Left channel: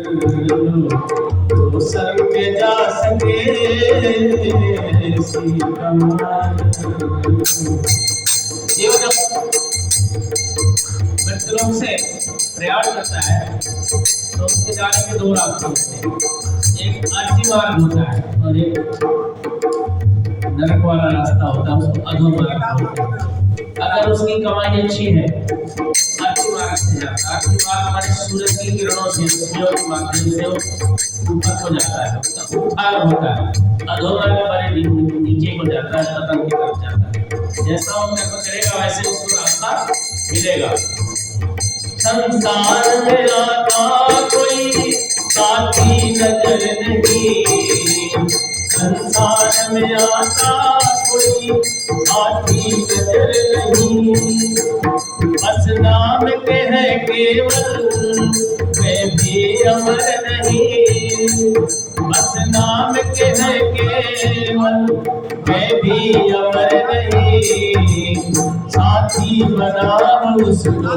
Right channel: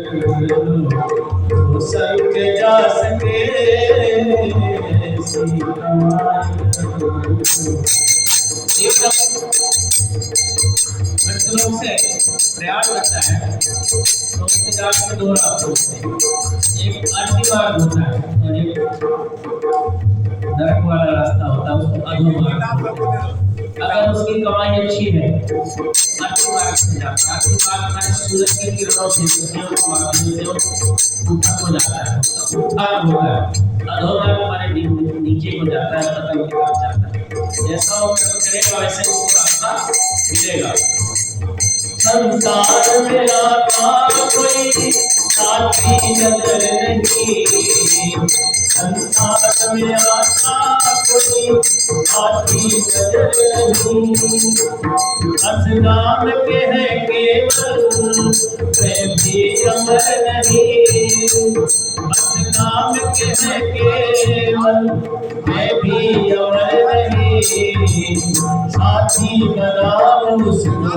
तो संग जा सके सी कमाई। मृतलोक से प्रयाण करता है तो उसके जाने के दो रास्ते होते हैं, एक आरती मार्ग होता है और एक नरक वाला रास्ता होता है, उसको अधोमार्ग। अगर उसकी कमाई अच्छी है आरती मार्ग से जाता है। आरती मार्ग हमारे सूरज की किरणों से सूर्यों के माध्यम से ऊपर को जाता है, उसका उद्धार होता है। अधोमार्ग हमारे नीचे को जाता है, पतन की तरफ जाता है। जैसा वो कर्म करेगा वैसे उसको रास्ता मिलेगा। संसार में आता कोई साथी नजर नहीं, संसार में आता कोई साथी नजर नहीं। बस नाम के है केवल वे भी अमर नहीं, बस नाम के है केवल वे भी अमर नहीं। साथी बनाओ उसको,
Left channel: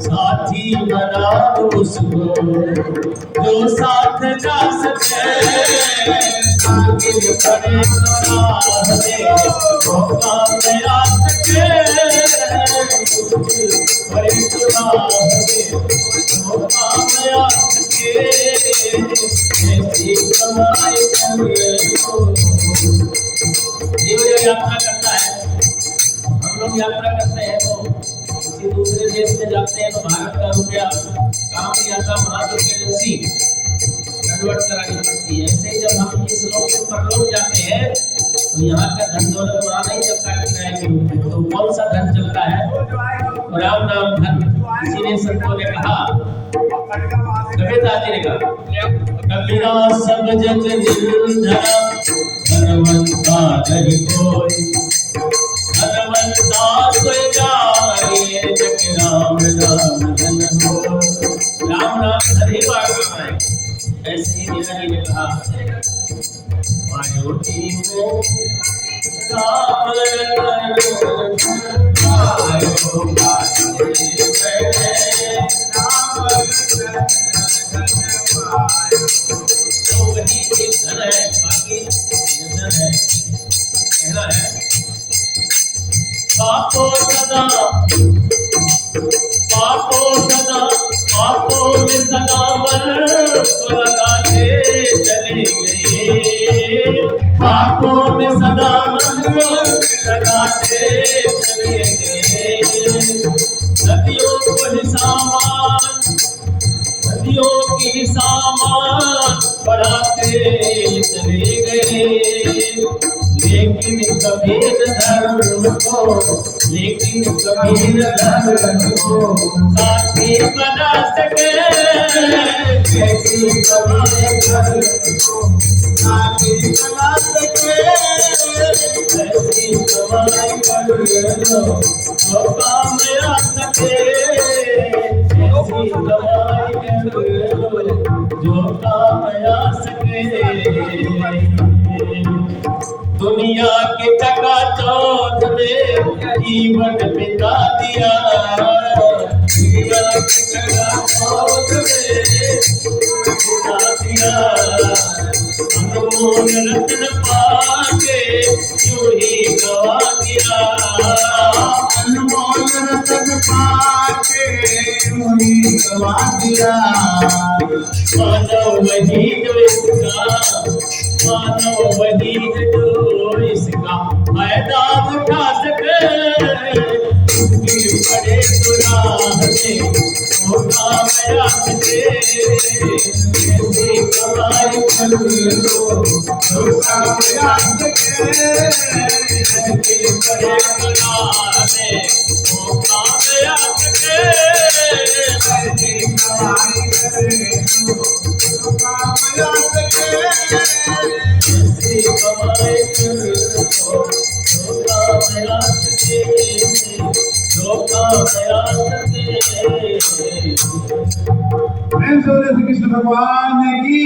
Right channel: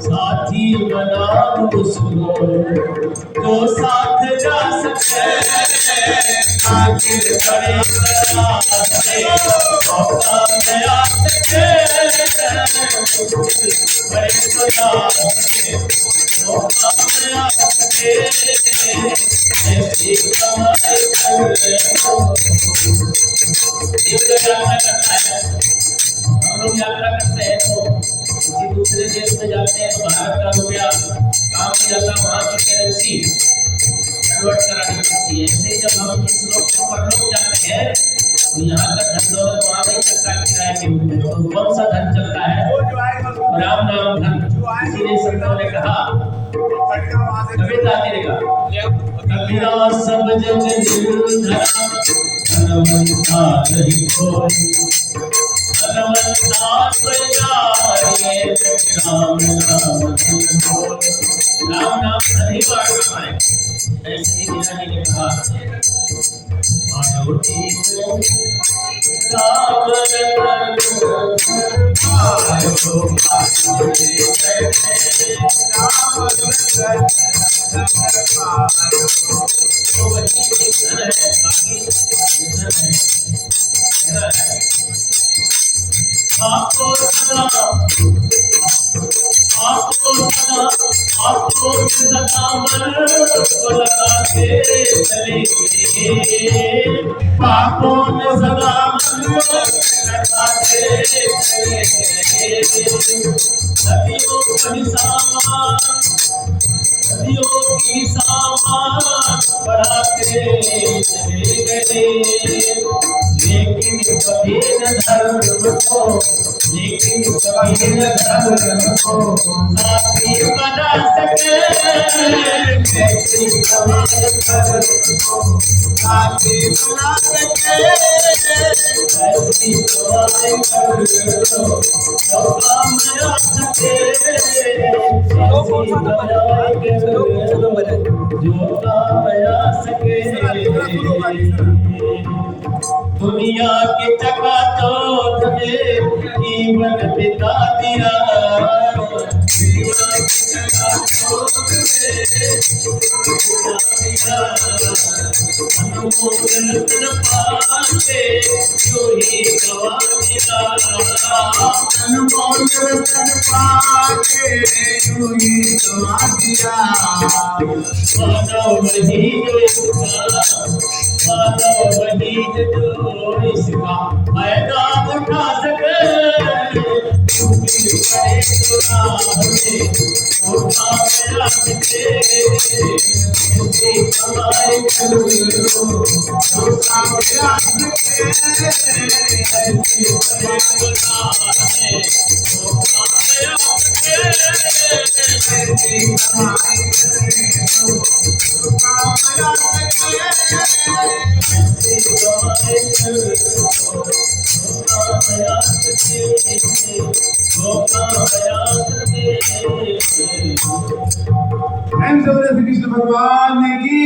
साथी बनाओ उसको जो साथ जा सके। आखिर करे मौका में आ सके, बड़ी मौका में आ सके। ऐसी कमाई यात्रा करता है, हम लोग यात्रा करते हैं तो किसी दूसरे देश में जाते हैं तो भारत का रुपया काम नहीं आता, वहाँ की करेंसी कन्वर्ट करानी पड़ती है। ऐसे जब हम इस लोग से परलोक जाते हैं तो यहाँ तक धन दौलत वहाँ नहीं चलता किराए के रूप में, तो कौन सा धन चलता है? राम नाम धन। इसीलिए संतों ने कहा, कबीर दादी ने कहा, कबीरा सब जग निर्धरा धनवंता नहीं कोई, धनवंता कोई जाए जग राम नाम धन बोल। राम नाम धन ही बाढ़ रहा है। ऐसे ही मीरा जी ने कहा, मायोटी को काम पापो सदा पापों में सदा मन को लगाते चले गए, पापों में सदा मन को लगाते चले गए। नदियों को ही सामान, नदियों की सामान बढ़ाते चले गए। लेकिन कभी न धर्म को, लेकिन कभी न धर्म को साथी बना सके। लेकिन कभी धर्म को साथी बना सके। ऐसी कमाई कर लो तो काम आ सके, ऐसी कमाई कर लो जो काम आ सके। दुनिया के चकाचौंध में जीवन बिता दिया, दुनिया के चकाचौंध में बिता दिया। अनमोल रत्न पाके यूं ही गवा दिया, अनमोल रत्न पाके यूं ही गवा दिया। मानव वही जो इसका, मानव वही जो इसका फायदा उठा सके। बड़े गुनाह में धोखा में आके ऐसी कमाई कर लो धोखा में आके। ऐसी बड़े गुनाह में धोखा में आके ऐसी कमाई कर लो धोखा में आके। ऐसी कमाई कर लो धोखा में आके, धोखा में आके। श्री कृष्ण भगवान की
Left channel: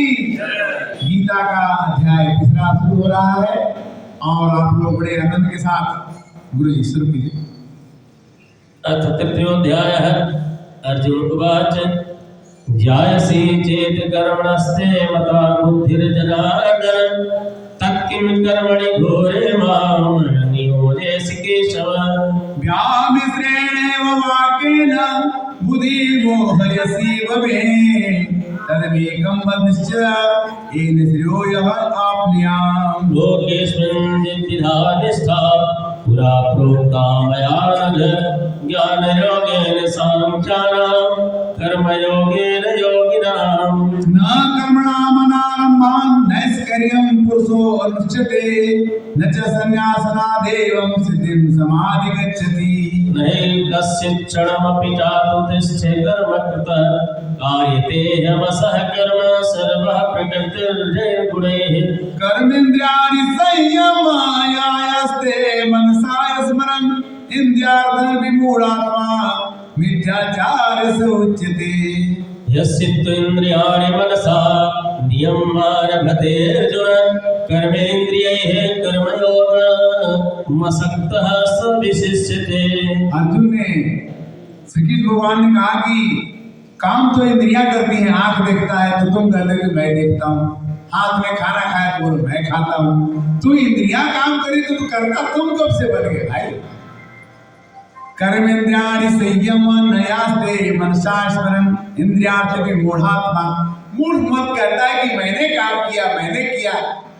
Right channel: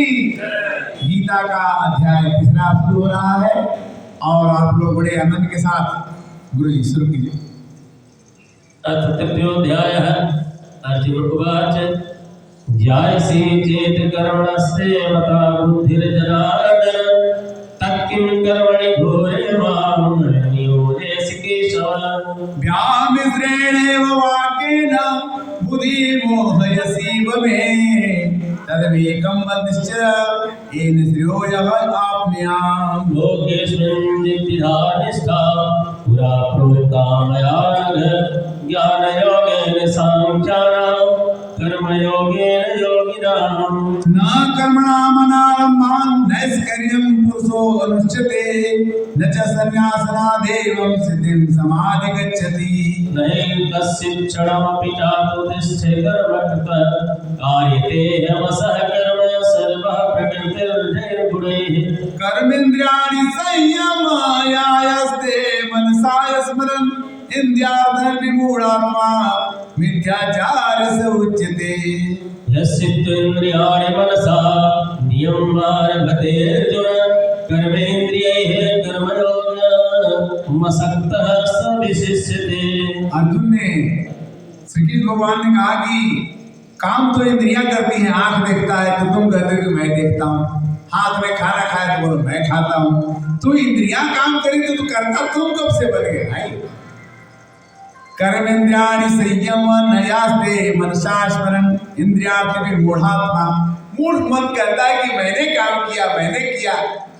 गीता का अध्याय तीसरा शुरू हो रहा है और आप लोग बड़े आनंद के साथ गुरु जी शुरू कीजिए। अथ तृतीयोऽध्यायः अर्जुन उवाच ध्यायसि चेत कर्मणस्ते मता बुद्धिर्जनार्दन तत्किं कर्मणि घोरे मां नियोजयसि केशव। व्यामिश्रेणेव वाक्येन बुद्धिर्मोहयसीव मे तदमेकं वदिष्य येन श्रेयो यः आप्नुयाम्। लोकेऽस्मिन् नित्यधा निष्ठा पुरा प्रोक्ता मया नघ ज्ञानयोगेन साङ्ख्यानां कर्मयोगेन योगिनां। न कर्मणामनारम्भान् नैष्कर्म्यं पुरुषो अनुष्ठते न च संन्यासनादेवं सिद्धिं समाधिगच्छति। नहि कश्चित् क्षणमपि चातु तिष्ठे कर्मकृतः कार्यते ह्यवसः कर्म सर्वः प्रकृतिर्जयगुणैः। कर्मेन्द्रियाणि संयमायास्ते मनसा स्मरन् इन्द्रियार्थविमूढात्मा मिथ्याचारस्य उच्यते। यस्येन्द्रियाणि मनसा नियमारभते अर्जुन कर्मेन्द्रियैः कर्मयोगमसक्तः स विशिष्यते। अर्जुन ने श्री कृष्ण भगवान ने कहा कि काम तो इंद्रियां करती हैं, आंख देखता है तो तुम कहते हो कि मैं देखता हूँ, हाथ में खाना खाया तो बोलो मैं खाता हूँ। तू इंद्रियां काम करी तो तू करता तुम कब से बन गए भाई। कर्मेन्द्रियाणि संयम नयास्ते मनसा स्मरन् इंद्रियार्थविमूढात्मा। मूढ़ मन कहता है कि मैंने काम किया, मैंने किया,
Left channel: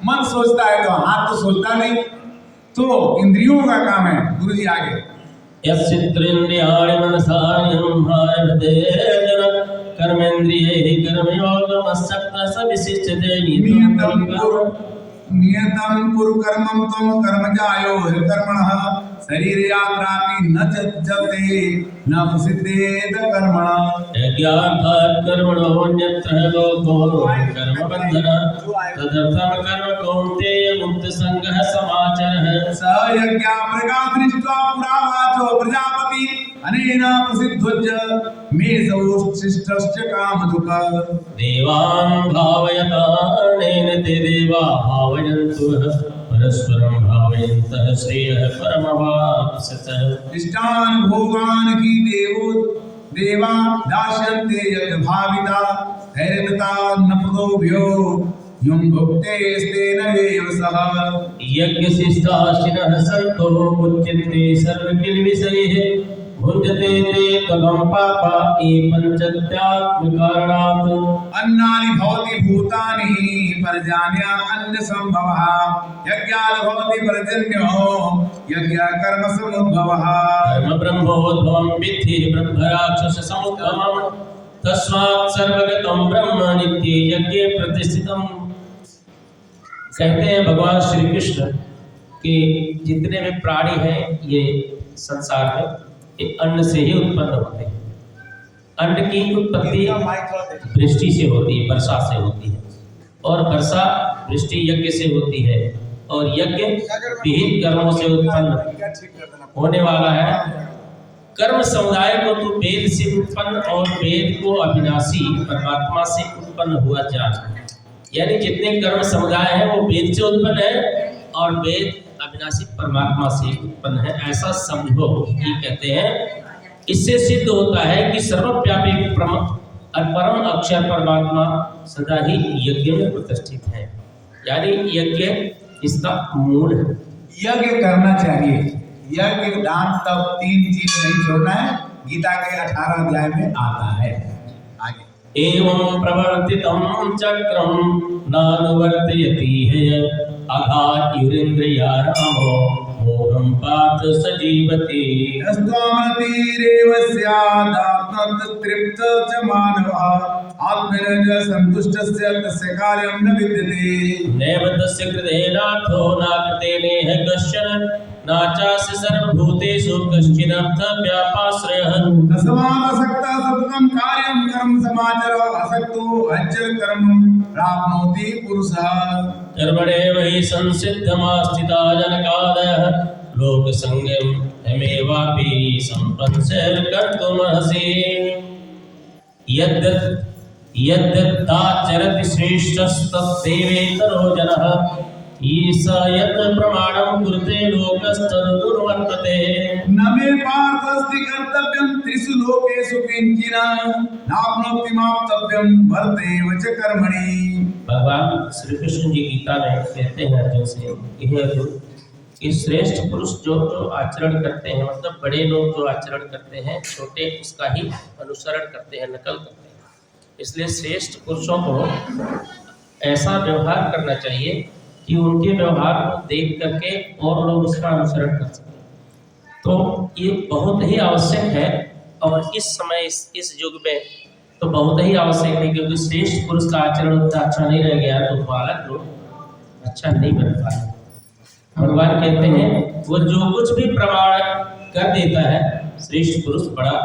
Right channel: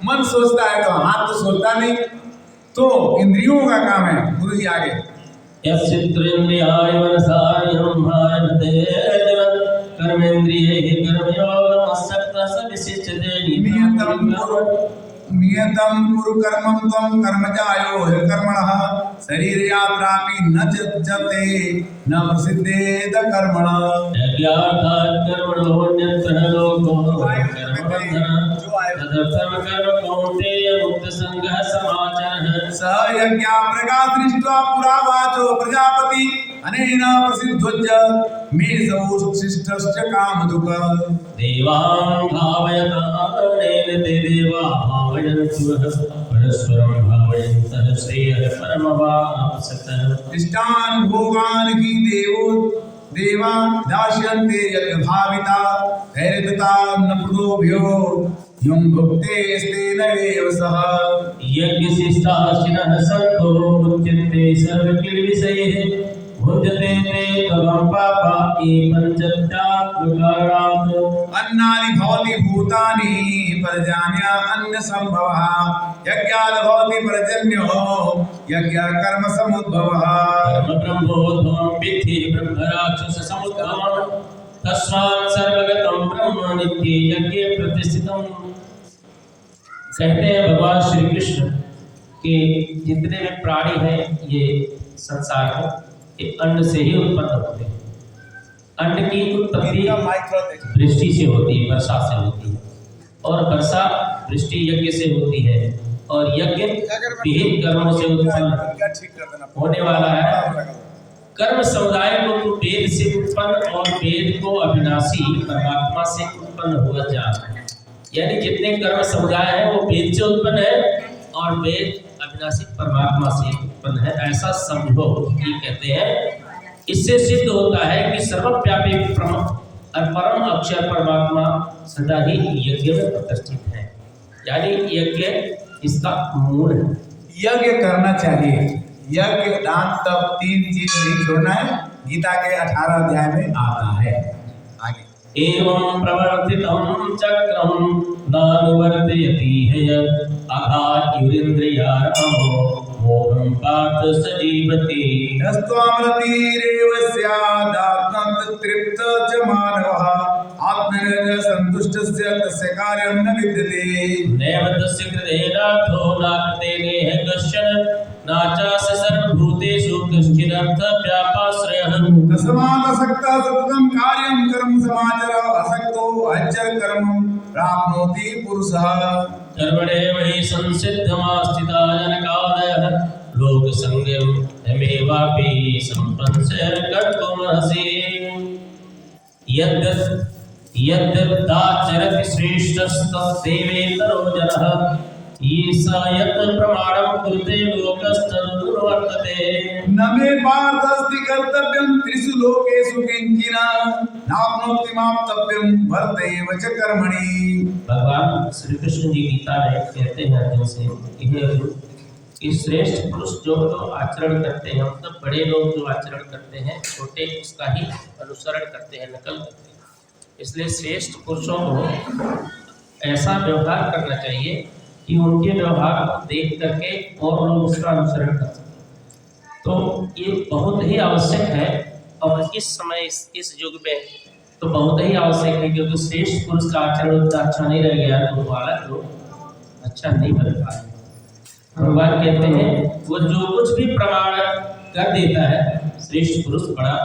मन सोचता है तो हाथ तो सोचता नहीं, तो इंद्रियों का काम है। गुरु जी आगे यस्येन्द्रियाणि मनसा नियमारभते अर्जुन कर्मेन्द्रियैः कर्मयोगमसक्तः स विशिष्यते। नियतं कुरु कर्मं त्वं कर्मजायो कर्मणः शरीर यात्रापि न त्यज्यते न प्रसिद्धेत कर्मणः। यज्ञार्थात् कर्मणोऽन्यत्र लोको कर्मबन्धनः तदर्थं कर्म कौन्तेय मुक्तसङ्गः समाचरः। स यज्ञा प्रकाश दृष्ट्वा पुरा वाचो प्रजापति अनेन प्रसिद्धोज्य मे सौशिष्टस्य कामधुक। देवान् भावयतानेन ते देवा भावयन्तु परस्परं भावयन्तः श्रेयः परमवाप्स्यतः। इष्टान् भोगान् हि देवा दास्यन्ते यज्ञ भाविता हैदता न प्रदोभ्यो यं भुक्तेस्तेन एव सः। यज्ञशिष्टाशिनः सन्तो मुच्यन्ते सर्वकिल्बिषैः भुञ्जते ते तवं पापा ये पञ्चत्यात्मकारणात्। अन्नानि भवति भूतानि पर्जन्य अन्न संभवः यज्ञात् भवति पर्जन्यो यज्ञ कर्म समुद्भवः। कर्म ब्रह्मोद्भवं विद्धि ब्रह्मराक्षस समुद्भवं तस्मात् सर्वगतं ब्रह्म नित्ये यज्ञे प्रतिष्ठितम्। कहते हैं भगवान श्री कृष्ण कि जितने भी प्राणी हैं ये संसार में ये अन्न से ही उत्पन्न होते हैं। अन्न की उत्पत्ति वृष्टि से होती है, वर्षा से होती है, और वर्षा वृष्टि यज्ञ से होती है, और यज्ञ विहित कर्मों से उत्पन्न होने वाला है। कर्म समुदाय को तो वेद से उत्पन्न और वेद को अविनाशी परमात्मा से उत्पन्न हुआ जाना है। यानी जितने कर्म समुदाय है वो वेद से उत्पन्न है और वेद अविनाशी परमात्मा से उत्पन्न है, ऐसा समझो। ये कहते हैं इससे सिद्ध होता है कि सर्वव्यापी परम अक्षर परमात्मा सदा ही यज्ञ में प्रतिष्ठित है, यानी यज्ञ इसका मूल है। यज्ञ करना चाहिए, यज्ञ दान तब तीन चीज नहीं छोड़ना है, गीता के 18 अध्याय में आता है। आगे एवं प्रवर्तितं चक्रं नानुवर्तयति यत् अघात्युरिन्द्रियारामो मोहं पार्थ स जीवति। यस्त्वामरतिरेव स्यादात्मतृप्त च मानवः आत्मनिर्भर सन्तुष्टस्य तस्य कार्यं न विद्यते। नैव तस्य कृतेनार्थो नाकृतेनेह कश्चन नाचास्य सर्वभूतेषु कश्चिदर्थव्यापाश्रयः। तस्मादसक्तः सततं कार्यं कर्म समाचर असक्तो अचर कर्म प्राप्नोति पुरुषः। कर्मणेव हि संसिद्धमास्थिता जनकादयः लोकसंज्ञं हमेवापि सम्पन्स्य कर्तुमर्हसि। यद्दाचरति श्रेष्ठस्तद्देवेतरो जनः ईश यत् प्रमाणं कुरुते लोकस्तदनुवर्तते न मे पार्थस्ति कर्तव्यं त्रिषु लोकेषु किंचिन नाप्नोति माप्तव्यं वर्तेव च कर्मणि। भगवान श्री कृष्ण जी गीता में कहते हैं अर्जुन से कि हे अर्जुन, कि श्रेष्ठ पुरुष जो आचरण करते हैं, मतलब बड़े लोग जो आचरण करते हैं, छोटे उसका ही अनुसरण करते हैं, नकल करते हैं। इसलिए श्रेष्ठ पुरुषों को ऐसा व्यवहार करना चाहिए कि उनके व्यवहार को देख करके और लोग उसका अनुसरण कर सकें। तो ये बहुत ही आवश्यक है, और इस समय इस युग में तो बहुत ही आवश्यक है, क्योंकि श्रेष्ठ पुरुष का आचरण उतना अच्छा नहीं रह गया तो बालक लोग अच्छा नहीं बन पाए। भगवान कहते हैं वो जो कुछ भी प्रमाण कर देता है श्रेष्ठ पुरुष, बड़ा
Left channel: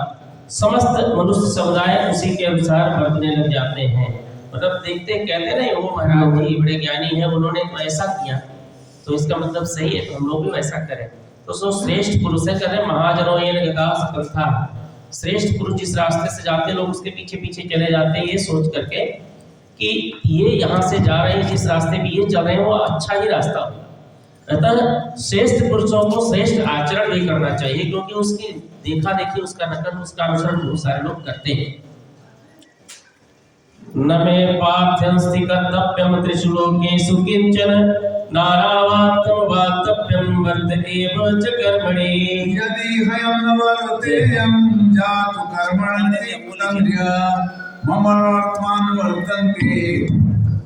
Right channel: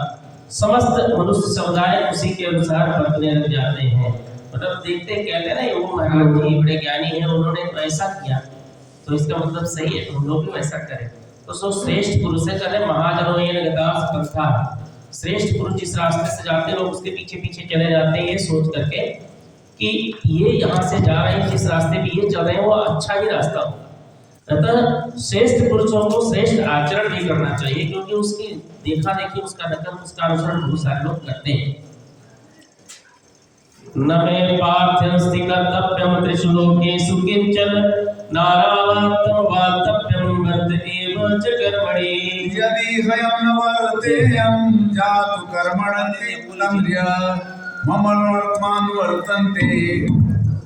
समस्त मनुष्य समुदाय उसी के अनुसार बरतने लग जाते हैं। मतलब देखते कहते नहीं वो महाराज जी बड़े ज्ञानी हैं, उन्होंने ऐसा किया तो इसका मतलब सही है, तो हम लोग भी वैसा करें। तो सो श्रेष्ठ पुरुष है, कहते महाजनों ये गता श्रेष्ठ पुरुष जिस रास्ते से जाते लोग उसके पीछे पीछे चले जाते हैं, ये सोच करके कि ये यहाँ से जा रहे हैं, जिस रास्ते पे ये चल रहे हैं वो अच्छा ही रास्ता हो। अतः श्रेष्ठ पुरुषों को श्रेष्ठ आचरण भी करना चाहिए, क्योंकि उसकी देखा देखी, उसका नकल, उसका अनुसरण बहुत सारे लोग करते हैं। न मे पार्थ्यंस्ति कर्तव्यं त्रिषु लोकेषु किंचन नारावाक्यं वाक्तव्यं वर्त एव च कर्मणि। यदि हयं न वर्तेयं जातु कर्मणि कुलंद्रिय मम वर्तन्ते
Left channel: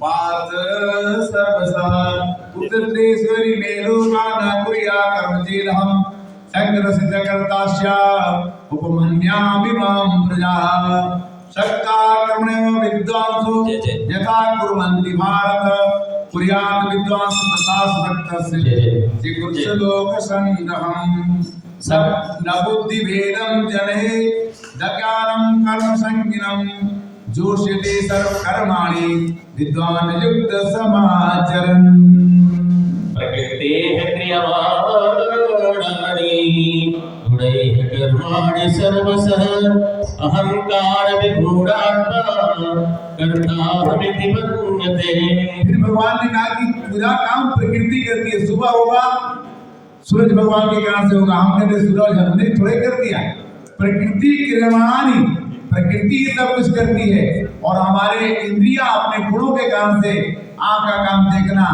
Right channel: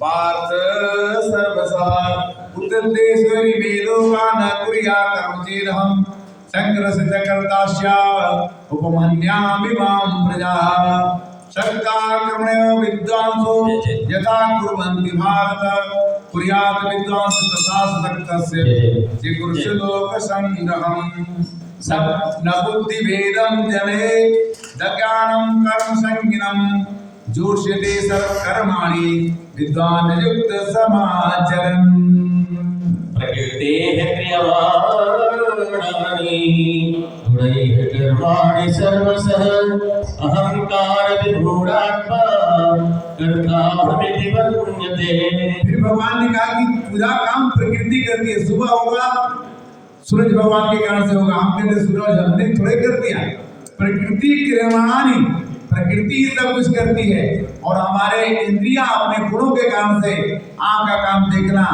पार्थ सर्वशः उत्तरेश्वरी मेलोकान कुर्या कर्मचेदहं संग्रसित कर्ता स्यात् उपमन्यामि मां प्रजा शक्ता कर्मणो विद्वांसो यथा कुर्वन्ति भारत कुर्यात् विद्वांस तथा शक्तस्य जिगुर्षु लोक संग्रहम् सब न बुद्धि भेदं जने दज्ञानं कर्म संज्ञानं जोष्यते सर्व कर्माणि विद्वान युक्त समाचरन्। प्रकृतेः क्रियमाणानि गुणैः कर्माणि सर्वशः अहंकार विमूढात्मा कर्ताहमिति मन्यते। फिर भगवान ने कहा कि पूरा काम प्रकृति करती है। सुबह होगा सूरज भगवान के कारण से होगा, हम कहते सूरज हमने थोड़े कर दिया, प्रकृति क्रियमाणानि, प्रकृति ही सब कुछ करती है। और हमारे इंद्रियां अपने गुणों के कारण से आंख का काम देखना,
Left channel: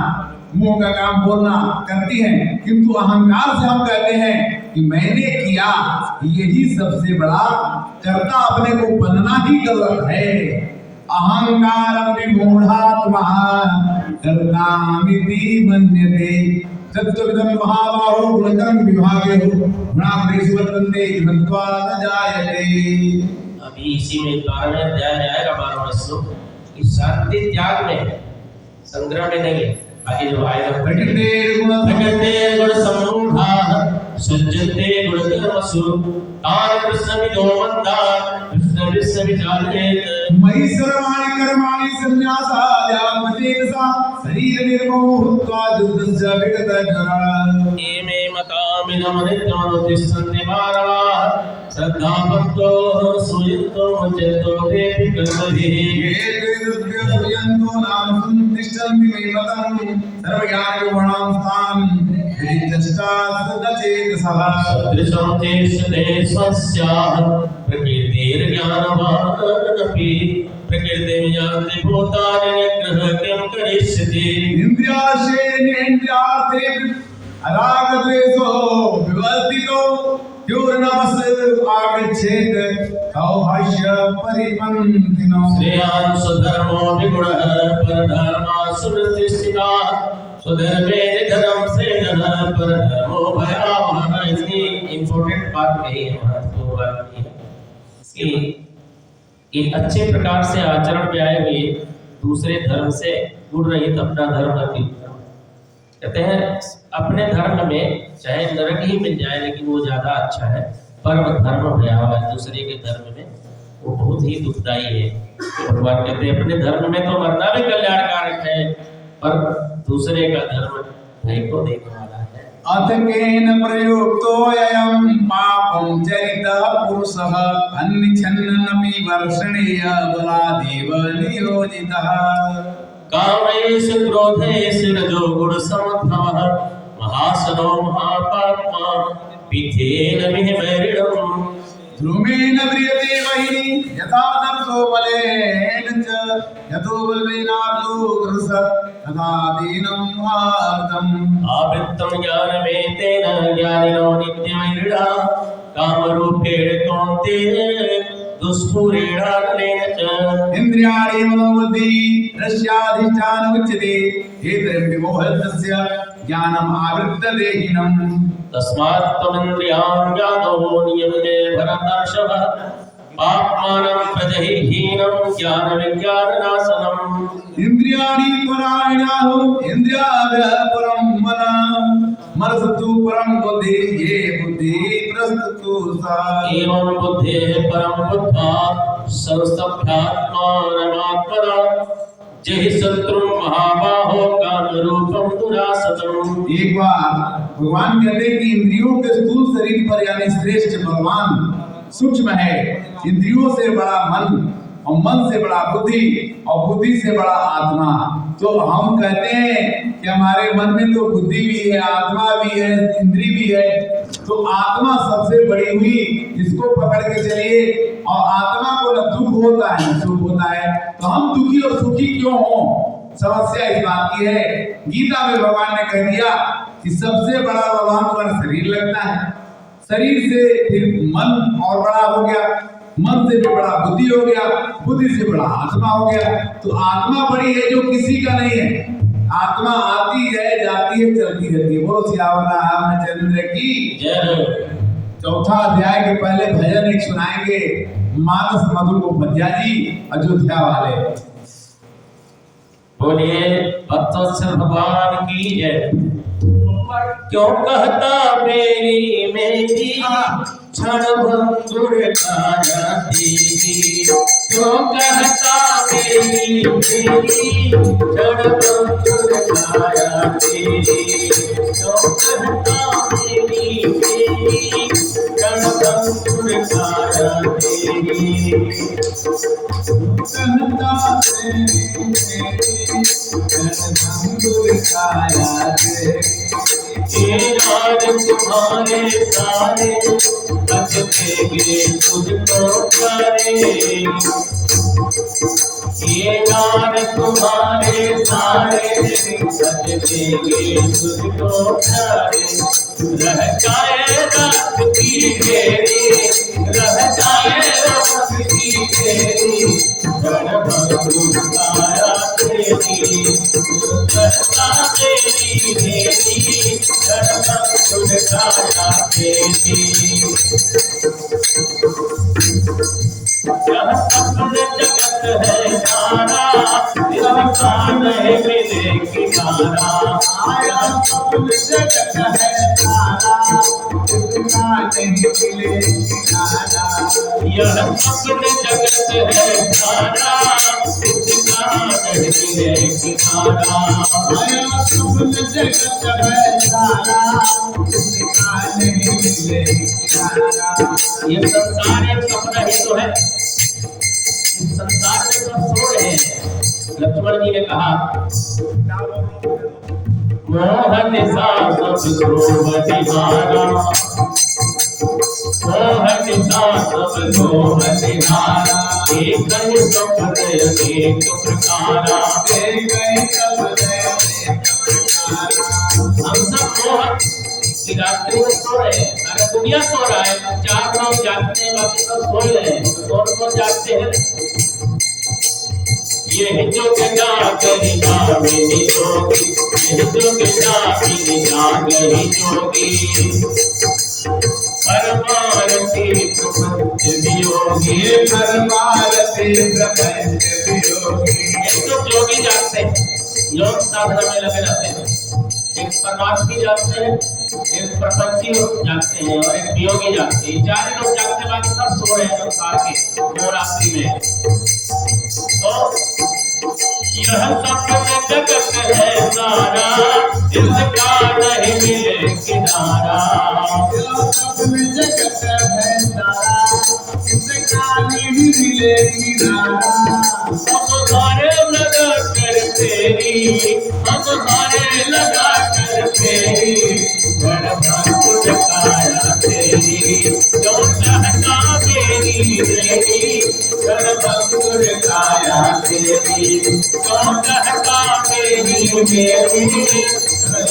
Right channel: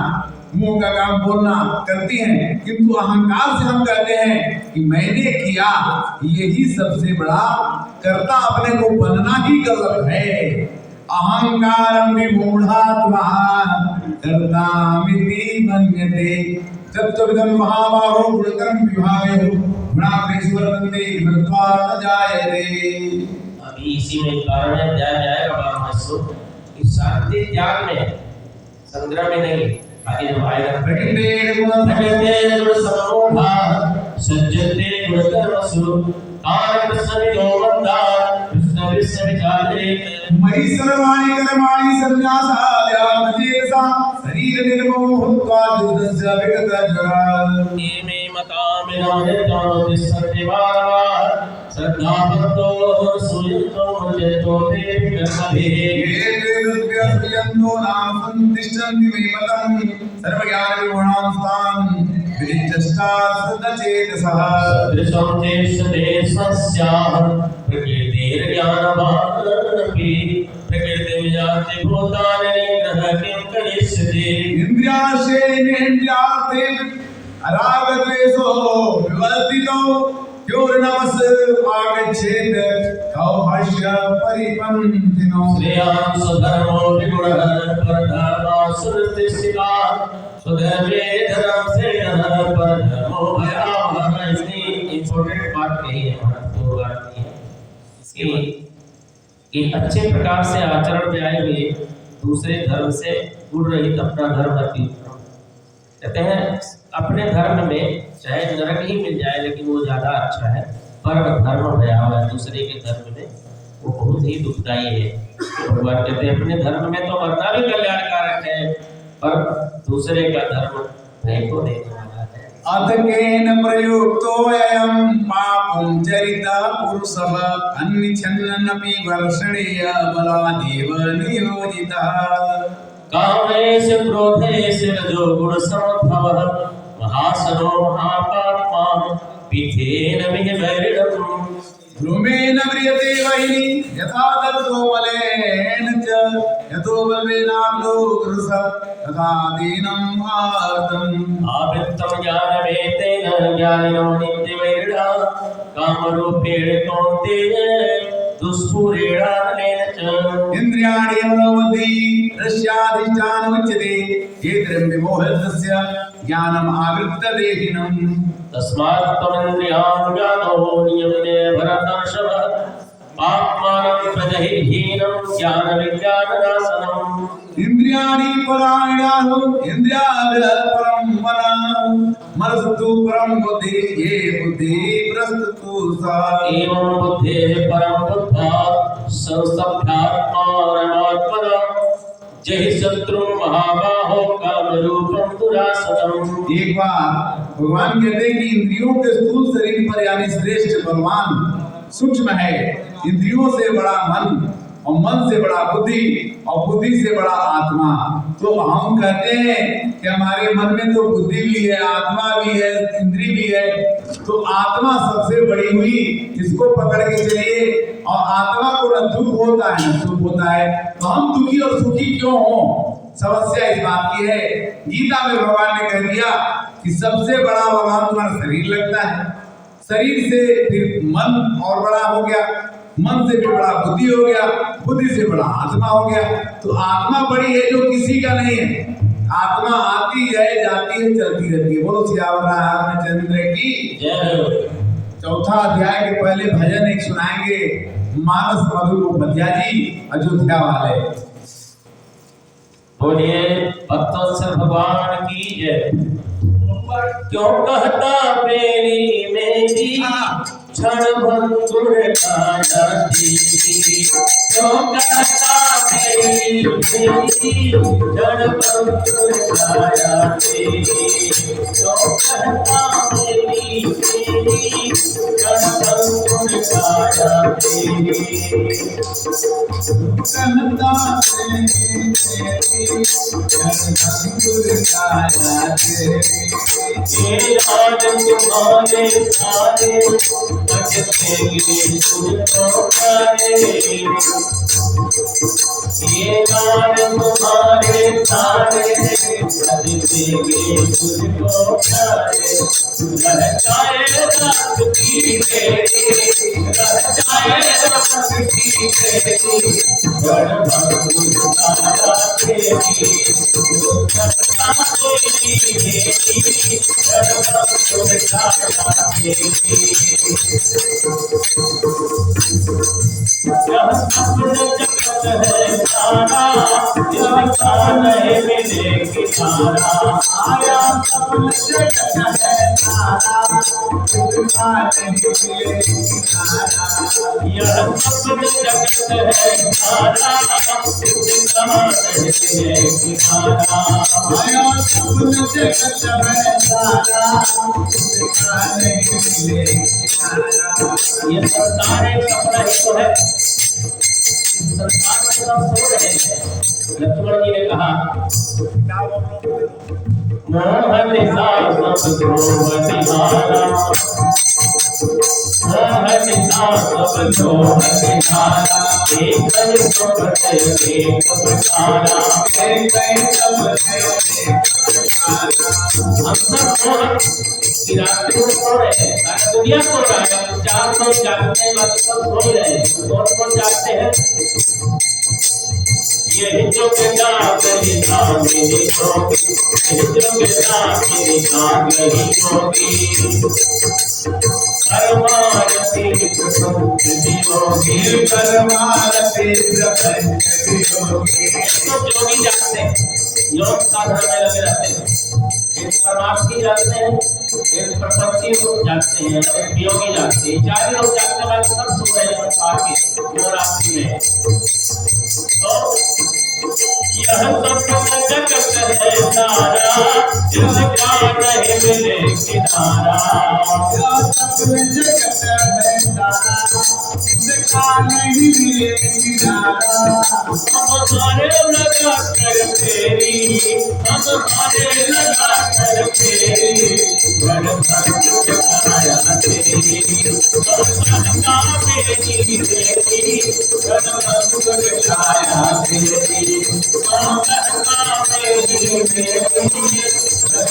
मुंह का काम बोलना करती हैं, किंतु अहंकार से हम कहते हैं कि मैंने किया, यही सबसे बड़ा कर्ता अपने को बनना ही गलत है। अहंकारं विमूढात्मा कर्तामिति मन्यते सत्यविदं महाबाहो गुणकर्म विभागे गुणाग्रेषु वर्तन्ते कृत्वा न जायते। अभी इसी में 12वें अध्याय में आएगा 12वां श्लोक कि शांति त्याग में, संग्रह में नहीं, आगे जो आएगा प्रकृते गुण समूढ़ा सज्जते गुण कर्मसु तान कृष्णविदो मंदा कृष्ण विश्व विचारेत मयि सर्वाणि कर्माणि संन्यासाद्यावचेतसा शरीर निर्मोहत्वा दुर्दस्य विगतज्वरा ये मे मतामिदं नित्यमनुतिष्ठन्ति मानवाः श्रद्धावन्तो सुयुक्तो मज्जतो देवि कर्मभिः ये वेदव्यसुयन्तो नाम संतिष्ठन्ति मे मतं सर्वज्ञानविगुणां स्थान् विदिष्टास्तदचेतसः सदृशं चेष्टते स्वस्याः प्रकृतिर्ज्ञानवानपि प्रकृतिं यान्ति भूतानि निग्रहः किं करिष्यति। इंद्रियार्थेन्द्रियार्थे रागद्वेषो विवर्तितो योर्नवस् आगच्छेत् तौ हर्ष्य परिपन्थिनो श्रेयान् स्वधर्मो विगुणः परधर्मासुरतिष्ठितः स्वधर्मे धर्म श्रेयः परधर्मो भयावहः। इसकी इम्पोर्टेंट बात यही है, महत्वपूर्ण बात ये है कि अच्छे प्रकार से आचरण में आए हुए दूसरे धर्म से गुण रहित अपना धर्म रखी। कहते हैं अपने धर्म में चाहे नरक ही मिल जाए लेकिन वो ज्यादा अच्छा है, पर धर्म भयावह, दूसरे के धर्म में वो बहुत ही दुखदाई है। भगवान कहते हैं अपने धर्म में तो मरना भी कल्याणकारक है, पर दूसरे का धर्म भय को देने वाला है। अतकेन प्रयुक्तोऽयं पापं चरितः पुरुषः अन्निच्छन्नपि वर्षणीय बलादेव नियोजितः। कामेषु क्रोधेषु रजो गुण बलवेनालोकरस तथा दीनम् आर्तम् आवृत्तं ज्ञानमेतेन ज्ञानिनो नित्यमैर्डा कामरूपेण कौन्तेय दुष्पूरेणानेन च इंद्रियाणि मनोबुद्धि रस्याधिष्ठान उच्यते येन विमोहस्य ज्ञानम् आवृत्तदेहिनम् तस्मात् त्वमिन्द्रियाणि व्याधो नियमने भरतर्षभ आत्मानं प्रजहिहीनं ज्ञानविज्ञाननाशनम् इंद्रियाणि परायणाहु इंद्रियादः परं मनः मनस्तु परं बुद्धि ये बुद्धि प्रस्तुतु सा एवं बुद्धेः परं बुद्ध्वा संस्तभ्यात्मानमात्मना जहि शत्रु महाबाहो कामरूपं दुरासतम्। एक बार भगवान कहते हैं कि इंद्रियों के स्थूल शरीर पर यानी श्रेष्ठ भगवान सूक्ष्म है, इंद्रियों से बड़ा मन और मन से बड़ा बुद्धि और बुद्धि से बड़ा आत्मा। तो हम कहते हैं कि हमारे मन में तो बुद्धि भी है, आत्मा भी है, इंद्री भी है, तो आत्मा सबसे बड़ी हुई, इसको पकड़ के चलिए। और आत्मा को न दुख होता है न सुख होता है, तो हम दुखी और सुखी क्यों हो? समस्या इस बात की है। गीता में भगवान ने कह दिया कि सबसे बड़ा भगवान तुम्हारा शरीर लगता है, शरीर से फिर मन और बड़ा हो गया, मन से भी बड़ा बुद्धि हो गया, बुद्धि से बड़ा आत्मा हो गया। तो आत्मा बड़ी है जो किसी का नहीं है। आत्मा आती है, जाती है, चलती रहती है। बोलो सियावर रामचंद्र की जय। चौथा अध्याय के पहले भजन एक सुनाएंगे मानस मधुर गोपध्या जी अयोध्या वाले। बोलिए भक्तवत्सल भगवान की जय। क्यों कहता मेरी मेरी क्षण भंगुर काया देवी, क्यों कहता मेरी मेरी क्षण भंगुर काया देवी, क्यों कहता मेरी मेरी क्षण भंगुर काया देवी। कहता ये राज तुम्हारे सारे बचतेंगे तुझको प्यारे, ये राज तुम्हारे सारे बचतेंगे तुझको प्यारे। रह जाए रात की घेरी, रह जाए रात की घेरी, घर भर आया तेरी, करता तेरी घेरी, घर भर आया तेरी। यह अपने जगत है सारा, इसका नहीं मिले किनारा। आया अपने जगत है सारा, इसका नहीं मिले किनारा। यह अपने जगत है सारा, इसका नहीं मिले किनारा। आया अपने जगत है सारा, इसका नहीं मिले किनारा। ये संसार एक सपना ही तो है, इस संसार में सब सो रहे हैं। लक्ष्मण जी ने कहा मोहन सा सब बतिहारा, मोहन सा सब बतिहारा, एक सपने एक प्रकारा, एक सपने एक प्रकारा। हम सब मोहन की रात्रि में सो रहे हैं, सारा दुनिया सो रहा है, चार लोग जागते हैं, बाकी सब सो ही रहे हैं। तो कौन जागते हैं? ये जो के जागरी नामी जोगी, ये जो के जागरी जोगी, परमारती प्रपंच वियोगी, परमारती प्रपंच वियोगी। तो जोगी जागते हैं, योग साधना में लगे रहते हैं। एक परमार्थी जागते हैं, एक प्रपंची जागते हैं और एक वियोगी जागते हैं। चार लोग जागते हैं, बाकी सब सो रहे हैं संसार के नवरात्रि में। तो यह सपने जगत है सारा, इसका नहीं मिले किनारा। यह सपने जगत है सारा, इसका नहीं मिले किनारा। हम हारे लगा कर तेरी, हम हारे लगा कर तेरी, घर भर काया तेरी, जो चाहता मेरी तेरी, घर भर काया तेरी। कहता मेरी मेरी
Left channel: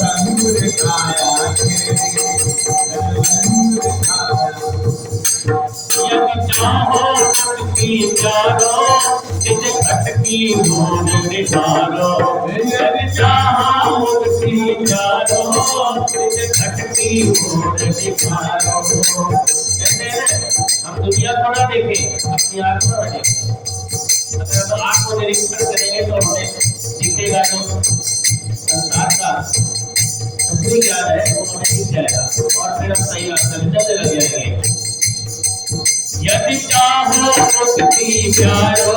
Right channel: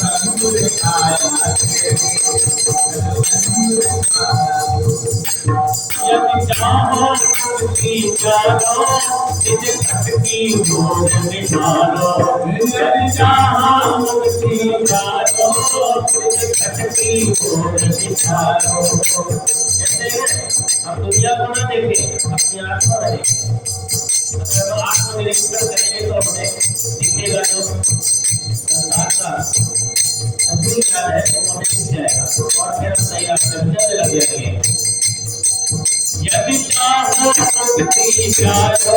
रंग दिखाया तेरी रंग दिखाया यदि चाहो मुक्ति चारो जिस खटकी मोर निकालो यदि चाहो मुक्ति चारो जिस खटकी मोर निकालो कहते हैं हम दुनिया को ना देखें अपनी आत्मा बने अगर हम आत्मनिरीक्षण करेंगे तो हमें दिखेगा जो संसार का असली ज्ञान है वो हमें दिख जाएगा और फिर हम सही रास्ते में चलने लग जाएंगे यदि चाहो मुक्ति चारो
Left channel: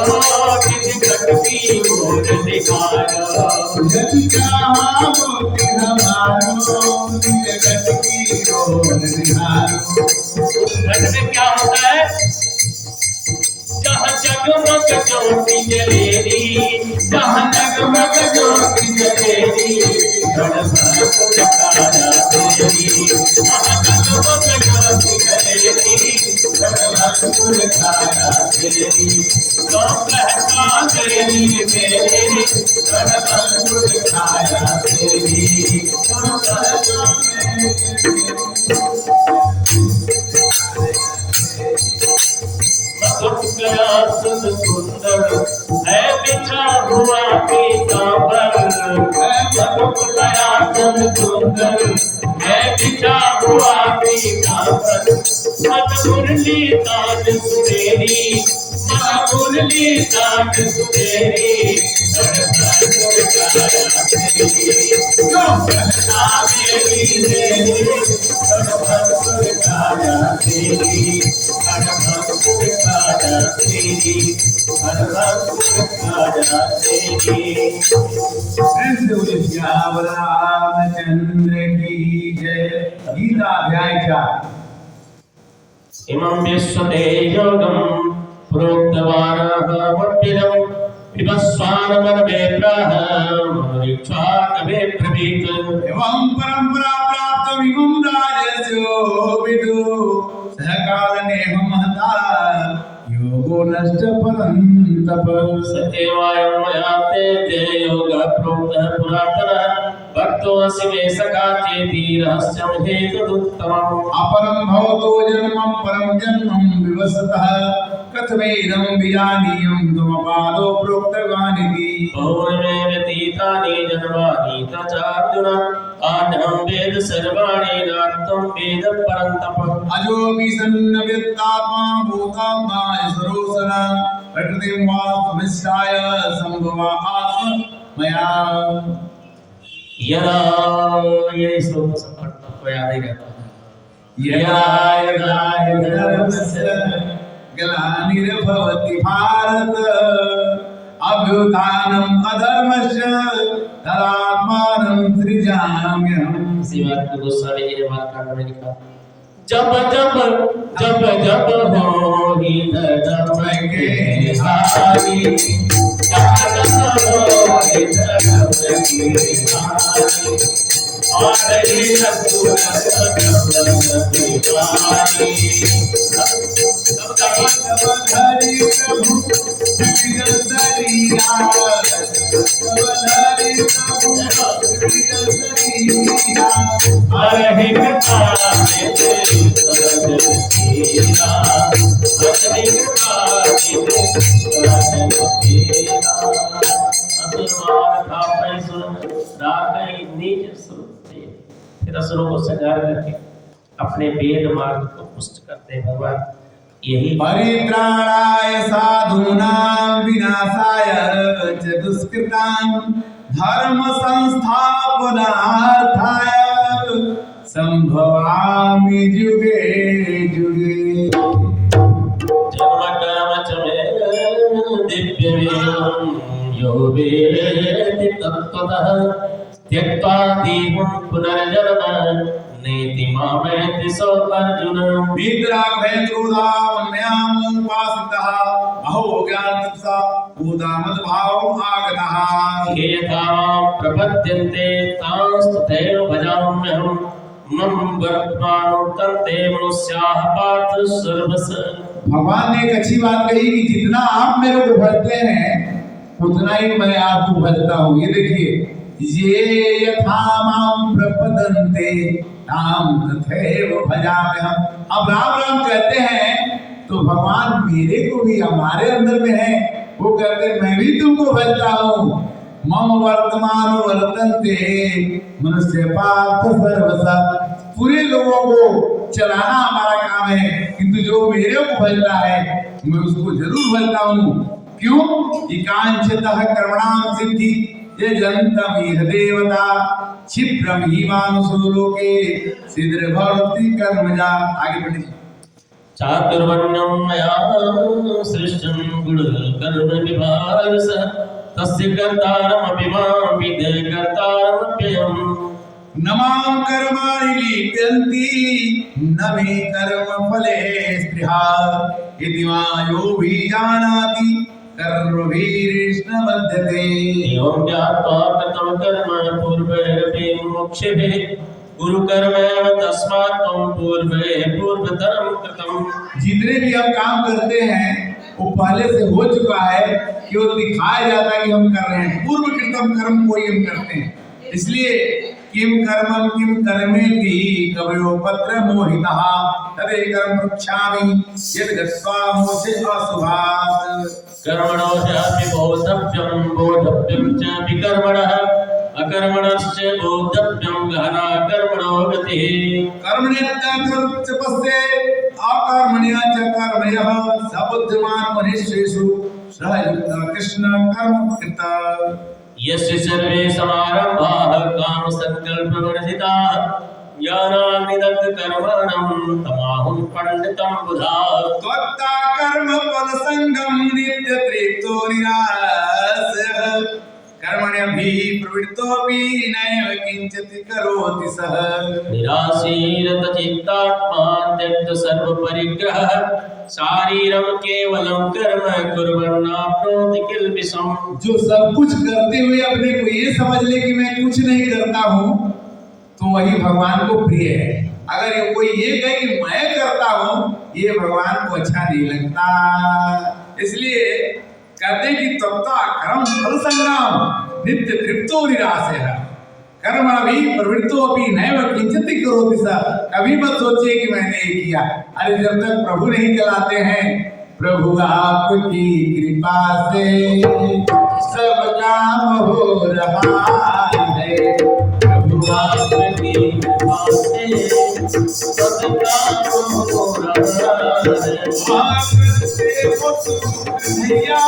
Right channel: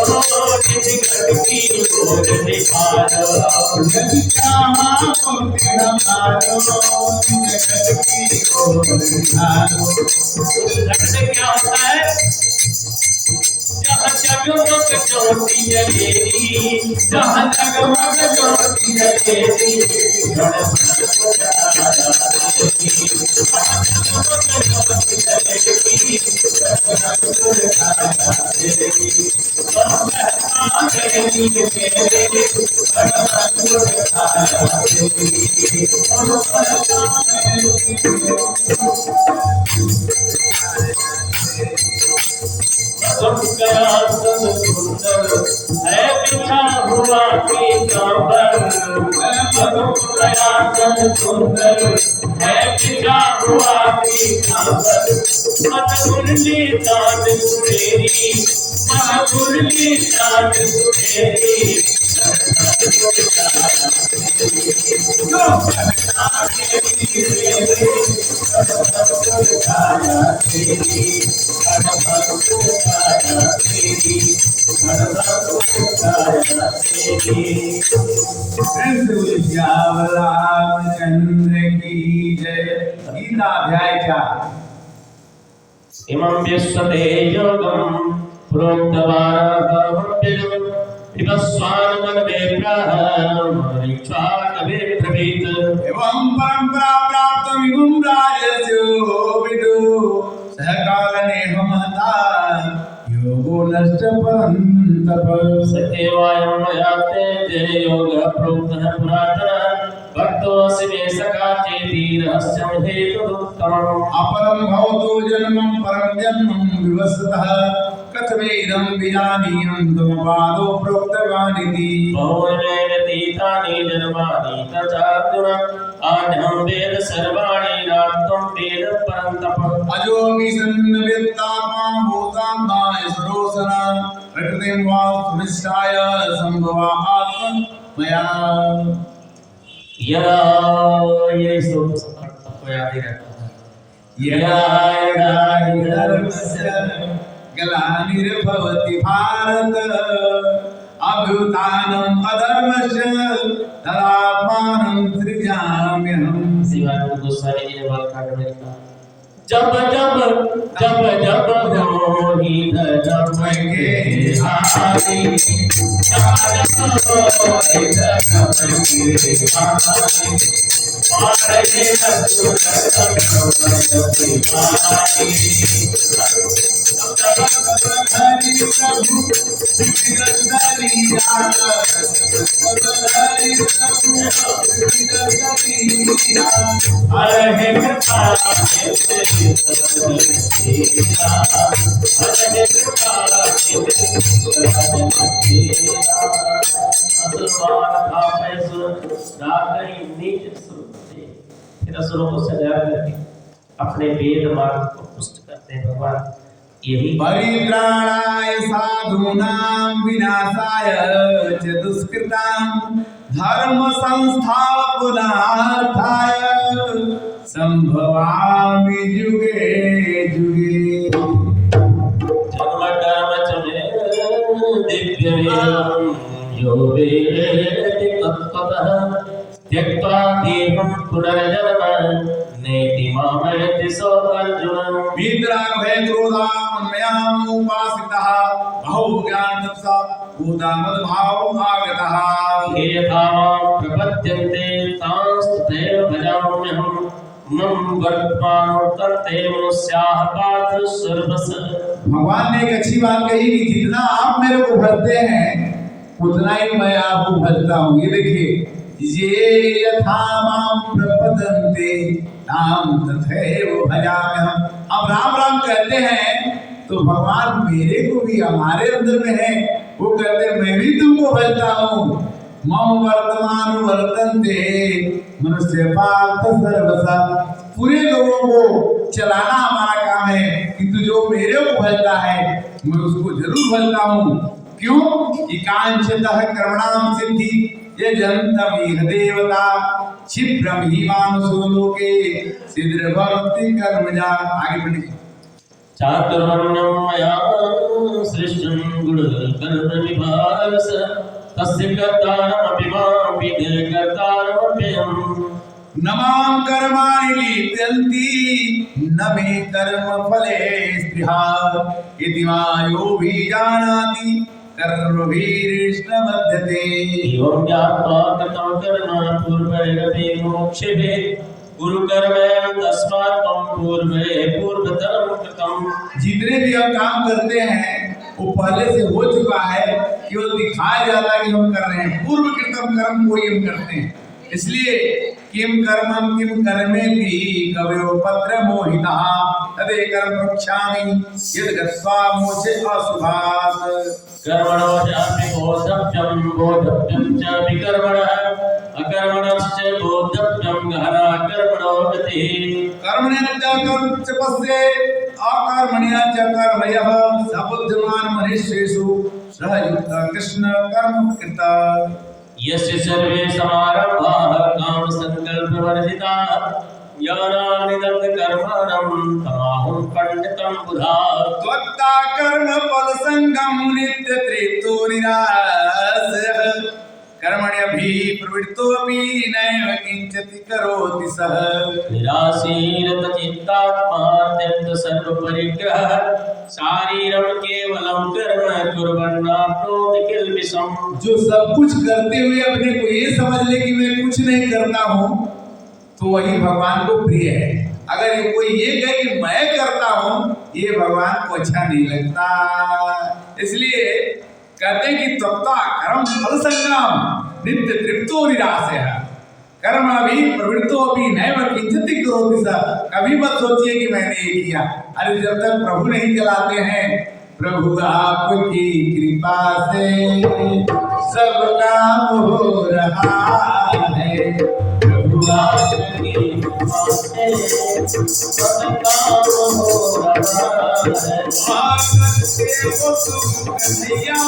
जिस खटकी मोर निकालो यदि चाहो मुक्ति हमारो जिस खटकी मोर निकालो घट में क्या होता है जहाँ जगमग ज्योति जलेगी जहाँ जगमग ज्योति जलेगी जहाँ जगमग ज्योति जलेगी तो कहता तेरी मेरी जगमग छाया तेरी तो कहता गया सब सुंदर है बिछा हुआ पीतांबर गया सब सुंदर है बिछा हुआ पीतांबर मत मुरली तान सुरेरी मत मुरली तान सुरेरी जो कहता मेरी मेरी रामचंद्र की जय। गीता अध्याय 4। इमं विश्वते योगं प्रोक्तवानहमप्यजं विपस्वान मनवे प्राह मनीक्षा कवे प्रवीत एवं परंपरा प्राप्त विमुं राजस्यो विदु सहकालने महता योगो नष्ट परंतप सत्यवायं मया ते योग प्रोक्तः पुरातनः भक्तो असि मे सखा चेति रहस्यं हेतुदुत्तमम् अपरं भवतो जन्मं परं जन्मं विवसतः कथमेदं विजानीयं त्वमपादो प्रोक्तवानिति बहुमे व्यतीतानि जन्मानि तचार्जुन आन्यं वेद सर्वाणि नात्वं वेद परन्तप अजोऽपि सन्नव्यक्तात्मा भूतात्मा ईश्वरोऽसन प्रकृतिं वा सुविष्टाय सम्भवा आत्ममया यदा ये श्लोक सबको याद ही रहता है यदा यदा हि धर्मस्य ग्लानिर्भवति भारत अभ्युत्थानम् अधर्मस्य तदात्मानं सृजाम्यहम्। शिवाजी गोस्वामी जी ने बात करने में लिखा जब जब जब जब हो ही धर्म के हारी जब जब हो ही धर्म के हारी और ये नपुर हरि प्रभु हरि अपने वेद मार्ग को पुष्ट करते हैं भगवान यही परित्राणाय साधूनां विनाशाय च दुष्कृतां धर्म संस्थापनार्थाय संभवामि जुगे जुगे। जन्म कर्म च मे दिव्य वेदं यो वेदेति तत्त्वतः त्यक्त्वा देहं पुनर्जन्म नेति मामेति सो अर्जुन वीतरागभय क्रोधामन्मयामुपासितः अहो ज्ञानतपसा भूतामद्भावम् आगतः ये यथा प्रपद्यन्ते तांस्तथैव भजाम्यहम् मम वर्तमानोत्तन्ते मनुष्याः पार्थ सर्वस। भगवान ने एक अच्छी बात कही कि जितना आप मेरे को भजते हैं उतना ही मैं आपको भजता हूँ। ये देखिए, ये यथा माम प्रपदन्ते ताम तथैव भजाम्यहम्। अब राम राम कहते हैं तो भगवान मेरे को भी हमारे अंदर में है, वो कहते मैं भी तुमको भजता हूँ। मम वर्तमान वर्तन्ते मनुष्य पार्थ सर्वसा। पूरे लोगों को चलाना हमारा काम है, किंतु जो मेरे को भजता है मैं उसको जरूर भजता हूँ। क्यों? एकांशतः कर्मणाम सिद्धि ये जनतम इह देवता क्षिप्रम ही मानुषो लोके सिद्ध भवति कर्मजा। आगे बढ़िए। चातुर्वर्ण्यं मया सृष्टं गुणकर्म विभागस तस्य कर्तारमपि मां विद् कर्तारमप्ययम्। न मां कर्माणि लिप्यन्ति न मे कर्म फले स्पृहा इति मायोभिजानाति कर्मभिर्न बध्यते। एवं ज्ञात्वा कृतं कर्म पूर्वैरपि मोक्षेभि गुरुकर्मेण तस्मात् त्वं पूर्वे पूर्वतरं कृतम्। जितने भी हम काम करते हैं वो पहले से हो चुका है, केवल दिखाया जाता है कि हम कर रहे हैं। पूर्व कृतम कर्म को ही हम करते हैं। इसलिए किम कर्मं किम कर्मेति कवयो पत्र मोहितः तदे कर्म प्रक्षामि यद् गत्वा मोक्षे अशुभात्। कर्मणो ह्यपि बोद्धव्यं बोद्धव्यं च विकर्मणः अकर्मणश्च बोद्धव्यं गहना कर्मणो गतिः। कर्मण्यश्च कर्तृपस्ये अकर्मण्यश्च कर्मयः स बुद्धिमान् मनुष्येषु सः युक्तः कृष्ण कर्म कृतः। यस्य सर्वे समारम्भाः कामसङ्कल्पवर्जिताः ज्ञानाग्निदग्धकर्माणं तमाहुं पंडितं बुधाः। त्वत्ता कर्म फल संगम नित्य तृप्तो निरासः कर्मण्यभिः प्रवृत्तोऽपि नैव किंचित् करोति सः। निराशीरतचित्तात्मा त्यक्त सर्वपरिग्रहः शारीरं केवलं कर्म कुर्वन्नाप्नोति किल्बिषम्। जो सब कुछ करते हुए अपने को ये समझ ले कि मैं कुछ नहीं करता हूँ तो वही भगवान को प्रिय है। अगर ये कोई ये कहे कि मैं करता हूँ, ये भगवान को अच्छा नहीं लगता। इसलिए कहते हैं कि तत्ता कर्म फल संगम नित्य तृप्तो निरासः कर्म अभी प्रवृत्तो अभी नैव किंचित् करोति सः। कभी मत सोचिए कि मैंने ये किया। अरे जब तक प्रभु नहीं चलाते हैं, प्रभु आपकी कृपा से सब काम हो रहा है। प्रभु आपकी कृपा से सब काम हो रहा है। से वो तुम कन्हैया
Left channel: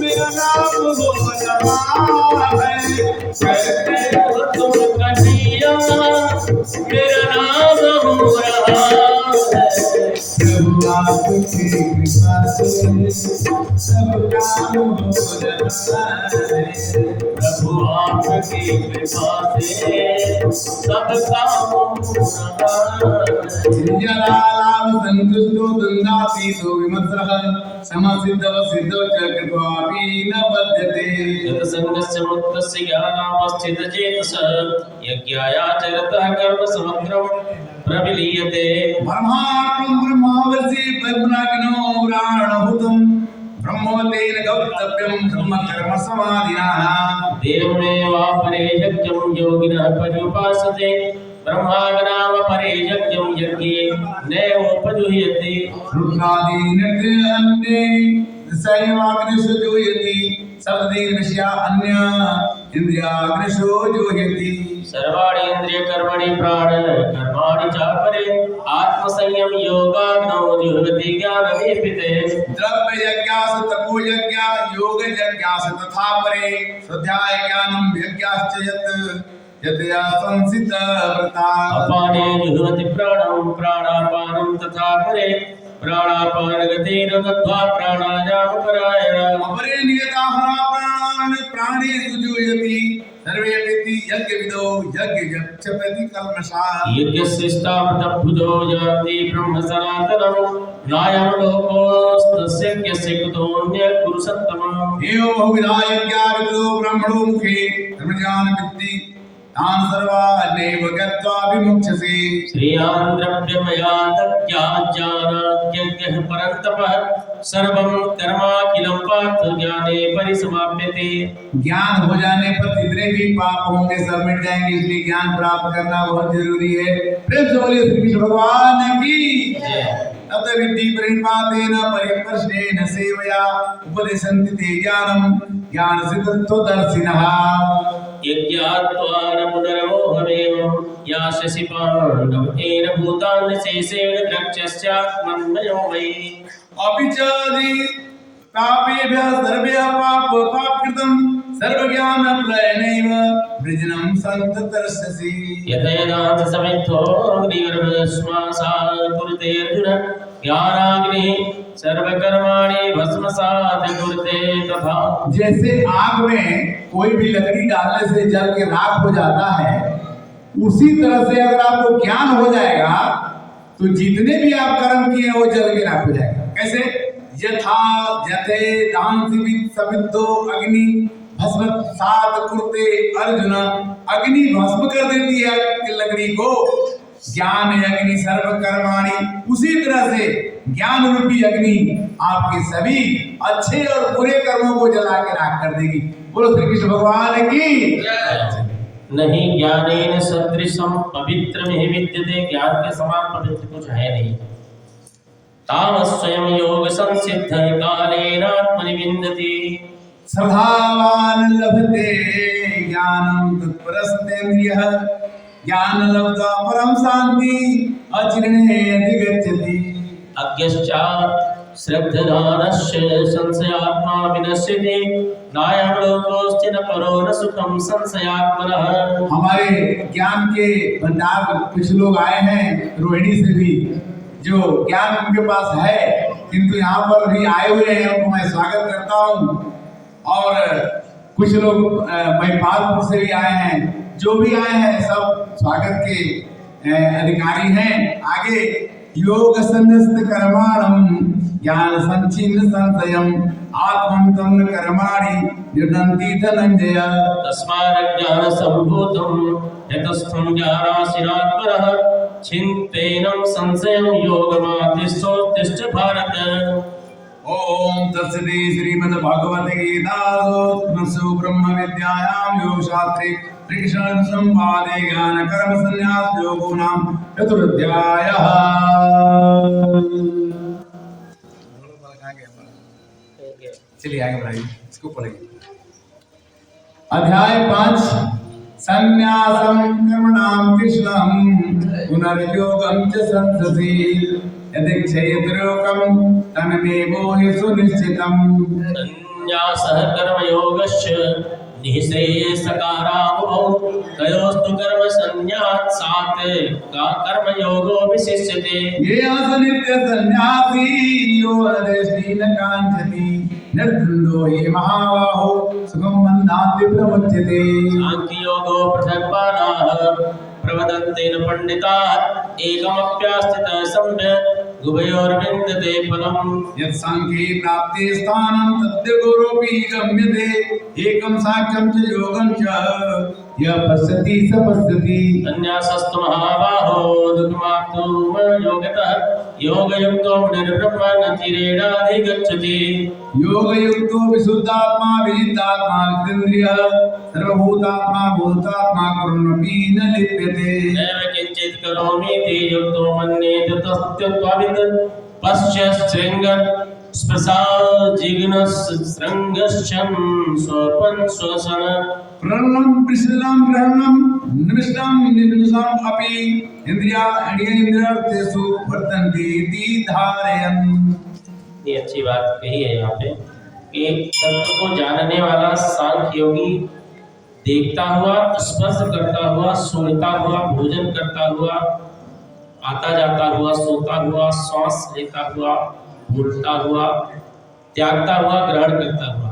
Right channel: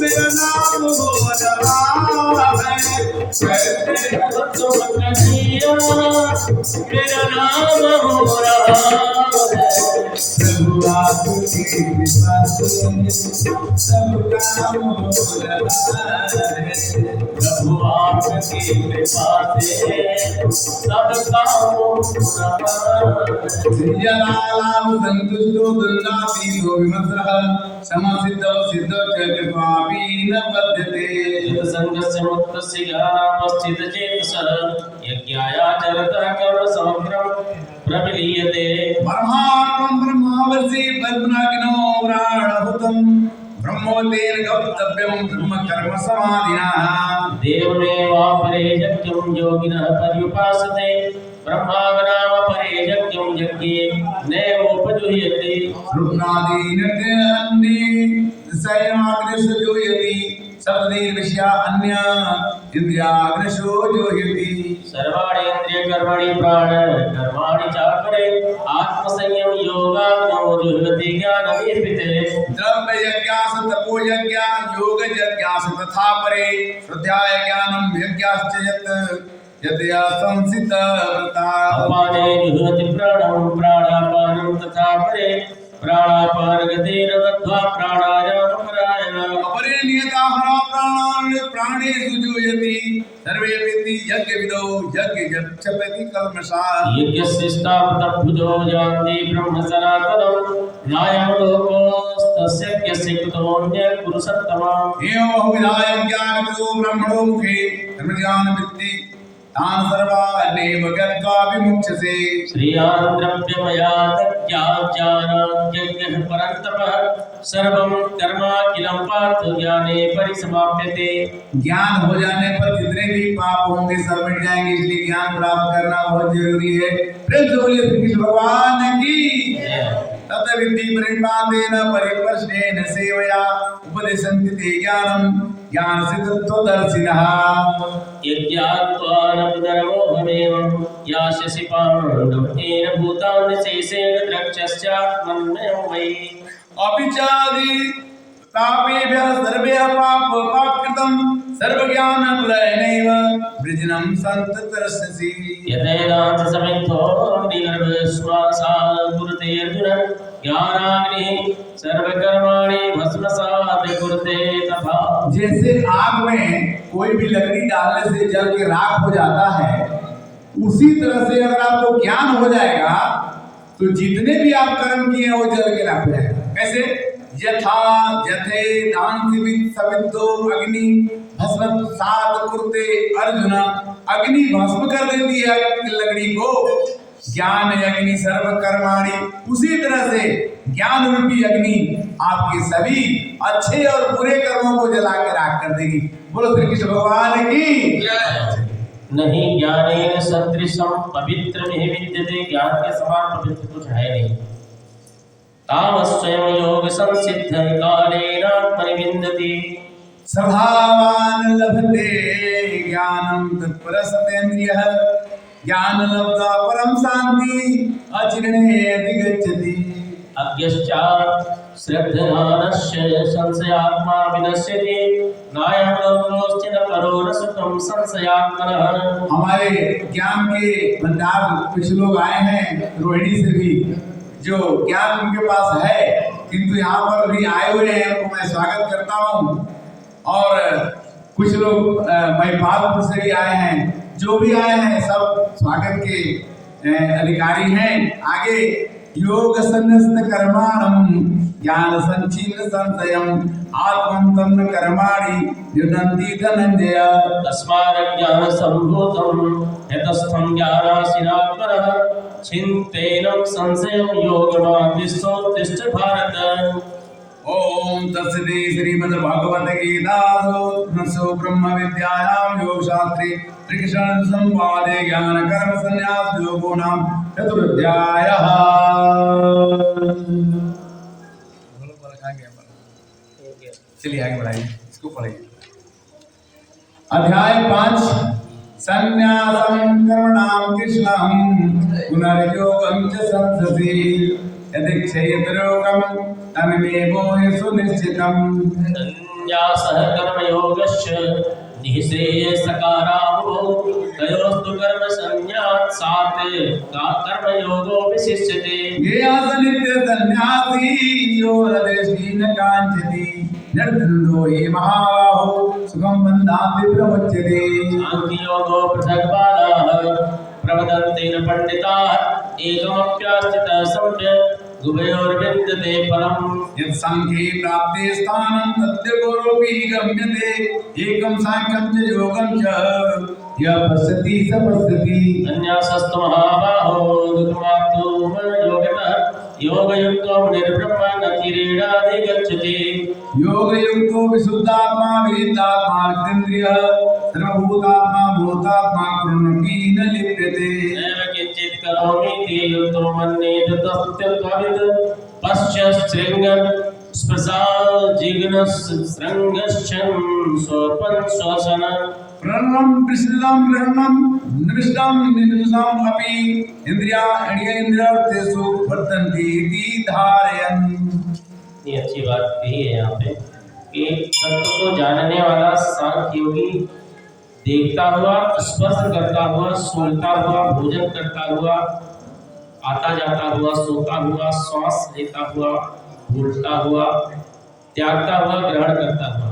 मेरा नाम हो रहा है। कहते हो तुम कन्हैया मेरा नाम हो रहा है। प्रभु आपकी कृपा से सब काम हो रहा है। प्रभु आपकी कृपा से सब काम हो रहा है। जलालाम संतुष्टो दंडातीतो विमर्शः समसिद्धो सिद्धो च कृपापि न बध्यते। संगस्य मुक्तस्य ज्ञानावस्थितचेतसः यज्ञायाचरतः कर्म समग्रं प्रविलीयते। ब्रह्माण्डं ब्रह्मावर्षि पद्मनागिनो प्राणभूतं ब्रह्मोदेन गौतव्यं ब्रह्म कर्म समाधिनः। देवमेवापरे यज्ञं योगिनः पर्युपासते ब्रह्माग्नावपरे यज्ञं यज्ञे नैवोपजुह्यते। रुद्रादि नृत्यान्ये संयमाग्निषु जोयति शब्दे विषया अन्य इंद्रियाग्निषु जोयति। सर्वाणि इंद्रियकर्माणि प्राण कर्माणि चापरे आत्मसंयम योगाग्नो जुह्यति ज्ञानदीपिते। द्रव्य यज्ञास तपो यज्ञ योग यज्ञास तथा परे स्वाध्याय ज्ञानम यज्ञाश्च यत् यदया संसित व्रता। अपाने जुह्यति प्राणं प्राणापानं तथा परे प्राणापान गतिरवध्वा प्राणायाम परायण। अपरे नियताहारा प्राणान् प्राणेषु जुह्यति सर्वे विद्धि यज्ञ विदो यज्ञ जपति कल्मषा। यज्ञशिष्टामृतभुजो यान्ति ब्रह्म सनातनं नायं लोकोस्तस्य यस्य कृतोऽन्य पुरुषोत्तमम्। एवं बहुविधा यज्ञा विदो ब्रह्मणो मुखे धर्मज्ञान विद्धि तान् सर्वानेव गत्वा विमुच्यसे। श्रियान् द्रव्यमयातज्ञाज्ञानाज्ञः परन्तपः सर्वं कर्माखिलं पार्थ ज्ञाने परिसमाप्यते। ज्ञान हो जाने पर जितने भी पाप होंगे सब मिट जाएंगे, इसलिए ज्ञान प्राप्त करना बहुत जरूरी है। प्रेम से बोलिए श्री कृष्ण भगवान की। तत विद्धि प्रणिपातेन परिवर्षेण सेवया उपदेशन्ति ते ज्ञानं ज्ञानसिद्धत्वदर्शिनः। यज्ञात्वा न पुनर्मोहमेवं यास्यसि पाण्डवेन भूतान् शेषेण द्रक्ष्यस्यात्मन्मयो मयि। अपिचादि तापेभ्यः सर्वेभ्यः पापकृतं सर्वज्ञानप्रलयनैव वृजनं सन्ततर्षसि। यथैनाथ समिद्धो अग्निगर्भश्वासात् कुरुते अर्जुन ज्ञानाग्निः सर्वकर्माणि भस्मसात् कुरुते तथा। जैसे आग में कोई भी लकड़ी डालने से जल के राख हो जाता है, उसी तरह से अगर आपको ज्ञान हो जाएगा तो जितने भी आप कर्म किए हैं वो जल के राख हो जाएगा। कैसे? यथा जथे दांसिवित सविद्धो अग्नि भस्मसात् कुरुते अर्जुन। अग्नि भस्म कर देती है लकड़ी को, ज्ञान अग्नि सर्व कर्माणि। उसी तरह से ज्ञान रूपी अग्नि आपके सभी अच्छे और बुरे कर्मों को जला के राख कर देगी। बोलो श्री कृष्ण भगवान की। नहीं ज्ञानेन सदृशं पवित्रमिह विद्यते। ज्ञान के समान पवित्र कुछ है नहीं। तावस्वयं योग संसिद्ध कालेन आत्मनि विन्दति। श्रद्धावान लभते ज्ञानं तत्परस्तेन्द्रियः ज्ञान लब्धा परम शांति अचिरणे अधिगच्छति। अज्ञश्च श्रद्धधानस्य संशयात्मा विनश्यति। नायं लोकोऽस्ति न परो न सुखं संशयात्मनः। हमारे ज्ञान के भंडार कुछ लोग आए हैं रोहिणी से भी, जो ज्ञान उनके पास है किंतु यहाँ पर भी आए हुए हैं, उनको मैं स्वागत करता हूँ। और कुछ लोग महिपालपुर से भी आए हैं, जो भी आए हैं सब स्वागत के अधिकारी हैं। आगे योग संन्यस्त कर्माणं ज्ञान संचिन्न संशयं आत्मन्तं कर्माणि निर्णन्ति धनंजय। तस्माज्ञान संभूतं यतस्थं ज्ञानासीनात्मनः चिन्तयनं संशयं योगमातिष्ठोत्तिष्ठ भारत। ओम तत्सदि श्रीमद्भागवत गीतासु ब्रह्म विद्यायां योगशास्त्रे श्रीकृष्ण संवादे ज्ञान कर्म संन्यास योगो नाम चतुर्थाध्यायः। चलिए आगे बढ़ाइए, इसको पढ़िए। अध्याय 5 संन्यासं कर्मणां कृष्णं पुनर्योगं च संससि यदिच्छेद्रोगं तमेवो हि सुनिश्चितम्। संन्यासः कर्मयोगस्य निःश्रेयसकारावुभौ तयोस्तु कर्म संन्यासात् कर्मयोगो विशिष्यते। ये असनित्य सन्यासी यो रदेष्टि न काञ्चति निर्द्वन्द्वो हि महाबाहो सुखं बन्धाति प्रमुच्यते। सांख्ययोगो पृथग्बालाः प्रवदन्ते न पण्डिताः एकमप्यास्थितः सम्यक् उभयोर्विन्दते फलम्। यत् सांख्ये प्राप्ते स्थानं तस्य गौरवपि गम्यते एकं सांख्यं च योगं च यः पश्यति स पश्यति। संन्यासस्तु महाबाहो दुःखमाप्तुं योगतः योगयुक्तो निर्ब्रह्मणतिरेणाधिगच्छति। योगयुक्तो विशुद्धात्मा विजितात्मा विजितेन्द्रियः सर्वभूतात्मा भूतात्मा कुर्वन्नपि न लिप्यते। नैव किञ्चित् करोमीति युक्तो मन्येत तत्त्ववित् पश्य शृङ्गं स्पृशाजिघ्नशृङ्गश्चं स्वपन् श्वसन। प्रणं विश्लं ग्रहणं निविष्टं निविष्टम् अपि इन्द्रियार्थेषु वर्तन्ते इति धारयन्। ये अच्छी बात कही है यहाँ पे कि तत्व को जानने वाला सांख्य योगी देखता हुआ, स्पर्श करता हुआ, सूंघता हुआ, भोजन करता हुआ, आता जाता हुआ, सोता हुआ, श्वास लेता हुआ, बोलता हुआ, त्यागता हुआ, ग्रहण करता हुआ,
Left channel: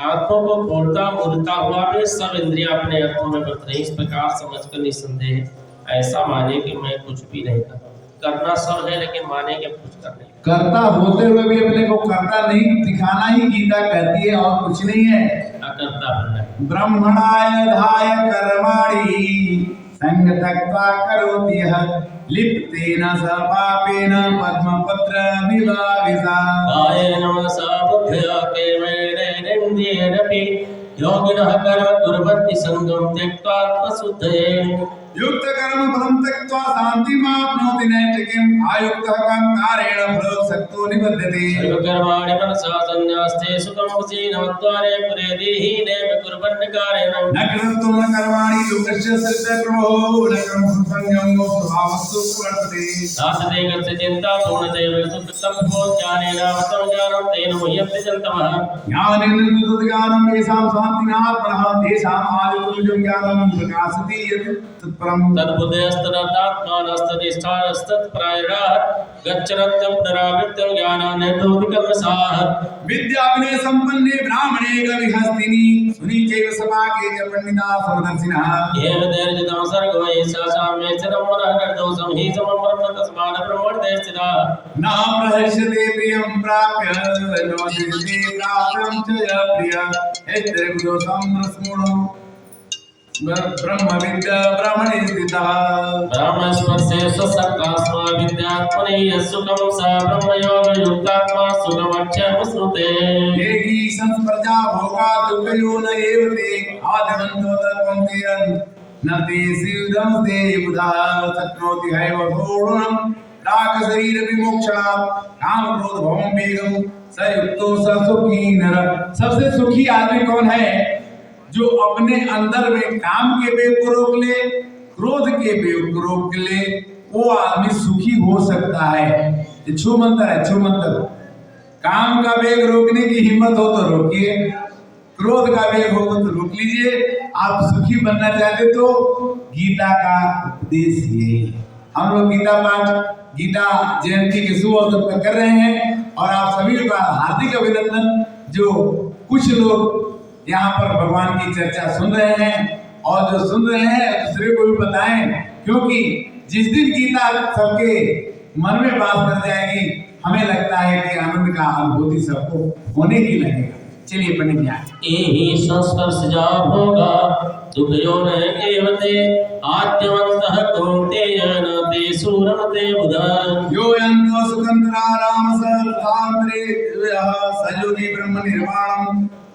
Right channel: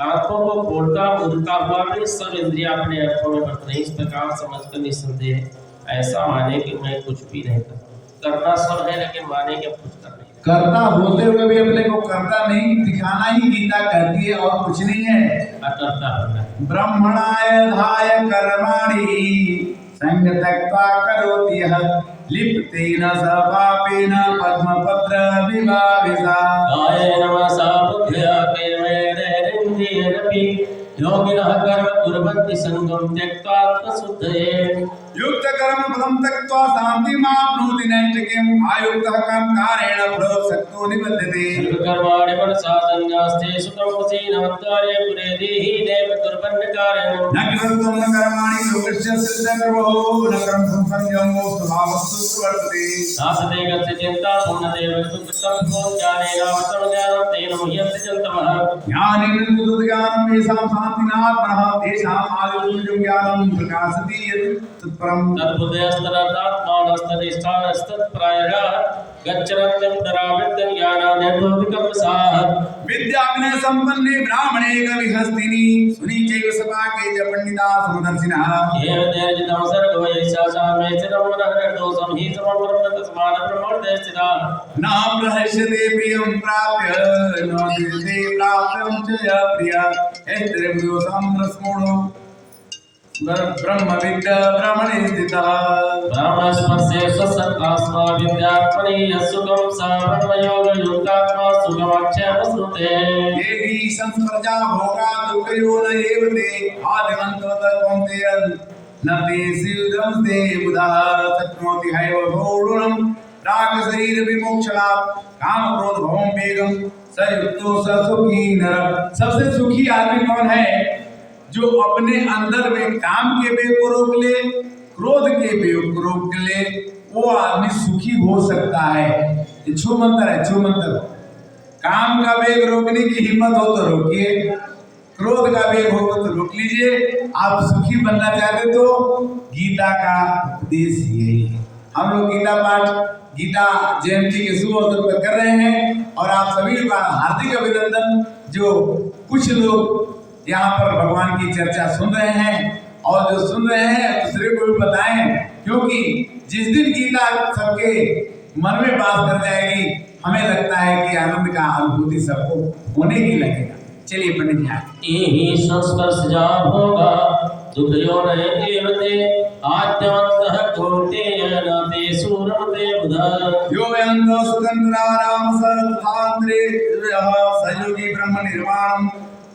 आंखों को खोलता उड़ता हुआ भी सब इंद्रियां अपने अर्थों में बरत रही। इस प्रकार समझकर निसंदेह ऐसा माने कि मैं कुछ भी नहीं करता। करना सब है लेकिन माने कि अब कुछ कर नहीं। करता होते हुए भी अपने को करता नहीं दिखाना ही गीता कहती है, और कुछ नहीं है। अकर्ता बनना। ब्रह्मणाय धाय कर्माणि संग त्यक्त्वा करोति यः लिप्तेन स पापेन पद्मपत्र विभाविता कायेन मनसा बुद्ध्या केवलेनेन्द्रियैरपि योगिनः कर्म कुर्वन्ति सङ्गं त्यक्त्वा आत्मशुद्धये युक्त कर्म फलं त्यक्त्वा शान्तिमाप्नोति नैष्ठिकीम् आयुक्तः कामकारेण फलोत्सक्तो निबध्यते सर्वकर्माणि मनसा संन्यास्ते सुखं वसीनवद्वारे पुरे देहि नैव कुर्वन्नकारेण न कृतं न कर्माणि योगस्य सिद्धकर्मो न कर्म संसंगमो स्वभावस्तु प्रवर्तते साधते गस्य चिन्ता पूर्णदेव सुकृतं ज्ञानेनावतं ज्ञानं तेन मुह्यन्ति जन्तमः ज्ञानेन ज्ञानं येषां शान्तिनात्मनः तेषाम् आदितुल्यं ज्ञानं प्रकाशति यत् तत्परं तद्बुद्धयस्तदर्थात्मानस्तनिष्ठास्तत्परायणः गच्छन्त्यं पुनरावृत्तं ज्ञानान्यतोऽधिकमसाः विद्या विनय संपन्ने ब्राह्मणे कविहस्तिनि सुनी चैव सपाके च पंडिता समदर्शिनः येन तेर्जितं सर्गवयस्यासाम्ये चिरं मनः निर्दोषं हि समं ब्रह्म तस्मात् ब्रह्मणि स्थितः न प्रहस्यते प्रियं प्राप्य न दृश्यते प्राप्यं च यः प्रियः एत्रेवदोषं रस्मोणो ब्रह्मविद्या ब्राह्मणे स्थितः ब्रह्मस्पर्शे स्वसत्तास्मा विद्यात्मनि यस्सुखं स ब्रह्मयोगयुक्तात्मा सुखमक्षयमश्नुते ये हि संस्पर्शा भोगा दुःखयो न एव ते आदिमन्तो तत्त्वन्ते न ते सिद्धं ते बुधा शक्नोति हैव भोढुरं राग शरीर विमोक्षणात् काम क्रोध भवं वेगं स युक्तो स सुखी नर सबसे सुखी आदमी कौन है जो अपने अंदर में काम के वेग को रोक ले क्रोध के वेग को रोक ले वो आदमी सुखी हो सकता है ये छू मंत्र है छू मंत्र काम का वेग रोकने की हिम्मत हो तो रोकिए क्रोध का वेग हो तो रोक लीजिए आप सुखी बनना चाहते तो गीता का उपदेश ये हम लोग गीता पाठ गीता जयंती के शुभ अवसर पर कर रहे हैं और आप सभी का हार्दिक अभिनंदन जो कुछ लोग यहाँ पर भगवान की चर्चा सुन रहे हैं और जो सुन रहे हैं दूसरे को भी बताएं क्योंकि जिस दिन गीता सबके मन में बात कर जाएगी हमें लगता है कि आनंद का अनुभूति सबको होने ही लगेगा चलिए पंडित जी एहि संस्पर्शजा भोगा दुःखयो न एव ते आद्यवन्तः कौन्तेय न ते सूरमते बुधा यो यन्तो सुतन्त्राराम सर्वतान्त्रे सयोगी ब्रह्म निर्वाणं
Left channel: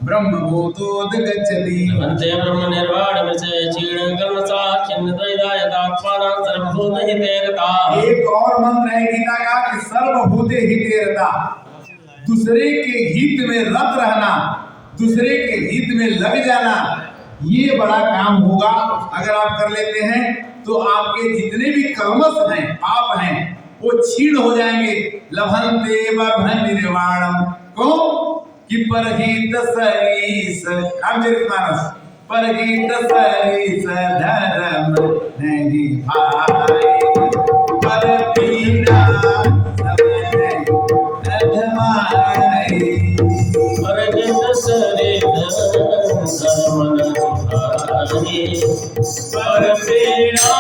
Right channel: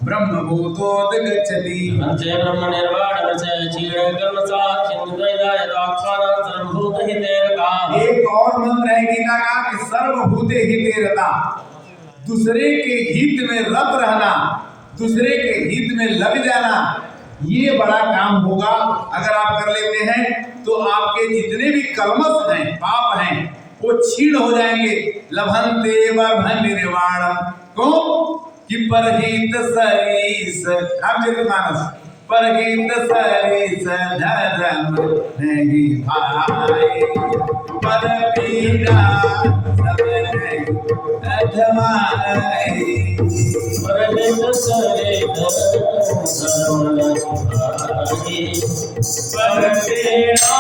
ब्रह्मभूतोऽधिगच्छति अन्ते ब्रह्मनिर्वाणमस्य क्षीणकर्मसा छिन्नद्वैतायतात्मानं सर्वभूतहिते रताः एक और मंत्र है गीता का कि सर्वभूते हिते रता दूसरे के हित में रत रहना दूसरे के हित में लग जाना ये बड़ा काम होगा अगर आप कर लेते हैं तो आपके जितने भी कलमश हैं पाप हैं वो छीण हो जाएंगे लभन्ते बभन निर्वाणम को कि परहित सरीस रामचरितमानस परहित सरीस धर्म नहीं भाई पर पीड़ा सब नहीं अधमाई परहित सरित धर्म न भाई पर पीड़ा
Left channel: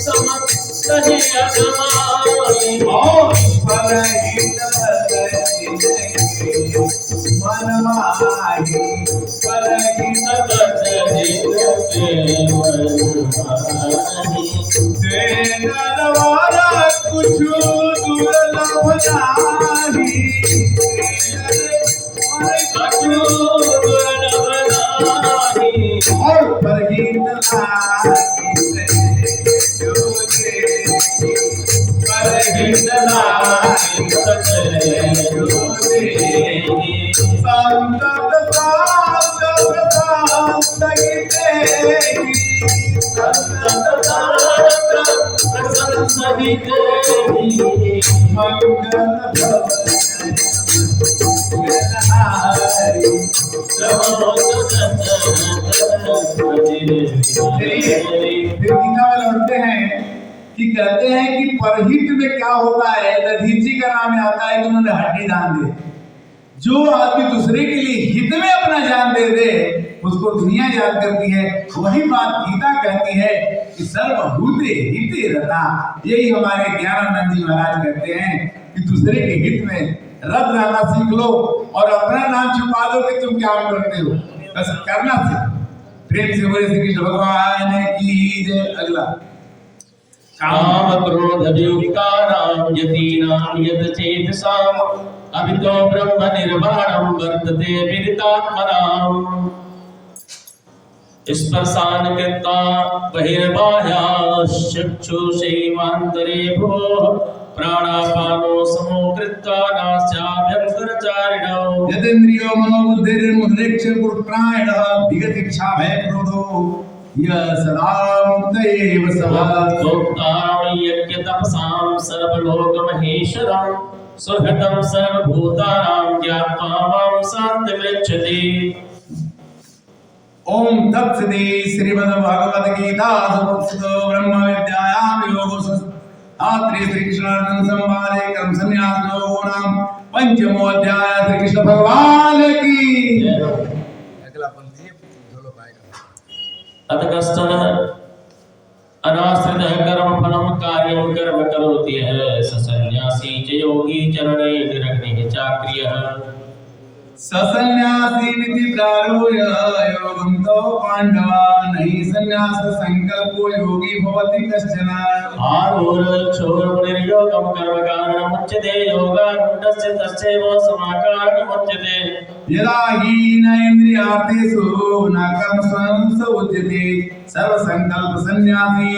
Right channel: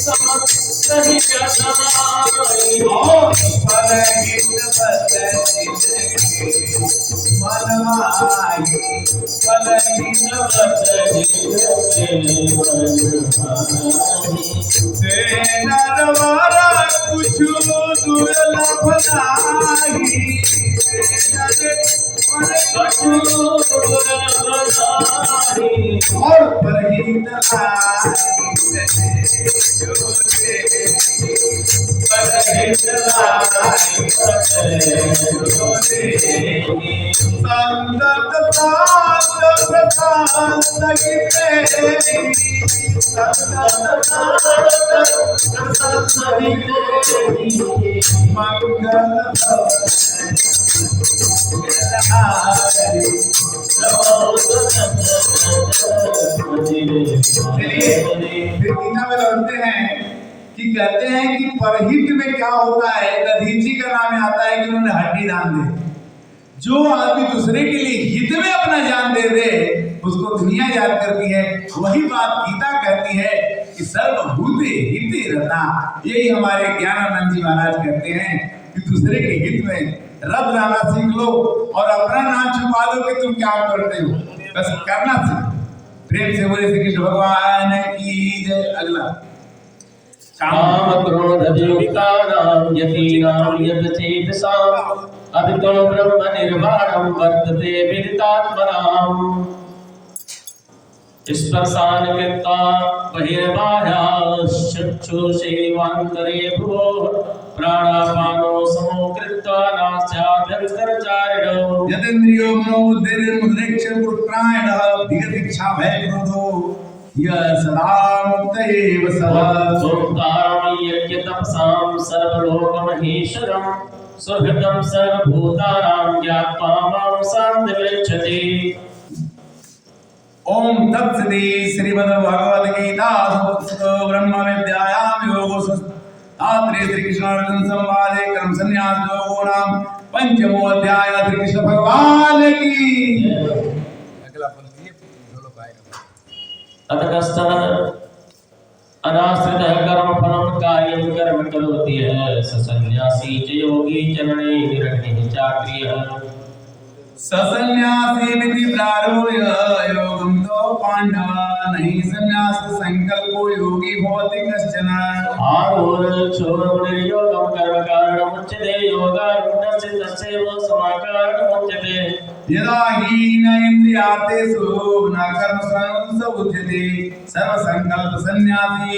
समस्तहि अधमाई और परहित बदली मनमाही परहित तेरा द्वारा कुछ दुर्लभ नाही और परहित संतत प्रशांत गीते मंगल कहते हैं कि परहित में क्या होता है दधीची का नाम आता है कि उन्होंने हड्डी दान दे जो आदमी दूसरे के लिए हित में अपना जान दे दे उसको दुनिया याद करती है वही बात गीता कहती है कि सर्वभूते हिते रता यही हमारे ज्ञानानंद जी महाराज कहते हैं कि दूसरे के हित में रब रहना सीख लो और अपना नाम छुपा दो कि तुम क्या करते हो बस करना सीख प्रेम से बोले श्री कृष्ण भगवान की जय। अगला काम क्रोध विकारां यतीनां यतचेतसाम् अभितो ब्रह्म निर्वाणं वर्तते विदितात्मनाम् स्पर्शान् कृत्वा बहिर्बाह्याश्चक्षुषेवान्तरे भुवोः प्राणापानो समो कृत्वा नास्याभ्यन्तरचारिणौ यतेन्द्रियो मनोबुद्धिर्मुद्रेक्ष पुत्रायणः विगतिक्षा भय क्रोधो यः सदा मुक्त एव सः सोक्तारं यज्ञतपसां सर्वलोकमहेश्वरं सुहृतं सर्वभूतानां ज्ञात्वा मां शान्तिमृच्छति। ओम तत्सदि श्रीमद्भगवद गीता उपनिषदो ब्रह्म विद्यायां योगो शास्त्रे श्री कृष्ण अर्जुन संवादे कर्म संन्यास योगो नाम पंचमो अध्याय। श्री कृष्ण भगवान की अगला पंक्ति है बोलो पाएगा। अथ कश्चन अनाश्रितः कर्मफलं कार्यं कर्म करोति यः स सन्न्यासी च योगी चरणे निरग्निः चाक्रियः ससन्यासी मिति प्रारूय योगं तो पांडवा नहीं संन्यास संकल्पो योगी भवति कश्चन आरूढक्षोरमुनिर्योगं कर्मकारणमुच्यते योगारूढस्य तस्यैव समाकारणमुच्यते यदा हीन इंद्रियार्थेषु न कर्मसु उच्यते सर्व संकल्प सन्यासी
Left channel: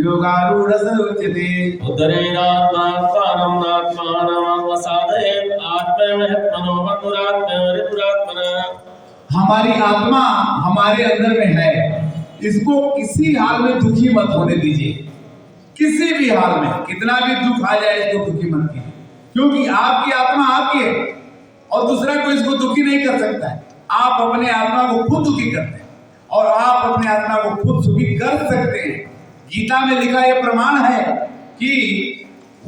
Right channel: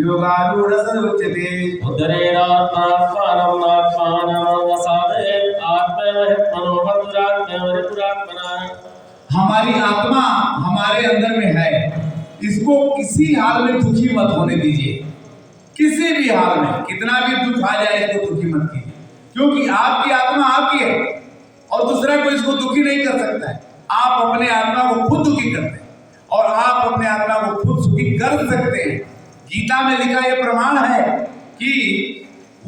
योगारूढ़ उच्यते उद्धरेणात्मानं नात्मानं वसादयेत् आत्मयमह्यत्मनो बन्धुरात्मयोरिपुरात्मना। हमारी आत्मा हमारे अंदर में है, इसको किसी हाल में दुखी मत होने दीजिए। किसी भी हाल में कितना भी दुख आ जाए इसको दुखी मत कीजिए, क्योंकि आपकी आत्मा आपकी है और दूसरा कोई इसको दुखी नहीं कर सकता है। आप अपने आत्मा को खुद दुखी करते हैं और आप अपने आत्मा को खुद सुखी कर सकते हैं। गीता में लिखा यह प्रमाण है कि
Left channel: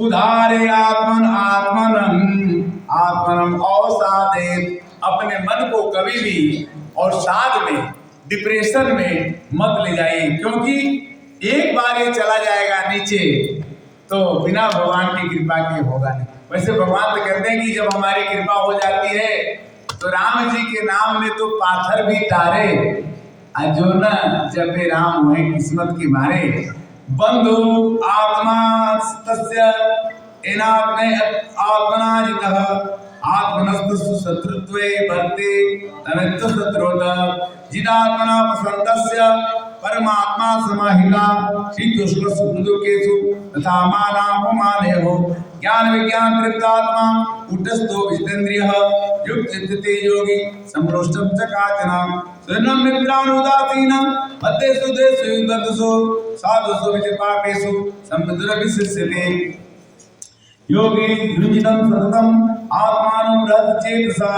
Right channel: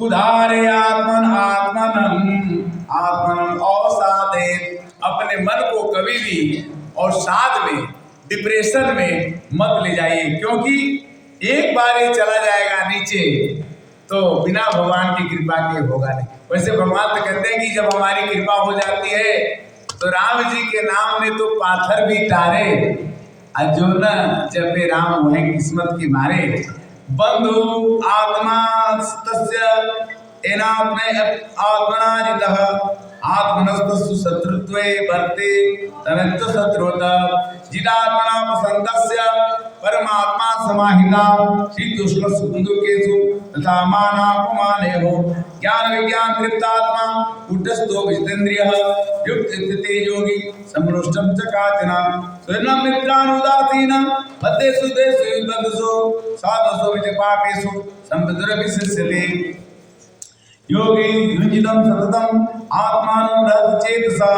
उदारे आत्मन आत्मनम आत्मनम औसादे, अपने मन को कभी भी और साध में डिप्रेशन में मत ले जाइए, क्योंकि एक बार ये चला जाएगा नीचे तो बिना भगवान की कृपा के होगा नहीं। वैसे भगवान तो कहते हैं कि जब हमारी कृपा हो जाती है तो राम जी के नाम में तो पाथर भी टारे, जो न जपे राम वही किस्मत की मारे। बंधु आत्मा तस्य एनात्मे आत्मना जितः आत्मनस्तु शत्रुत्वे वर्ते तनित्य शत्रुत जितात्मना पसंतस्य परमात्मा समाहिता शीतोष्ण सुखदुःखेषु तथा मानापमानेहो ज्ञान विज्ञान तृप्तात्मा उद्धस्तो विजितेन्द्रियः युक्ते योगी समरोष्टं च काचन स्वयं मित्रानुदासीनं मध्येषु देषु बन्धुषु साधुषु विचपाकेषु संविदुरभिशिष्यते। योगी युजितं सततं आत्मानं रजचेतसा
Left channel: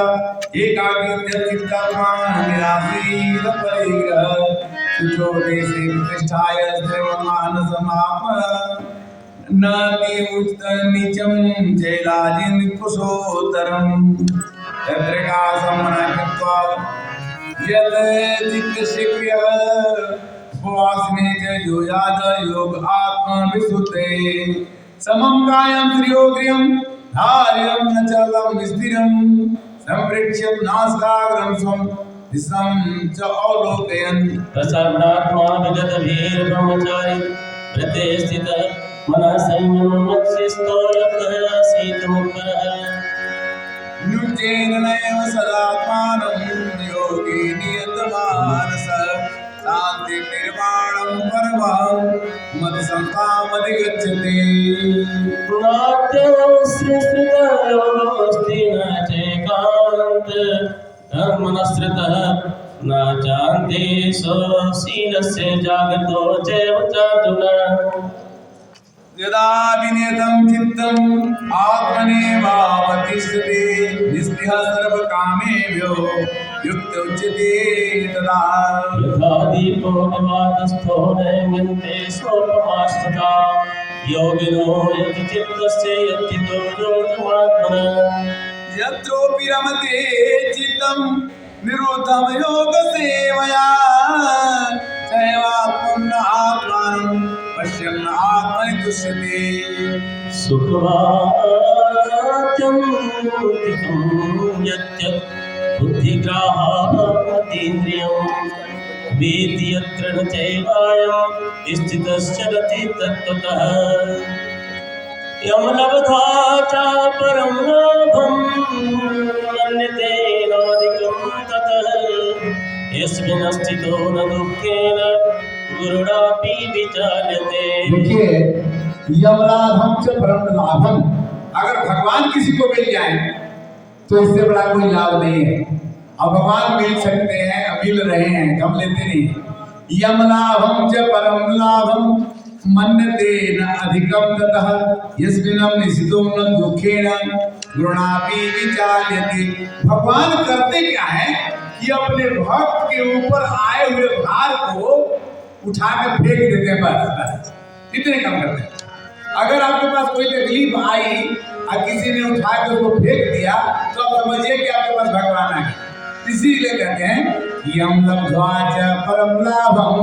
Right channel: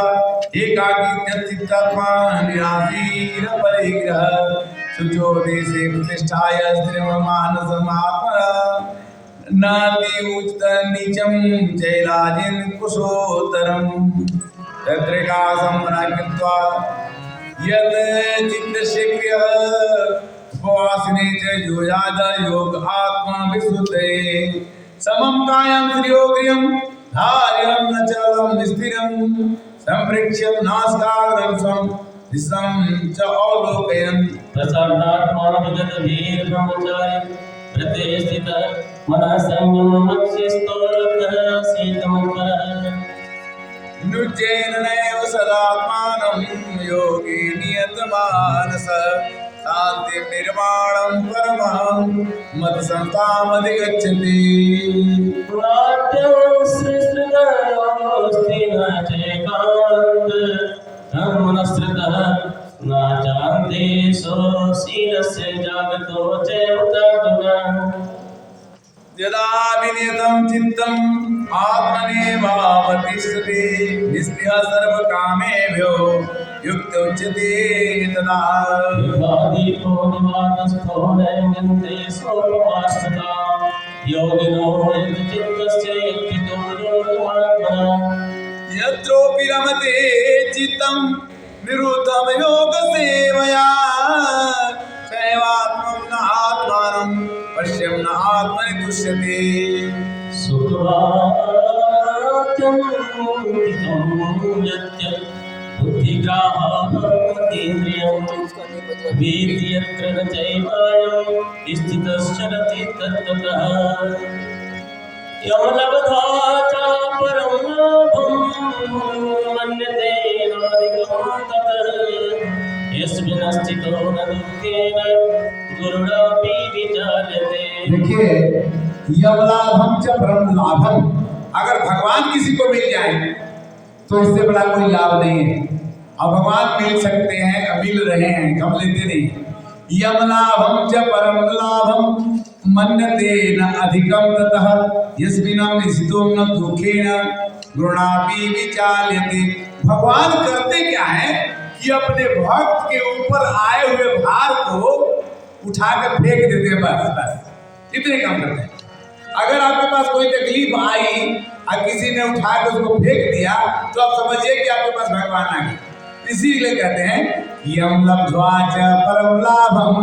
एकाकीत्यचित्तात्मा निराशीर परिग्रह शुचो देशे प्रतिष्ठाय स्त्रीमानसमात्मना नाति उच्च नीचम जैलाजिन कुशोत्तरम तद्रिकासं मनाकृत्वा यद चित्तशीक्रिय उपवासिने च योजाद योग आत्मा विशुद्धे समं कायं श्रियोग्रियं धार्यं न चलं स्थिरं संप्रेक्ष्य नासिकाग्रं स्वं दिशं च अवलोकयन् प्रसन्नात्मा विगतभीर ब्रह्मचारी व्रते स्थितः मनः संयममत्स्यस्थो लब्धः शीतमुत्तरः नुच्चेन नैव सदात्मानं योगी नियतमानसः शान्ति निर्वाणं परमं मत संस्थामधिगच्छति। मनस्कृतः न चान्ते स्वशीलस्य जागतो चैव चार्जुन। यदा विनियतं चित्तम् आत्मनेवावतिष्ठते निस्पृहः सर्वकामेभ्यो युक्त उच्यते तदा दीपो निवातस्थो नैमिन्ते सोपमाश्रिता योगिनो यति चित्तस्य यत्थितो योगमात्मना। यत्रोपि रमते चित्तं निरुद्धं योगसेवया चैवात्मं न आत्मानं पश्यन् न आत्मनि तुष्यति। सुखवाक्यं यत् बुद्धिग्राहातीन्द्रियं वेति यत्र न चैवायं स्थितश्चरति तत्त्वतः यमलब्ध्वा च परं लाभं मन्यते नाधिकं ततः यस्मिन् स्थितो न दुःखेन गुरुणापि विचार्यते। देखिए, यमलाभम च परम लाभम, अगर भगवान किसी को मिल जाए तो इससे बड़ा कोई लाभ नहीं है। अब भगवान मिल सकते हैं, मिल रहे हैं, हम लेते नहीं। यमलाभम च परम लाभम मन्यते न अधिकम ततः यस्मिन् निशितो न दुखेन गुणापि विचार्यते। भगवान करते क्या है कि अपने भक्त के ऊपर आए हुए भार को उठा कर फेंक देते हैं, बस इतने काम करते हैं। अगर आपके पास कोई तकलीफ आई और किसी ने उठा कर उसको फेंक दिया तो आप समझिए कि आपके पास भगवान आ गए। इसीलिए कहते हैं यम लब्ध्वा च परम लाभम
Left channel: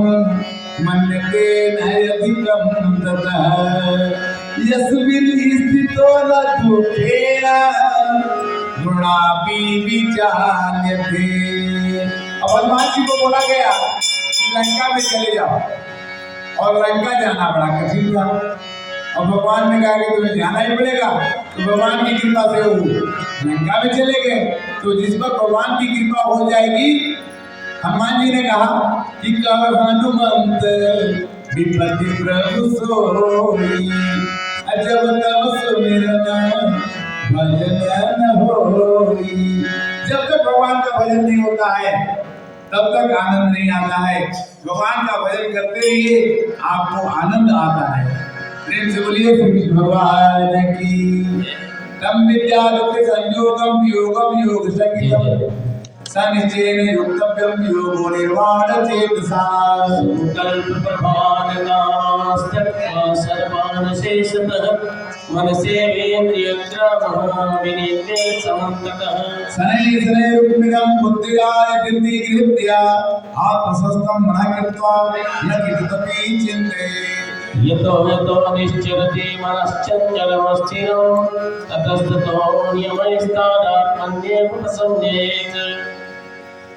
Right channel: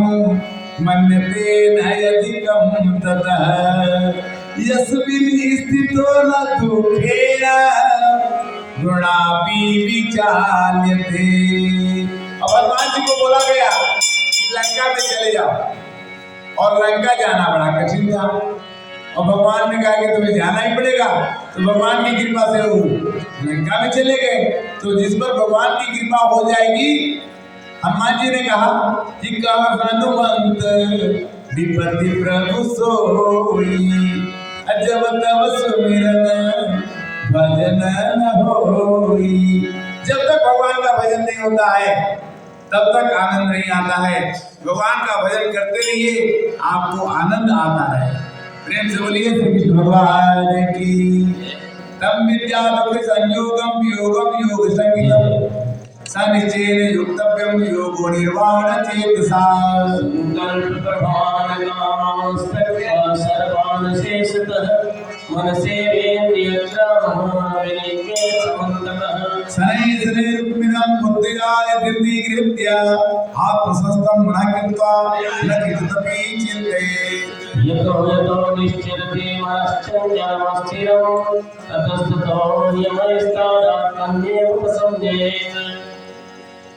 मन्यते न अधिकम ततः यस्मिन् स्थितो न दुखेन गुणापि विचार्यते। अब हनुमान जी को बोला गया लंका में चले जाओ, और लंका जाना बड़ा कठिन था, और भगवान ने कहा कि तुम्हें जाना ही पड़ेगा। तो भगवान की कृपा से वो लंका में चले गए। तो जिस पर भगवान की कृपा हो जाएगी, हनुमान जी ने कहा कि कह हनुमंत विपत्ति प्रभु सोई जब तब सुमिरन भजन न होई। जब तक भगवान का भजन नहीं होता है तब तक आनंद नहीं आता है। भगवान का भजन करते रहिए, आपको आनंद आता है। प्रेम से बोलिए श्री कृष्ण भगवान की। तम विद्या दुख संयोगम योगम योग संगीतम सनिचेन युक्तव्यम योगो निर्वाण चेतसा। संकल्प प्रभान नास्त्यक्त्वा सर्वान् शेषतः मनसेन्द्रियग्रामः विनीते समन्ततः। शनैः शनैः रुक्मिणं बुद्धियाय धीर्तिगृह्य आत्मसंस्थं मनः कृत्वा न किञ्चिदपि चिन्तयेत्। यतो यतो निश्चरति मनश्चञ्चलमस्थिरं ततस्ततो नियमैस्तादात्मन्येव उपसंज्ञेत्।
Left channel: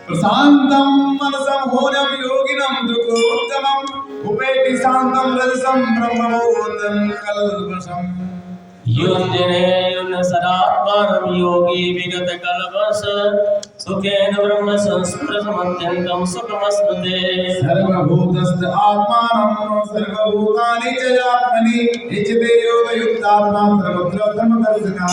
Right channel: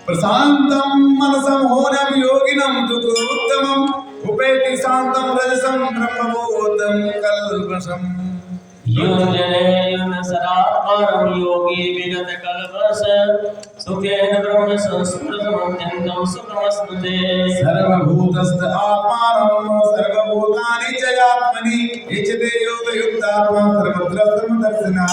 प्रशान्तं मनसं होनं योगिनं दुःखोत्तमं उपैति शान्तं रजसं ब्रह्मबोधं कल्मषम्। युञ्जनेयुन सदात्मानं योगी विगत कल्पस सुखेन ब्रह्म संस्पृशमत्यन्तं सुखमश्नुते। सर्वभूतस्थ आत्मानं सर्वभूतानि च आत्मनि इच्छते योगयुक्तात्मा सर्वत्र सर्वदर्शिनः।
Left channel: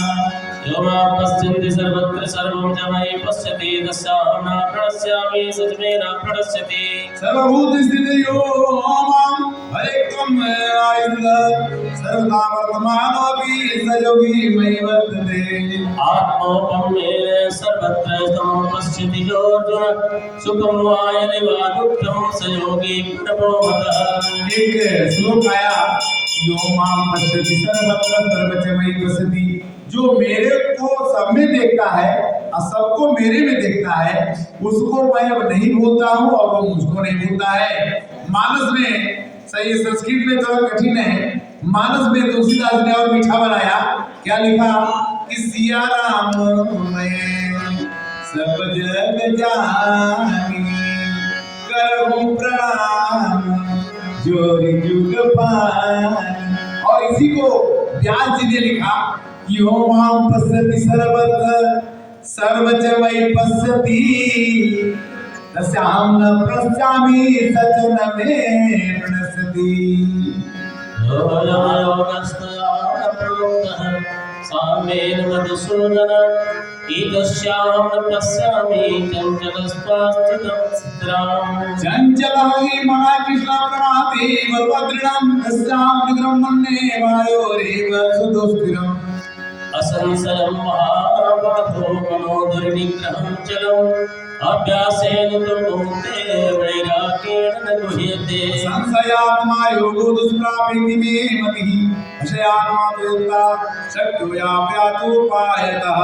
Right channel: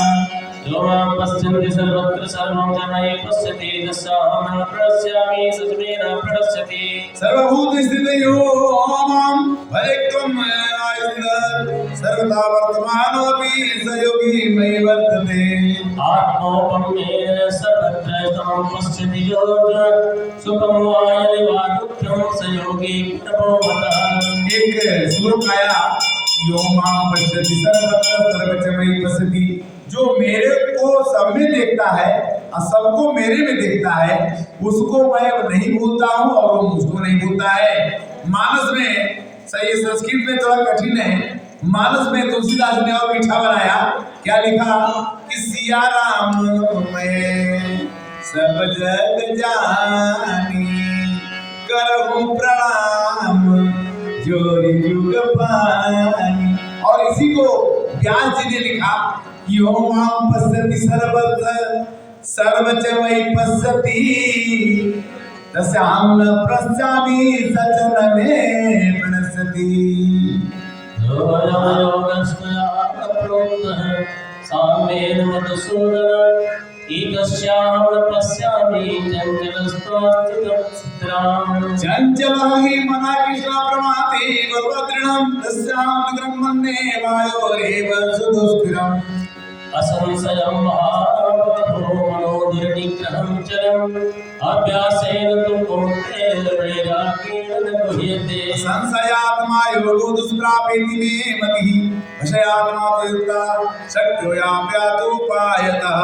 यो मां पश्यन्ति सर्वत्र सर्वं च मयि पश्यति तस्याहं न प्रणश्यामि स च मे न प्रणश्यति। सर्वभूत स्थित यो मां भयत्वम् आयुध सर्वदा वर्तमानोऽपि स योगी मयि वर्तते। आत्मौपम्ये सर्वत्र समं पश्यति यो अर्जुन सुखं वा यदि वा दुःखं स योगी गुणप्रोमतः। एक श्लोक आया, यो मां पश्यति सर्वत्र सर्वच मयि पश्यति। जो मेरे को सब में देखता है और सबको मेरे में देखता है, उसको मैं अब नहीं भूलता हूँ और वो मुझको नहीं भूलता है। मानस में, सही संस्कृत में थोड़ा कठिन है, मानस में तुलसीदास ने और मीठा बनाया। क्या लिखा कि सिया राम मैं सब जग जानी करहूं प्रणाम जोरी जुग पानी। और इसी को व्यास जी ने लिखा यो मां पश्यति सर्वत्र सर्वच मयि पश्यति तस्याहं न पश्यामि स च न मे प्रणश्यति। योगस्मया प्रोक्तः सामेन मधुसूदन एकस्याहं न पश्यामि चञ्चलस्त्वास्थितं चित्राम्। चञ्चलः हि मनः कृष्ण प्रमाति बलवदृढं तस्याहं निग्रहं मन्ये वायोरेव सुदुष्करम्। असंशयं महाबाहो मनोदुर्निग्रहं चलम् अभ्यासेन तु कौन्तेय वैराग्येण न गृह्यते। संशयात्मा योगो दुष्प्रापेति मे मतिः विषयात्मा तु युक्ता शक्यो याप्यातुपायतः।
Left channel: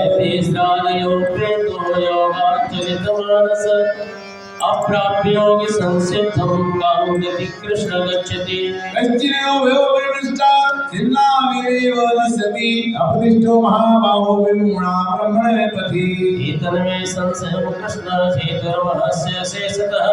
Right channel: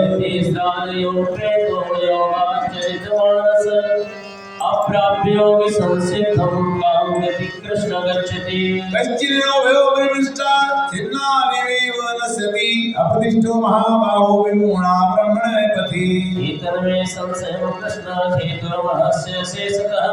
ऐते स्नानयो प्रेतो योगाचरितमानस अप्राप्य योगी संसिद्धं कां गति कृष्ण गच्छति। कश्चिन्नो भयो परिनिष्ठा छिन्नामिव नश्यति अप्रतिष्ठो महाबाहो विमूढा ब्रह्मणे पथि। एतन्मे संशयं कृष्ण हेतुर्महस्य शेषतः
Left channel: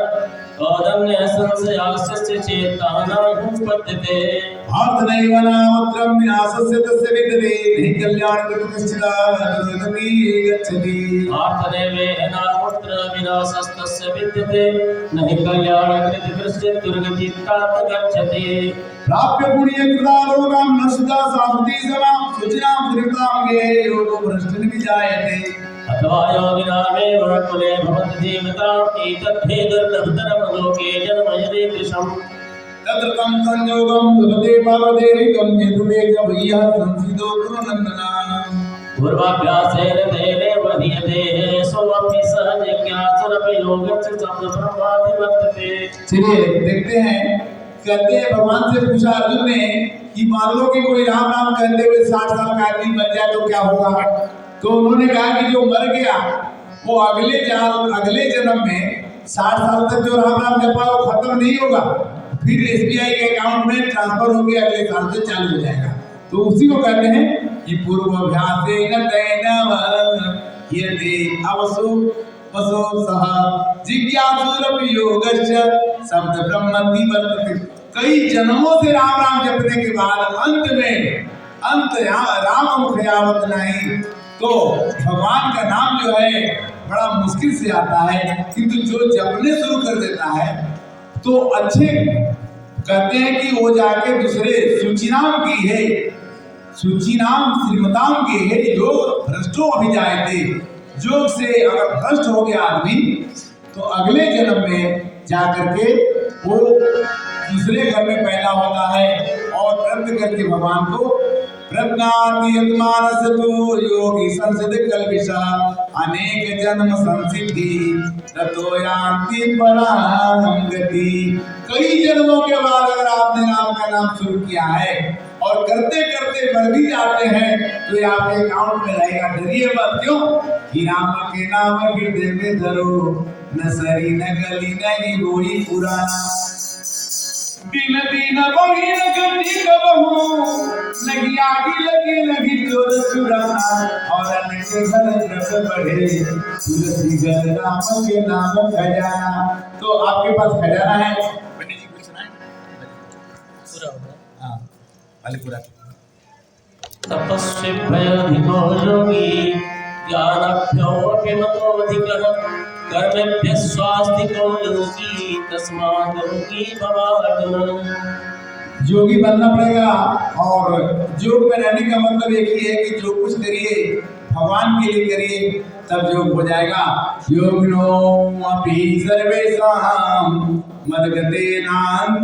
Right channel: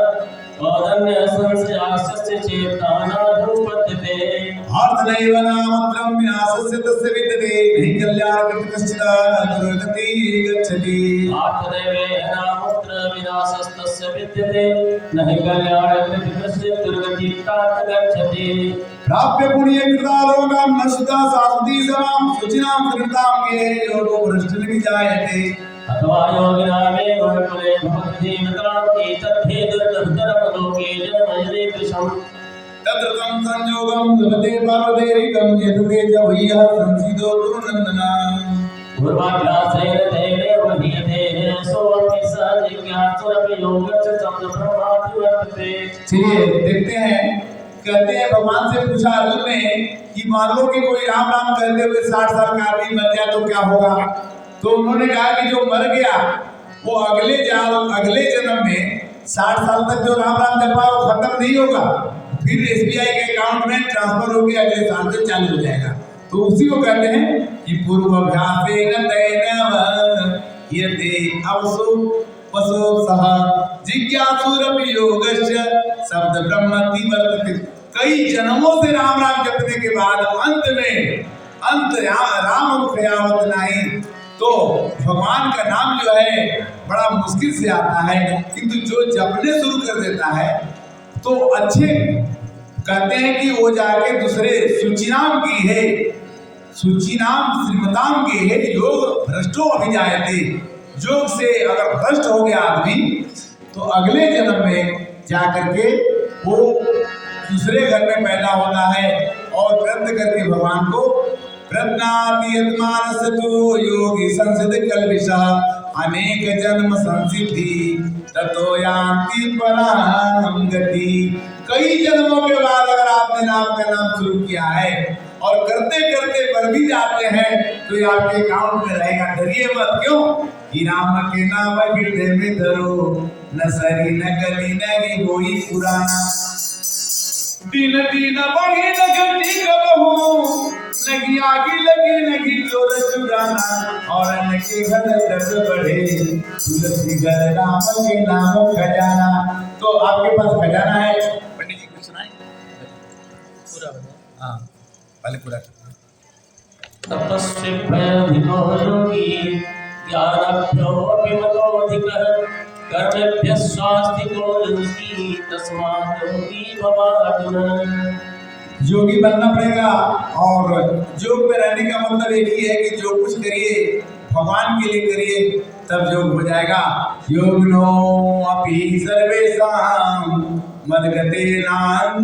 प्रयाणकृतकृष्ण दुर्गतीर्थात् गच्छति प्राप्य पुण्य कृता लोकम न सुधा शाश्वती समाम सुचिनाम श्रीताम गे योगो भ्रष्ट विजायते अथवा योगिनामेव कुले भवति जीवताम् एतद्भेदर्दधरम् लोके जन्मयते कृशम् तत्रतम संयोगम लभते पार्वदेविकम यदुके च भय्यः संसिदो गुरुनंदना पूर्वाभ्यासेन तेनेव हीयते सोऽपि स जिज्ञासुरपि योगस्य संप्रमाति वर्तते। चलिए देखते हैं, कहते हैं भगवान से पूछा अर्जुन ने कि मान लो कि कोई राम राम कहते हुए 60 साल का आदमी मर जाए तो क्या होगा। तो उन्होंने कहा कि जो मर गया वो अगले जन्म में 60 साल तक जो राम राम जपा वो खत्म नहीं होगा, फिर SBI के अकाउंट में ट्रांसफर होकर अगले साल से चालू हो जाएगा। तो उसी को कहते हैं कि पूर्वाभ्यासेन तैनव यदि अवसु पशु सह जिज्ञासुरपि योगस्य शब्द ब्रह्मति वर्तते। कई जन्मों से राम राम जपने के बाद अंत राम मुखयावत नहीं, तो भगवान का नाम जो है बड़ा मुश्किल से आता है, किंतु जो जपने शुरू कर देता है तो अच्छे कहते हैं कि वो जाके दूसरे सुचिनाम की है, सुचिनाम श्रीमताम की है योग भ्रष्टो अभिजायते। योग से अगर भ्रष्ट हो गया आदमी तो अगले जन्म में जाकर के वो दूसरे घर में पैदा होता है और व्रत करके भगवान को प्रज्ञाति यत्मानस तो योगी संसिद्ध कल्पिषा अनेक जन्म संसिद्धि ततो यान्ति पराम गति। कई जन्मों के बाद अगर आपने नाम का नाम शुरू किया है और करते करते बढ़ भी जाते हैं तो ये आपके अकाउंट में रहेगा। डरिए मत, क्यों कि राम के नाम हृदय में धरो, न सरी न गली न गोई पुराना। दिन दिन बढ़ी न घटी कबहू, लगी आगी लगी लगी चोर चुराना। और अन्न के घर द्रव्य बढ़े, तुलसी घर राम के नाम खजाना। तो आपके पास खजाना है, पंडित जी कुछ सुनाए पूरा बताओ। हाँ पहले पूरा। तपस्वी भयाधिको योगी ज्ञानभ्योऽपि मतोऽधिकः कर्मेभ्यः स्वास्तिको योगी तस्मात् योगी भव अर्जुन। योगी बनना पड़ेगा और योग में रहने का मतलब एक ही है कि जो कुछ करिए भगवान के लिए करिए, तब योग हो जाएगा। योगिनो अपि सर्वेषां मद्गतेनान्तरात्मना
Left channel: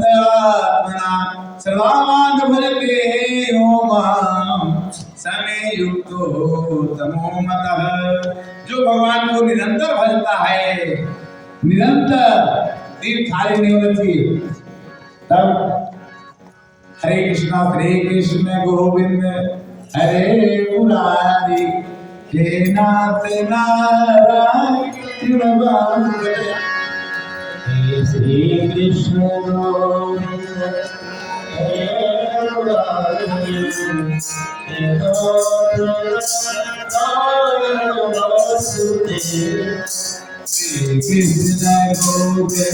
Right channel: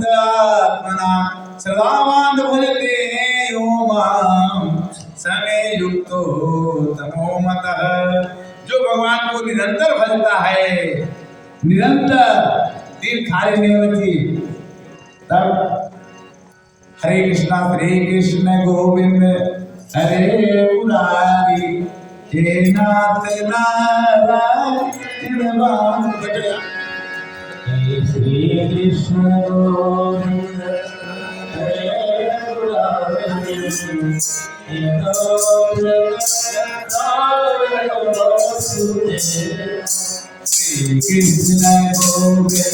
सर्वान् भजते ओमां समे युक्तो तमो मतः। जो भगवान को निरंतर भजता है, निरंतर दिन खाली नहीं होना चाहिए, तब हरे कृष्ण गोविंद हरे मुरारी हे नाथ नारायण वासुदेव। श्री कृष्ण गोविंद हरे मुरारी हे नाथ नारायण वासुदेव। श्री कृष्ण गोविंद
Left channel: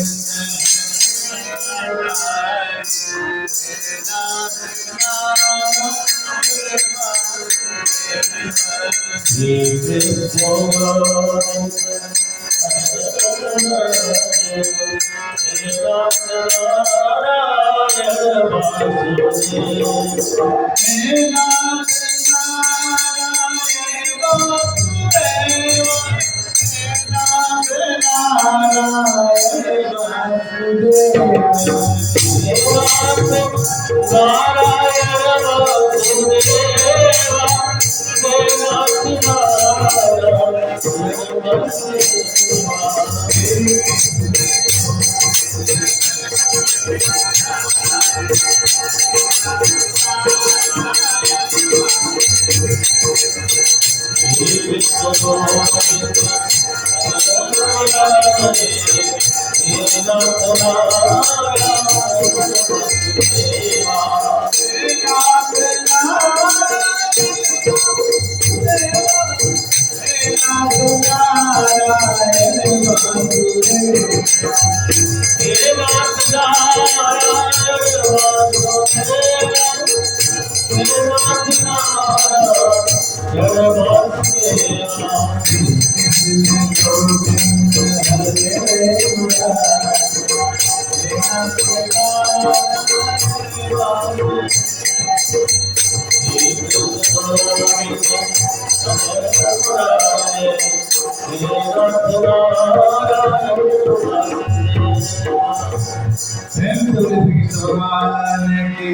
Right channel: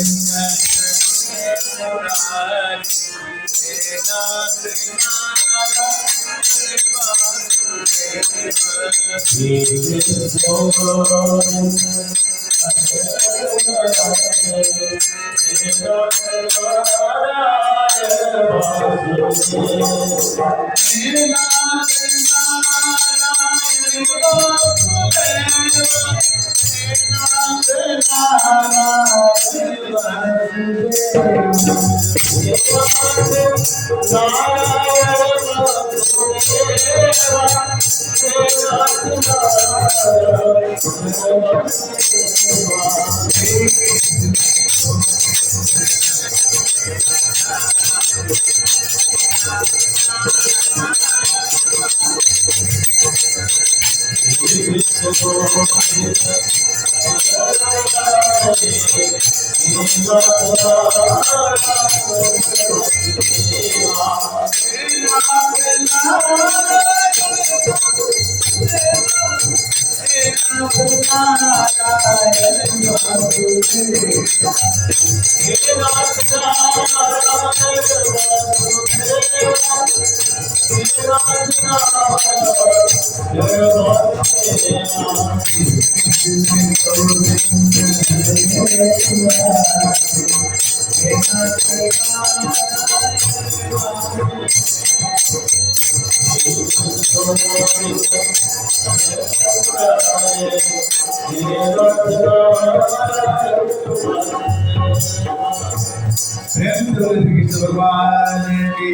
भगवान की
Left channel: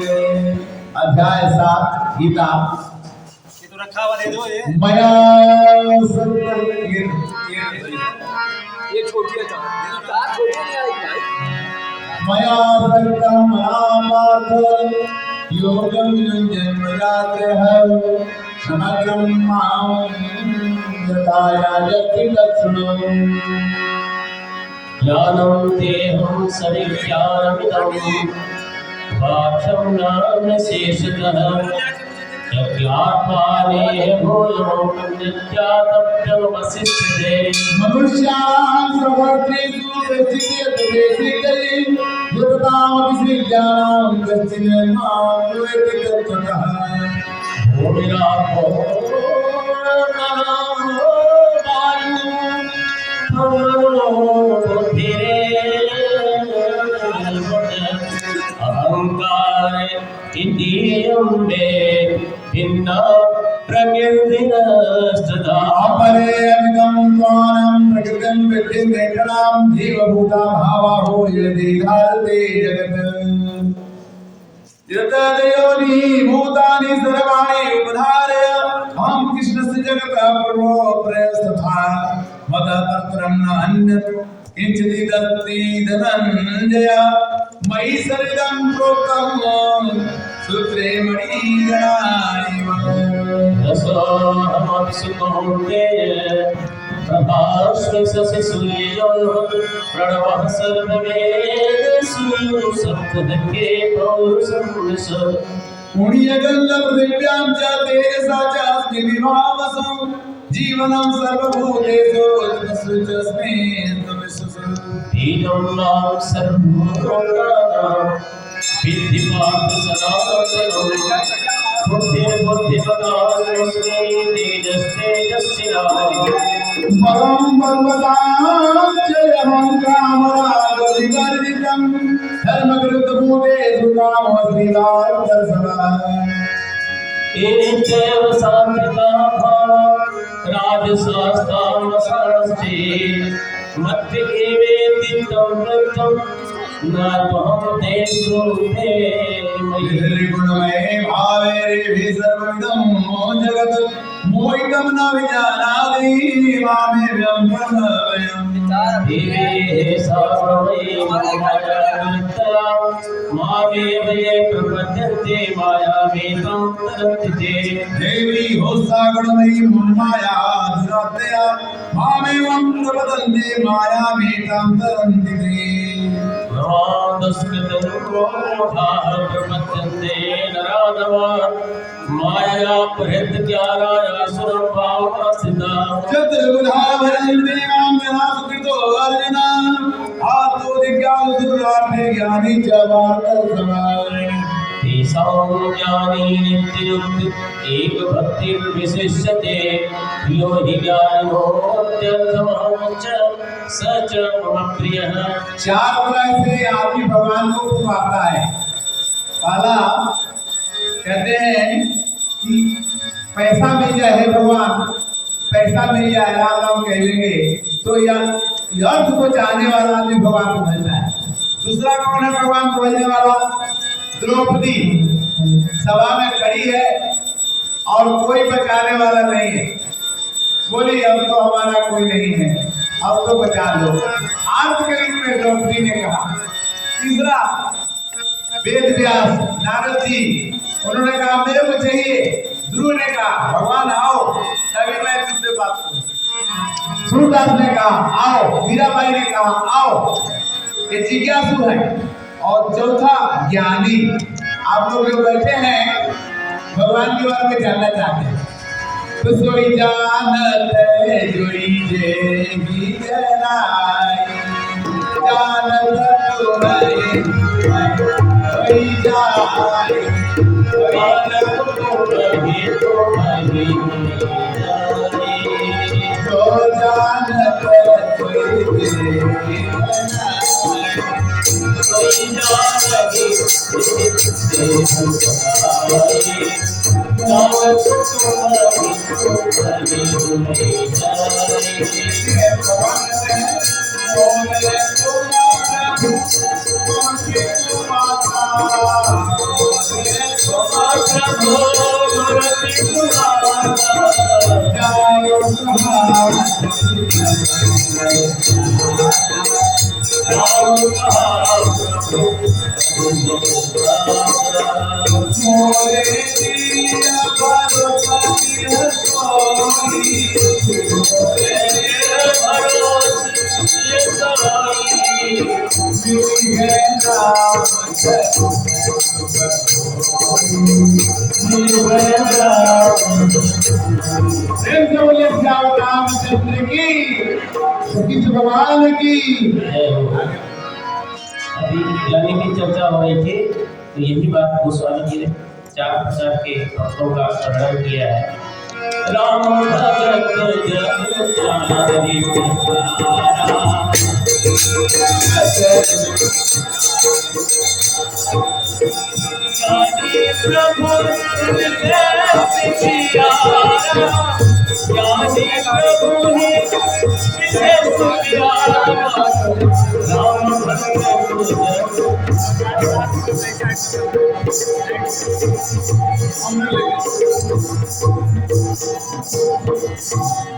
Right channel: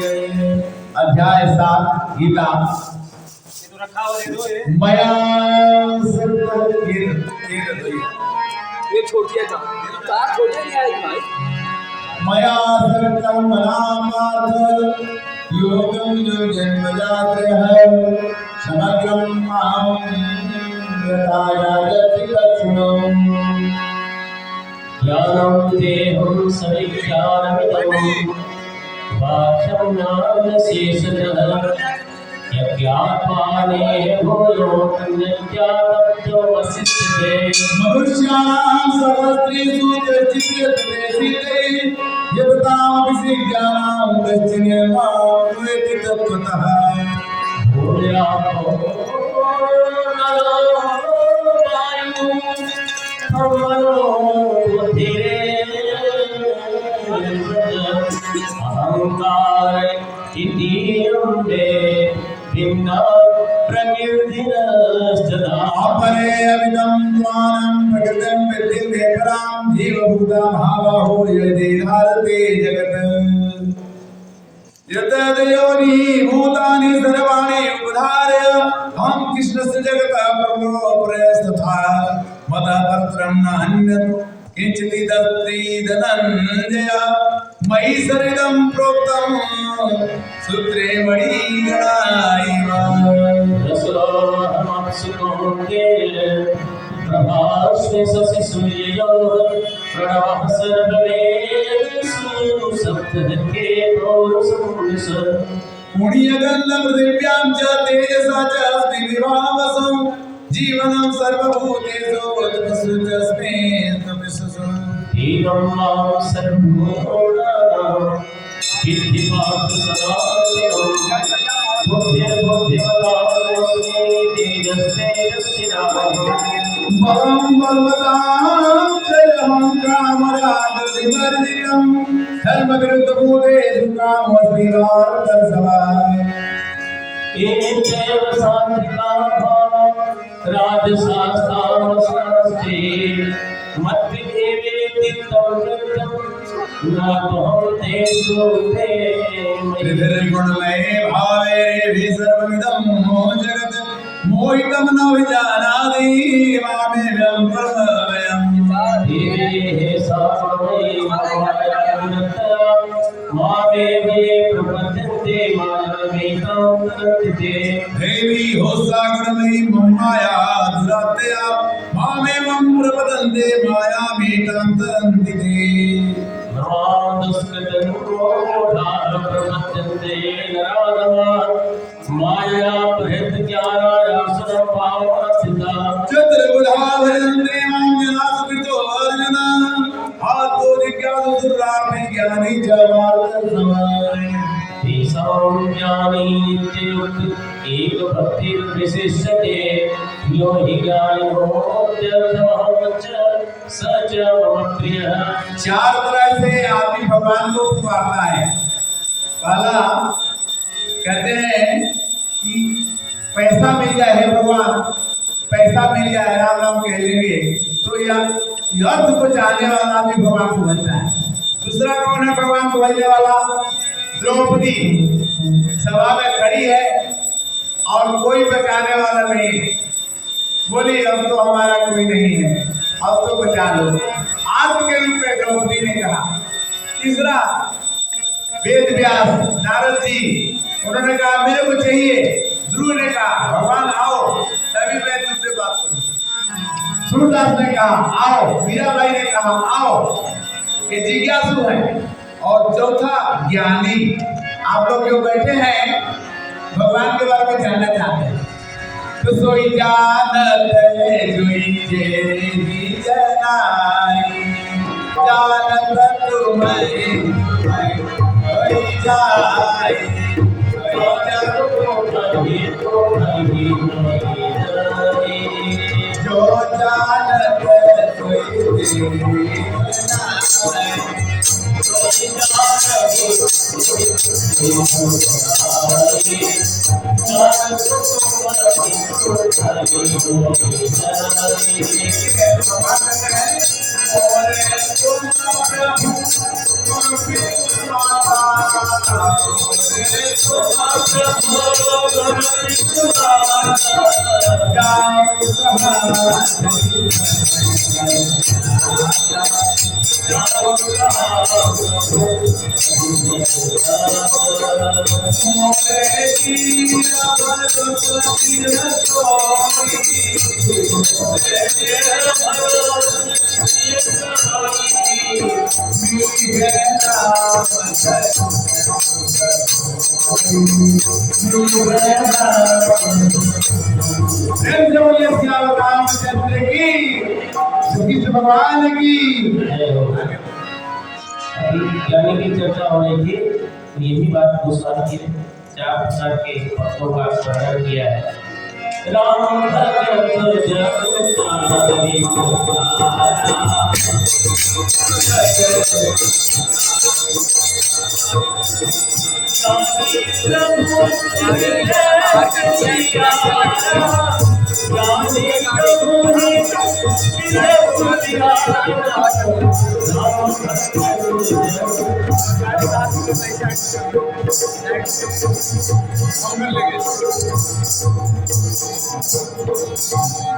जय। अध्याय 7 गीता। ये तो रखा हुआ दे दो ये मया ये छोटी है तार छोटी नहीं आई भाई मया सर्वं मनामार्थ योगं जन्मजातः समग्रं मां यथा याजति तच्छृणु। ज्ञानं देहं सरिक्षामितं वाक्यं नाम शेषतः यज्ञात्माने भूयो अन्यज्ञातव्यमवशिष्यते। मनुष्याणां सहस्रेषु कश्चित् तदेशितैः यततामपि ज्ञानं कश्चिन् मां वेत्ति तत्त्वतः। भूमिरापो नलो वायुः भवनो अहंकार इंद्रियं मे भिन्ना प्रकृतिरस्तदा। अपरे अविदं त्वानं प्रकृतिं विद्धि नेत्रां जीवभूता भावाहो यदि धारते जगत्। यतदयोनि भूतानि सर्वाणि उपधार्य अहं कृष्णस्य जगतः प्रभो प्रयस्तथा मदः परत्रं न अन्यत् किञ्चिदस्ति धनञ्जय मयि सर्वं प्रोक्तं सूत्रे मणिगणाइव। प्रभास्मि शशि सूर्यो प्रणवः सर्ववेदेषु सप्तके पौरुषं यश। पुण्यगन्धं पृथिव्यां च तेजसा च अस्मि विभावसं जीवनं सर्वभूतेषु तपस्सु च अस्मि तपस्सु। ीनं मां सर्वभूतानां विद्धि पार्थ सनातनं बुद्धिर्बुद्धिमतास्मि तेजस्तेजस्विनाः। बलं बलवतां च यमं कामरागविवर्जितं धर्मविरुद्धभूतेषु कामोऽस्मिदार्थसमः। एचैव सात्विकाः राजसास्तामसाश्चे मद्विकेवेति तं वृत्तं न त्वं तेषु ते मयि। निर्गुणमये भावे हि सर्वमिदं जगत् मोहितं न विजानाति मामेवं प्रभवयम्। धीरे सावयि मायाविरक्तया मामेव ये प्रपद्यन्ते मायामेतां तरन्ति ते। देवी होस्सागुणमयी माया दुरात्तया मामेवं प्रपदन्ते मायामेतां तरन्ति ते। भ्रमान्दस्कृतनुक्रोधाः प्रपद्यन्ते नराधमाः मायया प्रहृतज्ञानायासुरं भावमास्थिताः। चतुर्बुधा भजन्ते मां जनाः सुकृतो अर्जुन आत्तो जिज्ञासु दुर्लाभे ज्ञानी च वार्तसमः। तेषां ज्ञानी नित्ययुक्त एकभक्तिर्विशिष्यते यो हि ज्ञानिनोऽत्यर्थमहं च स च मम प्रियः। चार तरह से आदमी भगवान को पुकारता है। पहला कहते हैं कि पैसा मिल जाए हे भगवान, पैसा मिल जाए राम राम कह लेंगे तो यह अर्थ को चाहने वाला आदमी भगवान को भजता है। दूसरा कौन है भगवान को भजने वाला? द्रौपदी सभा में खड़ी है और कोई बचाने वाला नहीं, बोली अब तो हमारा कोई नहीं है, अब तो बचा लो। आर्त के रूप में द्रौपदी ने कहा। तीसरा वेद व्यास नारद जी, उन्होंने कहा मेरे को चाहिए। ध्रुव ने कहा भगवान आओ तभी मैं तुझसे बात करूं। सूरदास ने कहा आओ, मीराबाई ने कहा आओ। ये जिज्ञासु है। और चौथा ज्ञानी। आप लोग जो बैठे हैं भगवान के बारे में जानना चाहते हैं तो सोई जानत है जोई जेगी जनाई जानत तुम्हें सोई जाई जो जानत कोई दे भगवान की अभी गाने की चर्चा हो रही थी तो यही बात गोस्वामी जी ने 4 प्रकार के भक्तों का वर्णन किया है। राम भगत जग जाने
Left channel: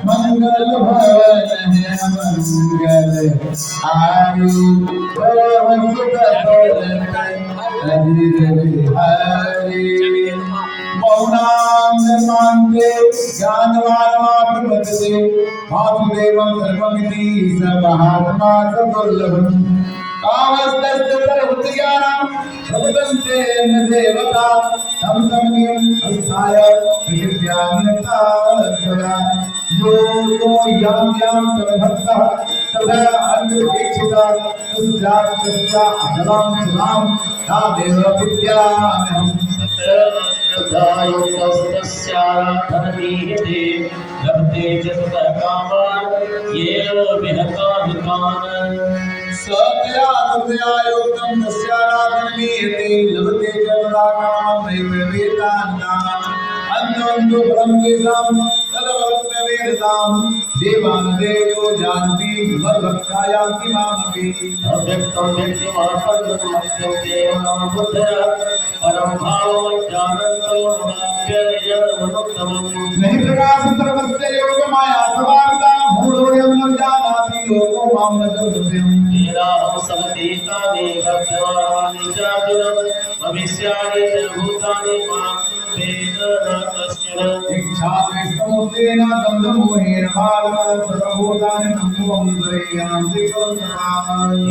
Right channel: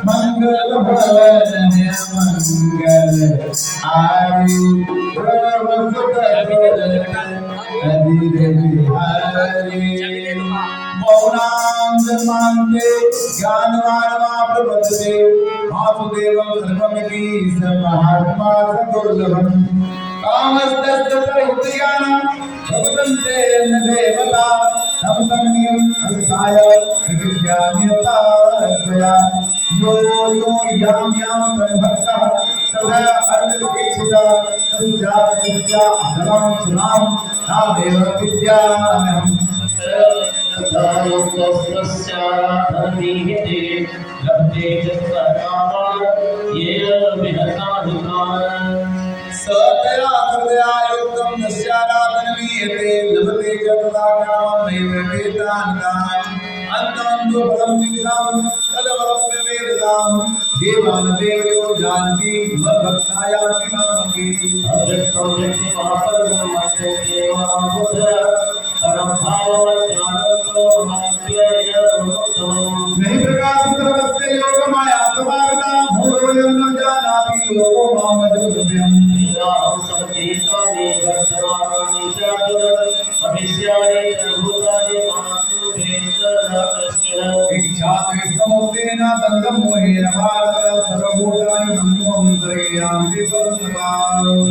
मंगल भवन है मंगल आरु मौनांग मानते ज्ञानवान प्रबद्धते वासुदेवं सर्वमिति स महात्मा सदुर्लभम् कामस्तस्य सर्वज्ञानं भगवन्ते न देवता तं समन्यं अस्थाय प्रकृत्यान्यता लक्ष्या यो यो यां यां संभक्तः सदा अर्घ्यदीक्षिता तस्या अधरां सुनां तादेव विद्यामहम् सतया सतया युक्तं तस्याराधनीयते लभते च तदा कामं नैव वेदान्ताम् अन्तवन्तो परं तेषां तदवरं वेदसां देवान् देवो जानति मद्भक्तायान्ति मामपि अव्यक्तं व्यक्तिमापदं मध्यं देवानां बुद्धया परम भावं जानन्तो माप्ययमनुत्तमम् नहीं प्रकाश सर्वस्य योग माया सवार्ता मूढ़ोऽयं न जानाति योगो मां न जोग्यम् लीलां समतीतानि वर्तमानानि चातुरं भविष्याणि च भूतानि मास्तु वेदरतस्य इच्छा समुद्रेण दन्दं मोहेन भारत सर्वभूतानि सम्मोहन्तरयान्ति कर्मणा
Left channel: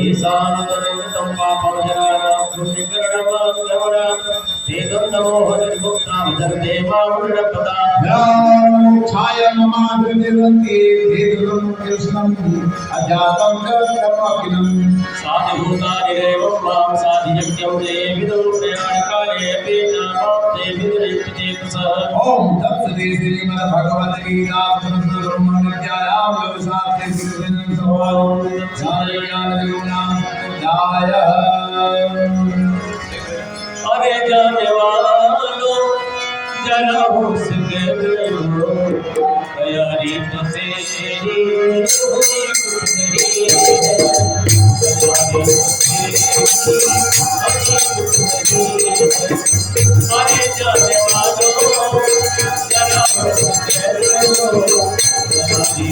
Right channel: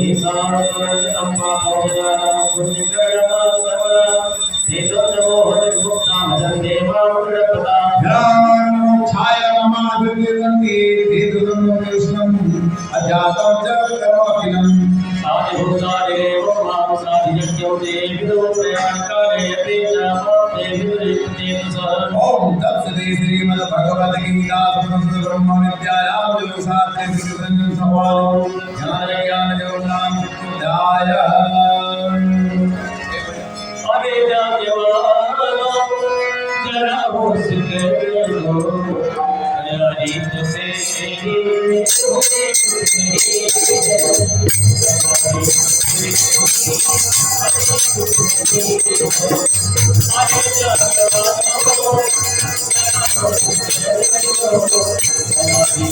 ईशानतरं पापजनानां पुण्यकर्मं एकं नमो हरिर्मुक्तां जन्देवामुरपदा मोक्षाय ममादृतिरन्ति धेतुलं कृष्णम् अजातं च कर्माकिनं साधिभूतानि देवं मां साधियज्ञं देविदो प्रयाणकाले अपि च मां देविदुरित्येतसः ओम तत्सदि श्रीमद्भगवद्गीतासूत्रब्रह्मविद्यायां योगशास्त्रे श्रीरञ्जन सभालो ज्ञानज्ञानयोगनाम ध्याय अरे जाने वालो जरा होश कर लो तैयारी तो अरे जाने वालो जरा होश कर लो तैयारी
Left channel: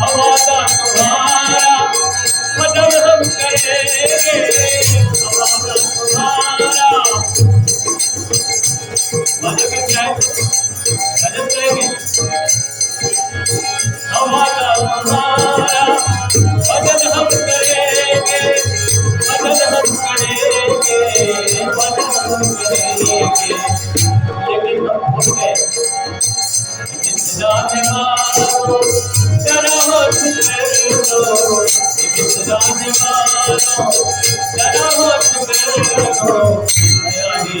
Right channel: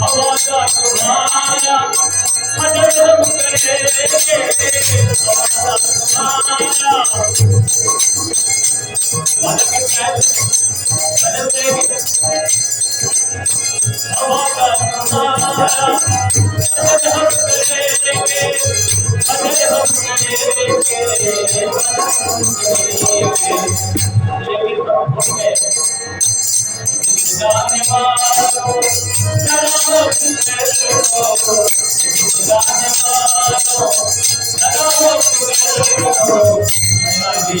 हमारा तुम्हारा मदद हम करेंगे हमारा तुम्हारा मदद करेंगे हमारा तुम्हारा तुम्हारा भजन हम करेंगे, भजन हम करेंगे, भजन हम करेंगे। लेकिन हम भूल गए, जाने वालों जरा होश कर लो, जाने वालों जरा होश कर लो, दया ही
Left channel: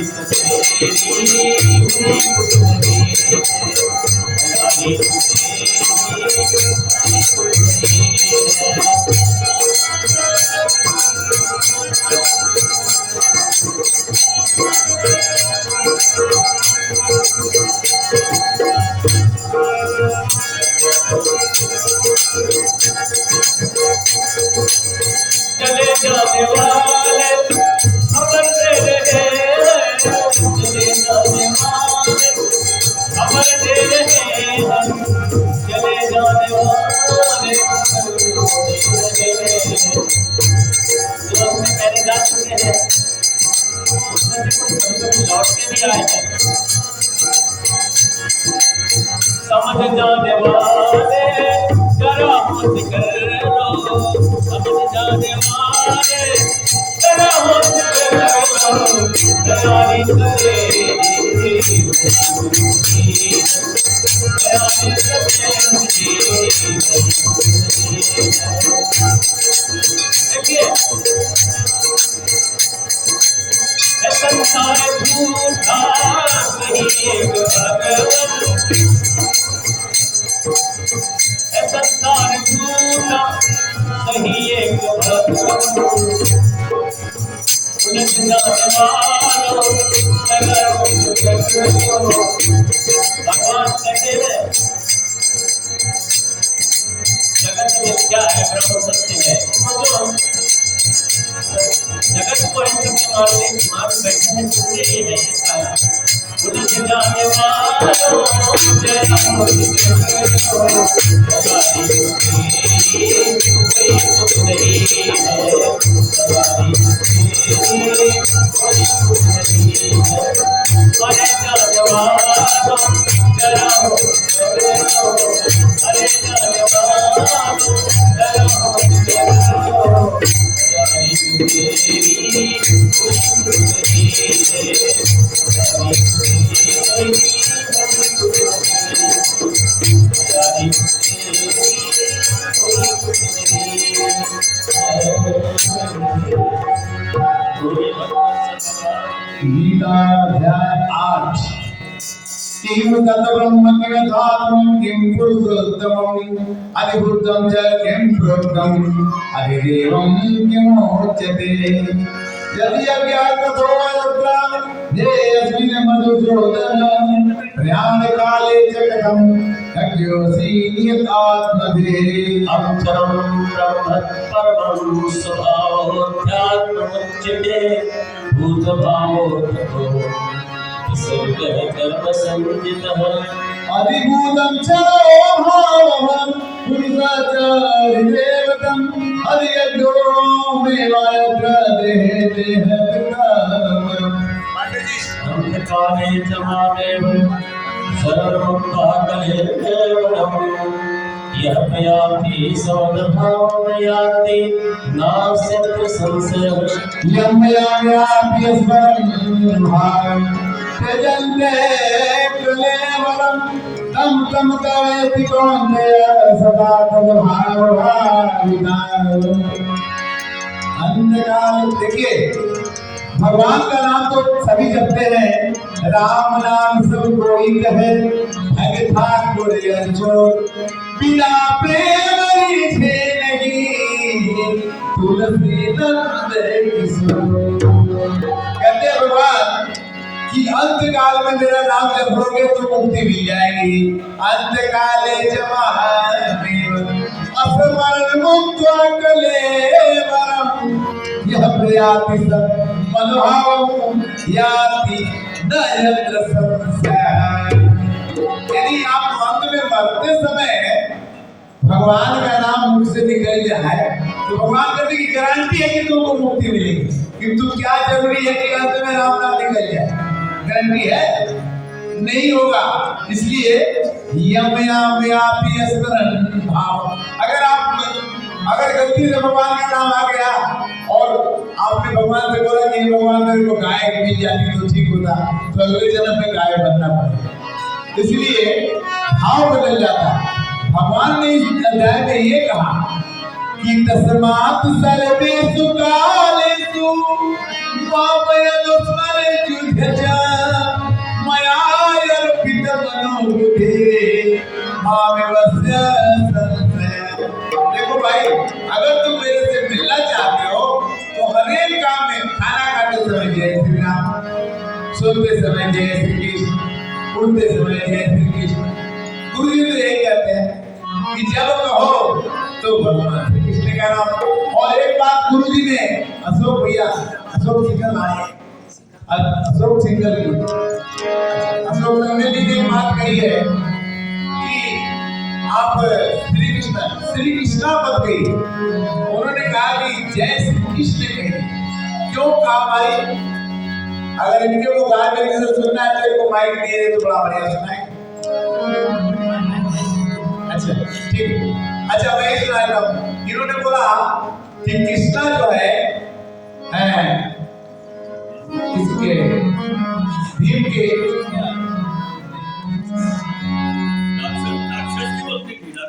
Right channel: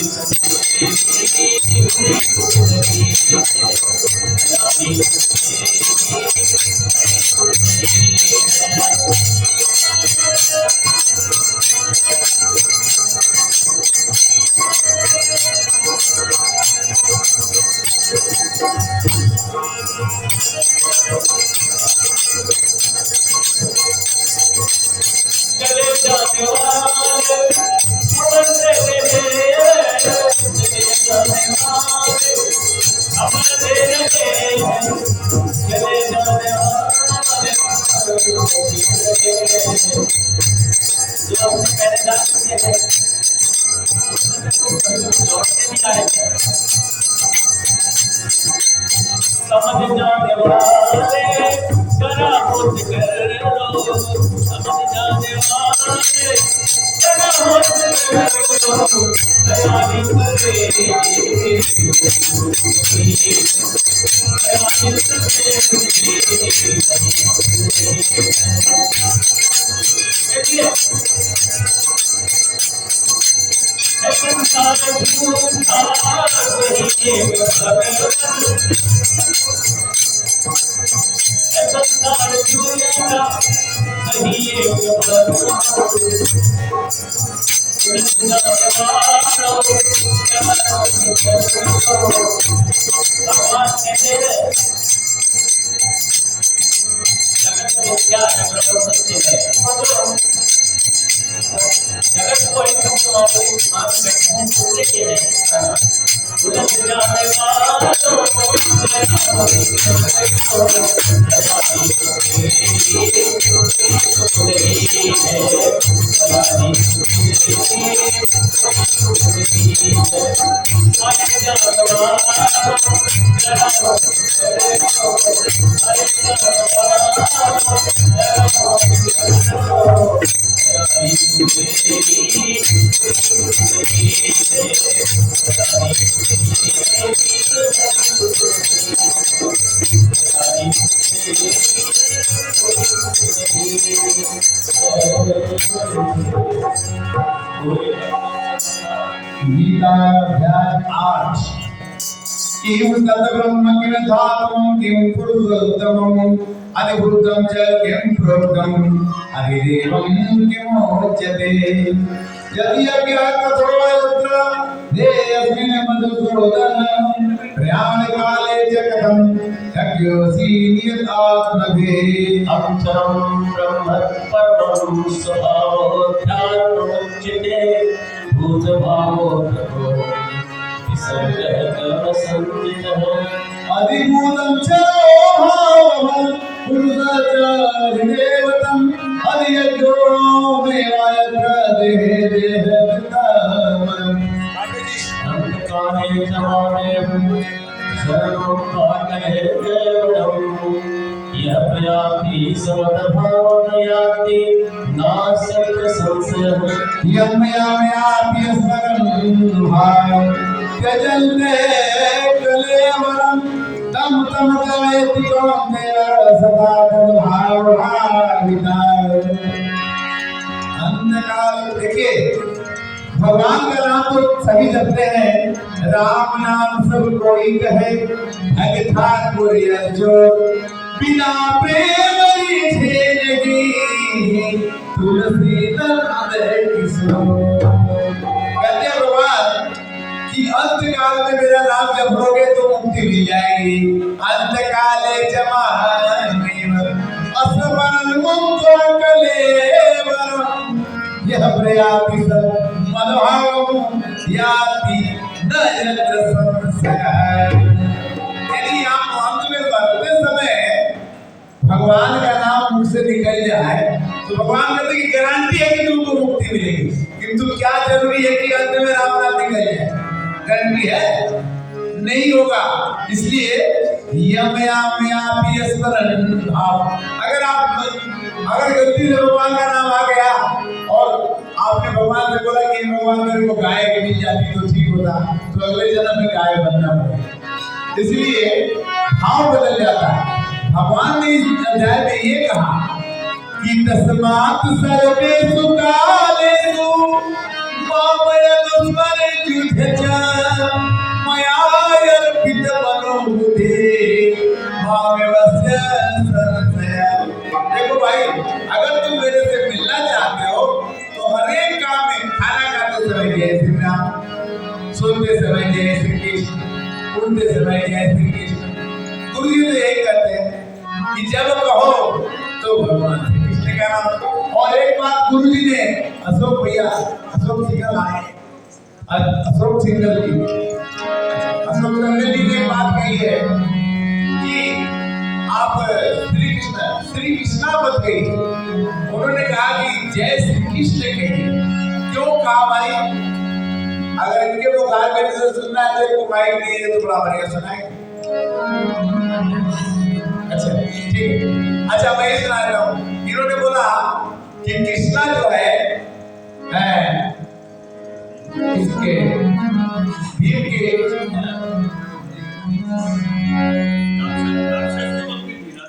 चले जाने वाले खबर दे रहे, चले जाने वाले खबर दे रहे, चले जाने वाले खबर दे रहे। जो हमने पहले जा चुके हैं उसमें से कुछ लौट के भी आए हैं। समझ जाने वाले जरा होश कर लो, समझ जाने वाले जरा होश कर लो, दया ही करेगी, दया ही करेगी। देखिए संसार झूठा सही भगवान, संसार झूठा सही भगवान, उलझ जाने वालों भगवान कहते हैं जगत मिथ्या है ब्रह्म सत्य है। जगत को इन सब मानने मान बैठे हैं, दूसरे ही है इसका उलझ जाने वालों गीता अध्याय 8। किम तत् ब्रह्म किम धातुम किम पुरुषोत्तमम अधिभूतं च किम प्रोक्तम अधिदेवं किमोच्यते यदि अज्ञाततो यत्र देयस्मिन् मधुसूदन प्रयाण काले च कथं शक्योऽसि नियतात्मभे अक्षरं ब्रह्म परमं स्वभावोऽध्यात्ममुच्यते भूतभावोऽर्थो विसर्गः कर्मसंज्ञितः अधिभूतं च भावः पुरुषः च अधिदेवतं अधियज्ञो देवायत्र देहे देहकृतपरम् अंधकारे च महादेव शरणं पाकहे केवलम् यः प्रयाति सवदभावं याति नास्यत्र संशयः यम्याप्यस्मरन् भाव त्यजन्ते कलेवरं तं तं तवेति कौन्तेय सदा तद्भावभाविताः। अंधकाल देखिए, भगवान का नाम तो सभी जपते हैं, राम नाम सब कोई कहे, भगत ठाकुर जो बिना प्रेम रीझे नहीं, तुलसी दर्द किसो। कहते भगवान कि अंतकाल में मेरा नाम जपोगे तो मुक्ति मिल जाएगी। अंतकाले जमाने असमरण मुक्त कलेवरम यह प्रयाति सत् मनोभाव याति न यत्र संशय। यदि आप अंत में मरते समय भगवान का नाम मुख से निकल जाए तो भगवान कहते कि गारंटी है कि तुमको मुक्ति मिलेगी। किंतु क्या जरूरी है कि अंत में राम नाम निकल जाए? गारंटी है? नहीं होगा। इसलिए यमयाम्यापि स्मरण भाव, अगर आप अगर गलती से भगवान का नाम आ गया और आपने भगवान से बोला कि भगवान मेरे को गाय मिल जाती तो ठीक होता, तो अगले जन्म में गाय बनना पड़ेगा। इसलिए भाव बदल जाता है। भगवान ने इस अध्याय में ये कहा कि तस्मात् सर्वेषु कालेषु मामयनुस्मरेत्युध्य च मया अर्पितमनो बुद्धि मामेवस्य संशय। देखो भाई, अगर तुम मेरे से मिलना चाहते हो तो हर एक काम में खाना खाते समय जय श्री राम, सोते समय जय श्री कृष्ण, उठते समय जय श्री कृष्ण। गुरु जी तो यही कहते हैं कि जब कहो तो भगवान श्री कृष्ण का नाम। और एक बात गुरु जी ने अशोक भैया, अशोक सिंगल आए, अशोक सिंगल जी ने एक बात कही है कि आप श्री कृष्णा मत कही। उन्होंने कहा कि जय श्री कृष्ण कही। क्यों कहा भाई? अगर इनके वो गाने में से सुनना है तो इनको माइक नहीं है तो बड़ा बढ़िया सुनाएंगे। अच्छा ठीक है, अच्छा मैं ये सुना रहा हूँ। इन्होंने बोला कि कृष्णा जो है इसके भीम के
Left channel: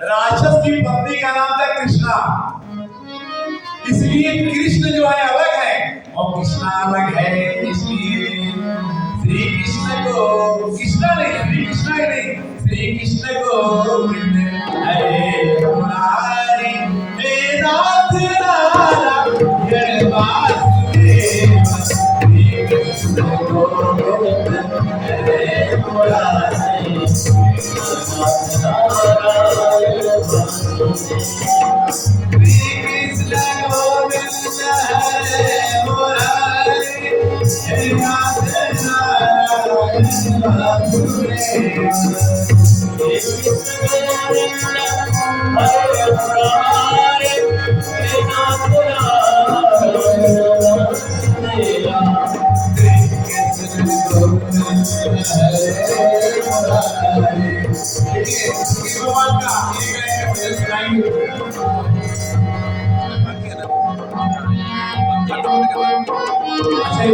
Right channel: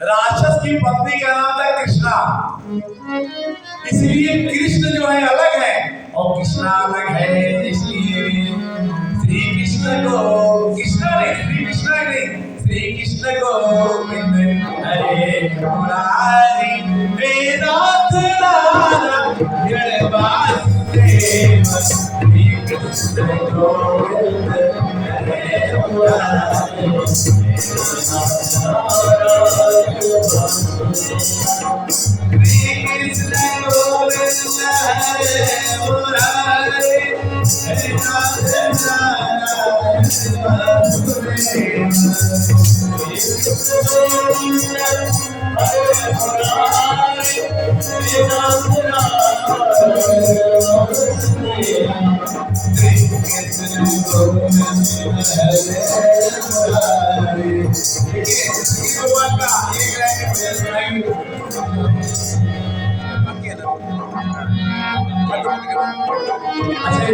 राक्षस की पत्नी का नाम था कृष्णा, इसलिए कृष्ण जो है अलग है और कृष्णा अलग है। इसलिए श्री कृष्ण को कृष्णा नहीं, श्री कृष्णा ही नहीं, श्री कृष्ण को हरे मुरारी वेदांत नारायण वासुदेव, श्री कृष्ण को हरे मुरारी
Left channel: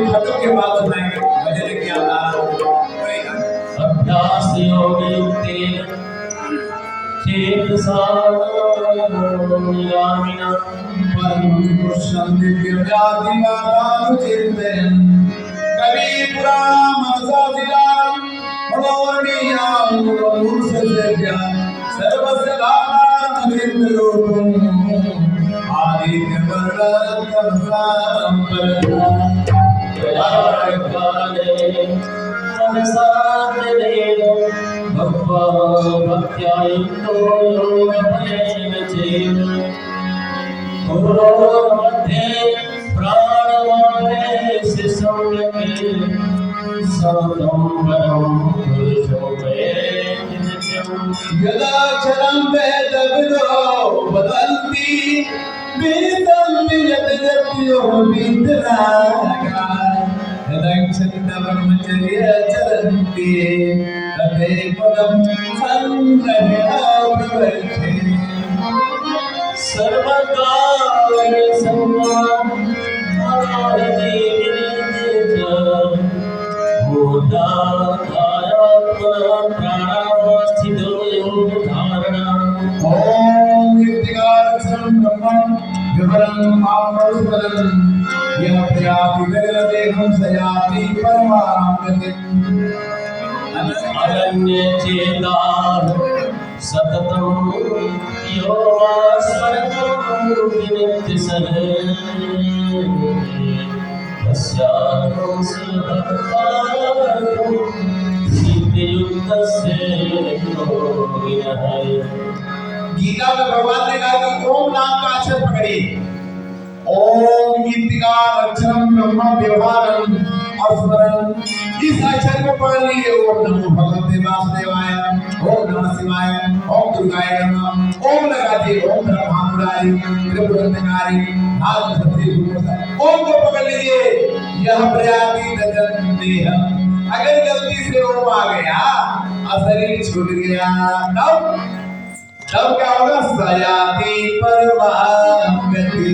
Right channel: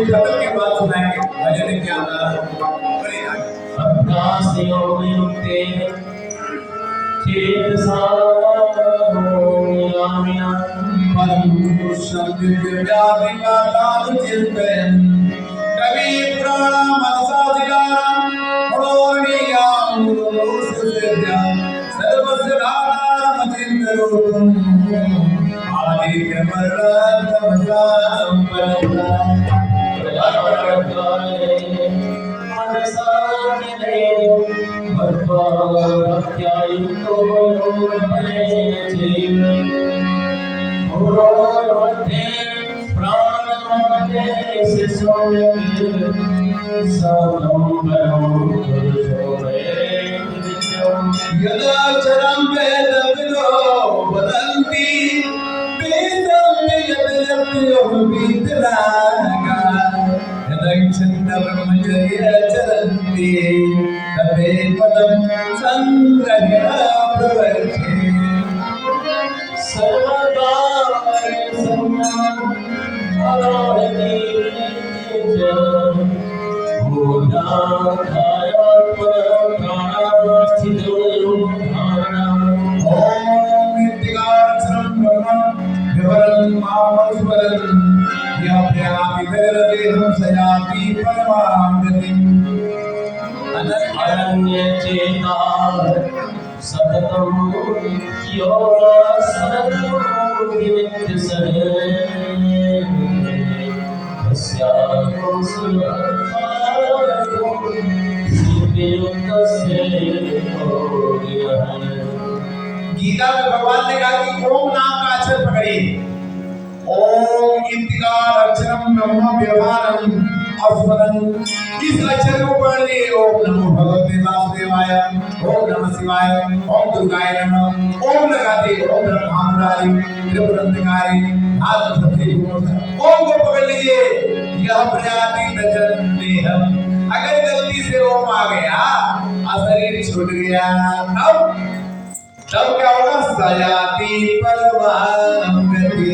खत्म के बाद सुनाएंगे भजन क्या अभ्यास योग युक्तेन चेतसा यामिना परम पुरुषं दिव्यव्याधिमातां चिन्तयन् कवि पुराण मनसाधिकारं मनोरणीयां मनोरुषसेव्यां सर्वस्य धातारं चिन्तरूपम् आदित्यवर्णं तमसां परम् भक्त्यायुक्तो योगबलेन चैव गुरोर्मध्ये प्राणमध्ये सम्यक् साधं परं पुरुषो वेत्ति नित्यम्। यदा क्षरं वेदविदो वदन्ति वेदं यद्यप्यो वीतरागा चरन्ति तदे पदं संग्रह्य प्रवर्ते सर्वकाल सम्मान आराधते च भूता कायात्मा प्राणावस्थितो धारणा। ओम इत्तिकाक्षरं ब्रह्मं विवरं मामस्मरन् यः प्रयाति देहं सयाति परमां गतिम्। अनन्यचेताः सततं यो स्मरतं विनित्यसः तस्याहं सर्वकार्यं सिद्धियुक्तस्य योगिनः। गीता में भगवान ने कहा कि ओम नाम का अक्षर पकड़िए। ओम इत्तिकार अक्षरम ब्रह्म व्यवहारम स्मरण, इस अक्षर को पढ़ लिए। ओम नमो भगवते वासुदेवाय, ओम नमः शिवाय, ओम दुर्गाय नमः, ओम लगाते ओम ब्रह्मांडारी त्रिपुरंतकारी नाद सत्य गुण। ओम को पकड़ लीजिए। यह प्रजाति तजन देहम, अगर गलती से ओम आ गया और शरीर छूट गया तब क्या होगा? सयाती परमागति,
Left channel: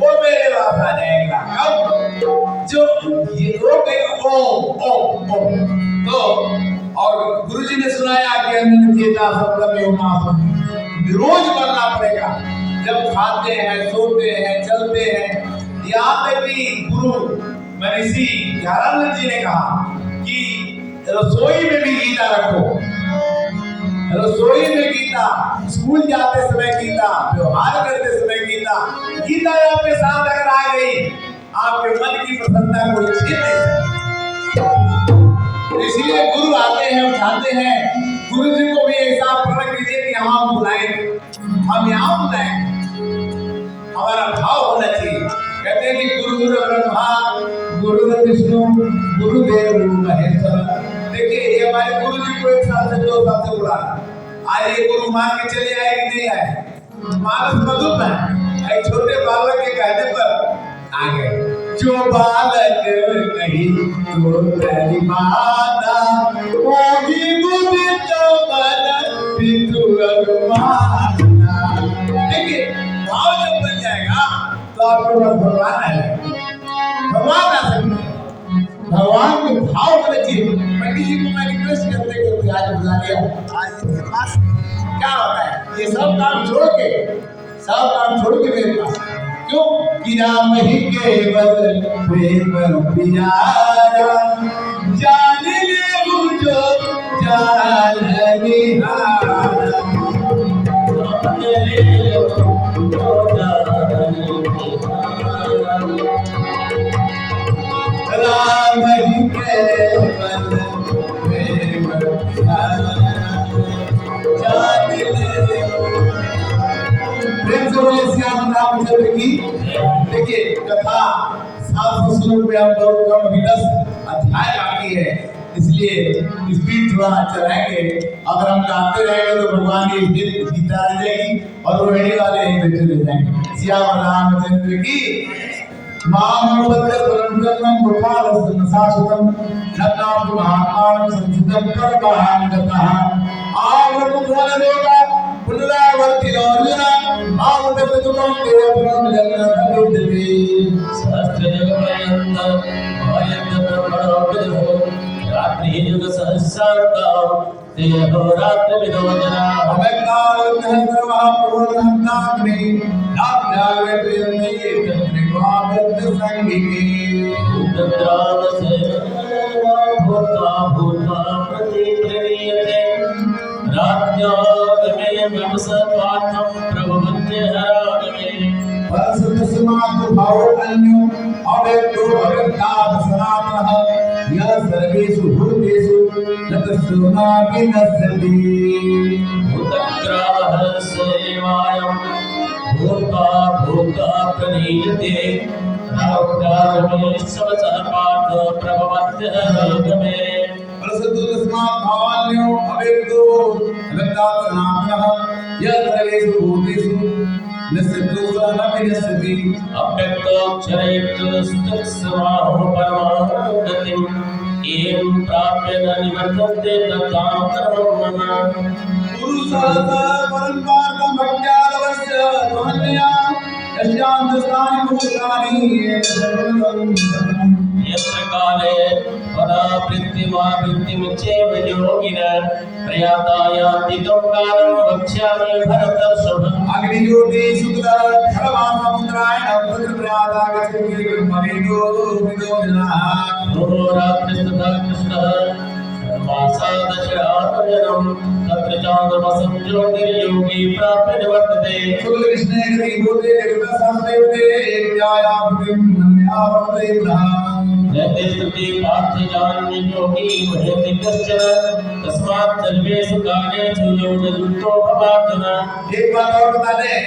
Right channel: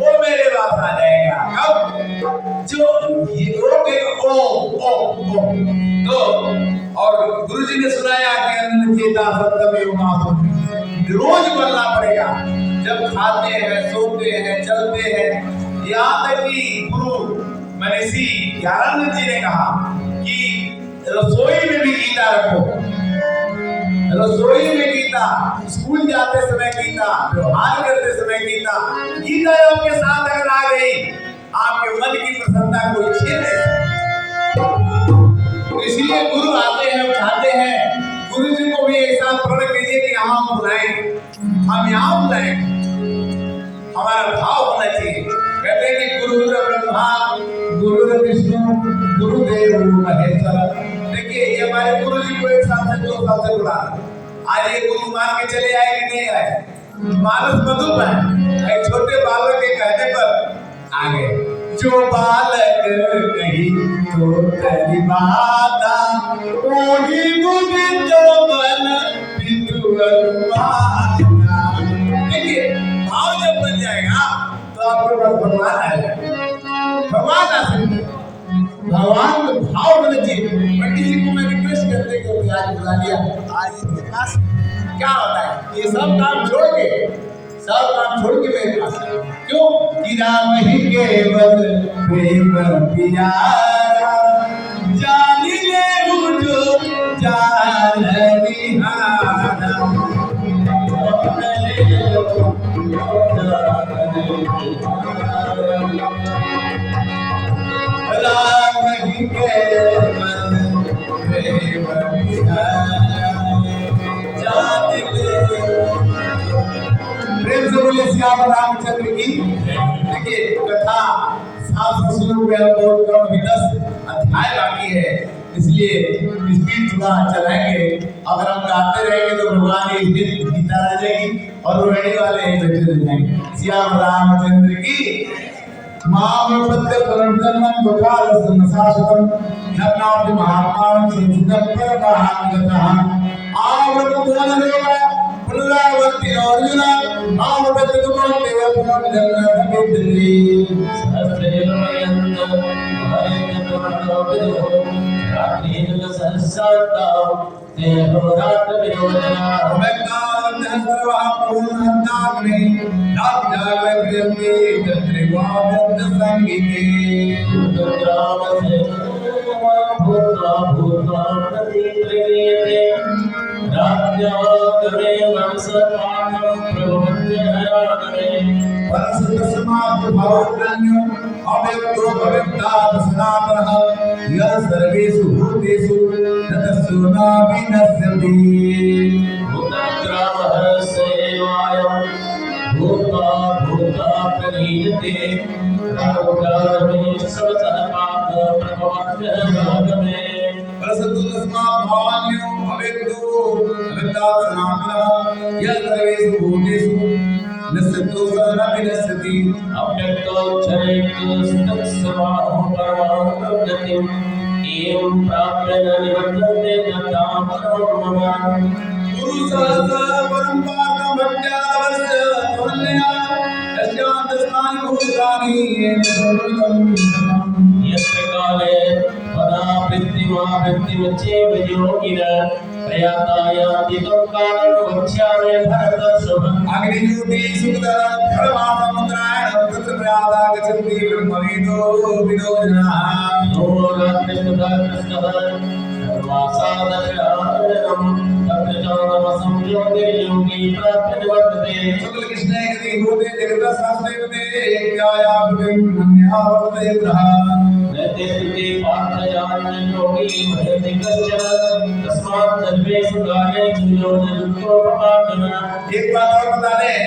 वो मेरे पास आ जाएगा। कब? जो ये लोग ओम ओम ओम। तो और गुरुजी ने सुनाया कि अन्न चेता सप्तमे मासम, रोज बोलना पड़ेगा। जब खाते हैं, सोते हैं, चलते हैं। यहाँ तक कि गुरु महर्षि ज्ञानानंद जी ने कहा कि रसोई में भी गीता रखो, रसोई में गीता, स्कूल जाते समय गीता, व्यवहार करते समय गीता। गीता आपके साथ अगर आ गई, आपके मन की प्रसन्नता को छीन नहीं सकता। इसलिए गुरु आते हैं, उठाते हैं। गुरु जी को भी ऐसा प्रण कीजिए कि हम बुलाएंगे, हम यहाँ बुलाएंगे। हमारा भाव होना चाहिए। कहते हैं कि गुरु ब्रह्मा गुरु विष्णु गुरुदेव महेश्वर। देखिए ये हमारे गुरु जी को 1 साल से 2 साल से बुला, आज ये गुरु मान के चले आए कि नहीं आए? मानस मधुप है। एक छोटे बालक के कहने पर आ गए। जो बालक कही तो तेरी माता, ओगी मुदित मन पितु अनुमाना। देखिए भाव जब बन जाएगा तो आपके पास भगवान आएगा, भगवान आ सकते। भगवान में भाव होना चाहिए। पंडित जी को मैं रिक्वेस्ट करते करते आज बुला लिया, आज इनके पास क्या होता है? ये सब काम छोड़ के, सब काम छोड़ के मेरे पास क्यों? कि राम ही केवल प्रेम प्यारा, जान ले मुझो जान निहारा। राम ही केवल प्रेम प्यारा, जान ले। प्रेम से बोले श्याम रामचंद्र की। देखिए कथा 700 श्लोक में बहुत कम, अभी 10 अध्याय बाकी है, इसलिए स्पीड थोड़ा चलाएंगे। अगर हम गाते रहेंगे तो भगवान की गीता आ जाएगी और वो रेडी वाले ही बैठे रह जाएंगे। श्याम रामचंद्र की। नाम सत्य परम धर्मं गोपाल शाश्वतम, नन्नाम महात्मानं संसिद्धं परमहं गतः। आवृत भुवन देवा पुनरावर्ति अर्जुन, आवृत तुमं देव पुनर्जन्म विद्यते। सहस्रयुगमयन्त भयंत प्रणोपजो, रात्रि युग सहस्रार्ता ते अहोरात्र विरोधना। अवैतावत सर्वः पूर्णहन्ताग्ने, नाम जागृत प्रियन्ते तत्रिवाव्यक्त संगिके। तत्राम से भूत्वा भूत्वा प्रतिप्रणीयते, राज्ञो तमे नमस पार्थं प्रभवन्ते हरानमे। परस्य तस्मात् भावो अन्यो अव्यक्तो भवत्तात् सनातनः, यः सर्वेषु भूतेषु न तस्य न विनश्यति। भूतग्रामः सेवायं भूत्वा भूत्वा प्रणीयते, राहुकामे सबसः पार्थ प्रभवन्ते हरानमे। परस्य तस्मात् भावान्यो अव्यक्तो भवत्तात् सनातनः, यः सर्वेषु भूतेषु न तस्य न विनश्यति। अव्यक्तोच्चरेत्स्तत्समाहो परमां गतिम्, एवं प्राप्य न निवर्तन्ते तत्तां परमं मम। गुरु सहसा परम पार्थं भक्त्यादवस्य त्वन्या, यस्यान्त स्थानि भूतानि येन सर्वं ततं। यत्र काले पदावृत्तिमावृत्तिमुच्चैव योगिनः, प्रयातायाति तं कालं वक्ष्यामि भरतर्षभ। अग्निज्योति सुखद धर्मासमुद्रायण तत्र प्रयातागच्छन्ति ब्रह्मविदो विदो जनाः। होरात्रिस्तथा कृष्णः सर्वासादशरात्मजनं, तत्र चान्द्रमसं योगिर्योगी प्राप्य निवर्तते। शुक्ल कृष्णे गति होते जगतः शास्त्रेवते, ज्ञायामृतं मन्यावर्ते ब्रह्म। नैतिस्तुति पार्थयान्य योगी भयति कश्चन, तस्मात् सर्वेषु कालेषु योगयुक्तो भवार्जुन। एक बात और बता दें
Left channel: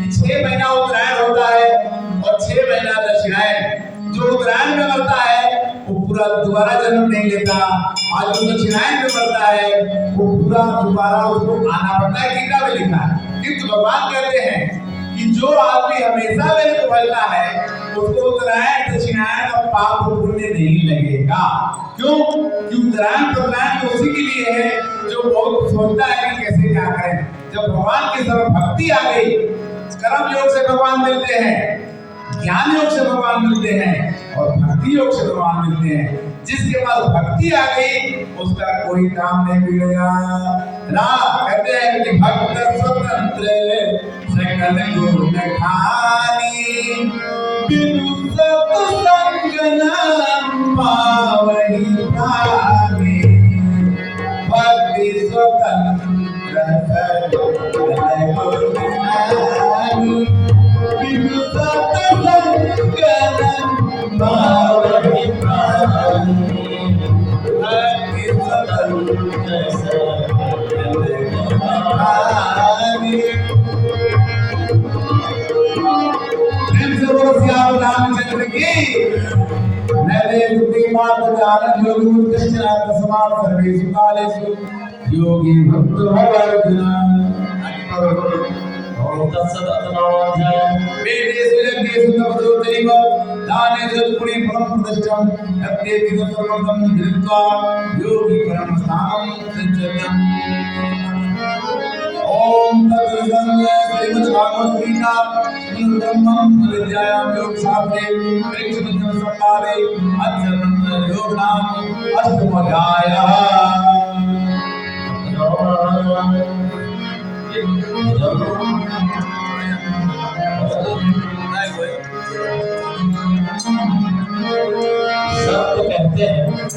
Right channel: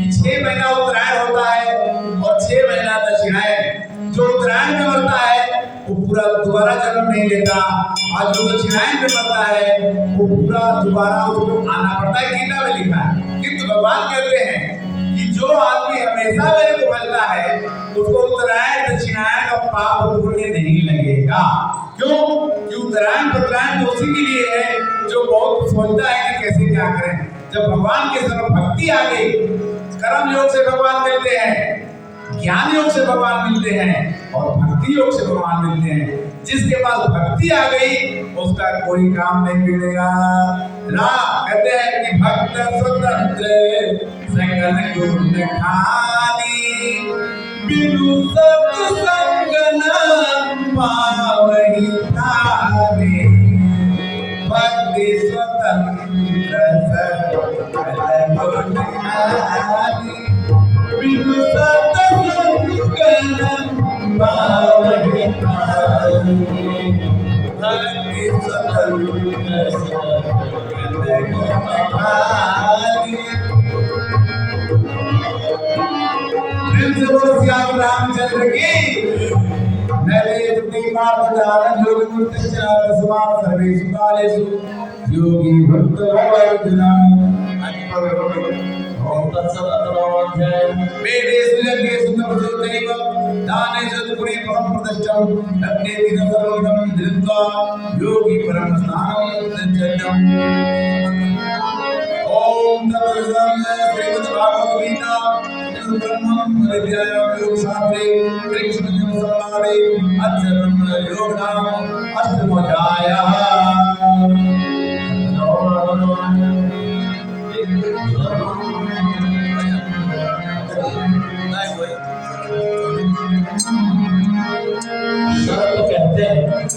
कि 6 महीना उत्तरायण होता है और 6 महीना दक्षिणायन। जो उत्तरायण में मरता है वो पूरा दोबारा जन्म नहीं लेता, और जो दक्षिणायन में मरता है वो पूरा दोबारा उसको आना पड़ता है। गीता में लिखा है। किंतु भगवान कहते हैं कि जो आदमी हमेशा मेरे को मिलता है उसको उत्तरायण दक्षिणायन का पाप पुण्य नहीं लगेगा। क्यों? कि उत्तरायण तो उसी के लिए है जो बहुत सोचता है कि कैसे क्या करें? जब भगवान की तरफ भक्ति आ गई, कर्म योग से भगवान मिलते हैं, ज्ञान योग से भगवान मिलते हैं और भक्ति योग से भगवान मिलते हैं। जिसके पास भक्ति आ गई उसका कोई काम नहीं बिगड़ेगा। कहते हैं कि भक्त स्वतंत्र सकल गुण खानी, बिनु सत्संग न पावहि प्राणी। भक्ति स्वतंत्र सकल गुण खानी, बिनु सत्संग न पावहि प्राणी। भक्ति स्वतंत्र सकल गुण खानी। श्याम रामचंद्र की नरे तुति मात जान जोग मुक्त चरात समाप सर्वेषु कालेषु योगी भक्त भवर्जना। ओम तत्सत् अध्याय वेदेषु यज्ञेषु तपसो दैव दानेषु पुणे परम प्रतिष्ठम् अत्येति सर्वं धृत्वा योगी परम स्थानं सज्जतम्। ओम तत्सत् श्रीमद्भागवत गीता ब्रह्मं विद्यायां योग शास्त्रे कृष्ण जन्म संवादे अध्ययनं योगनाम अष्टमोऽध्यायः। सब कहते हैं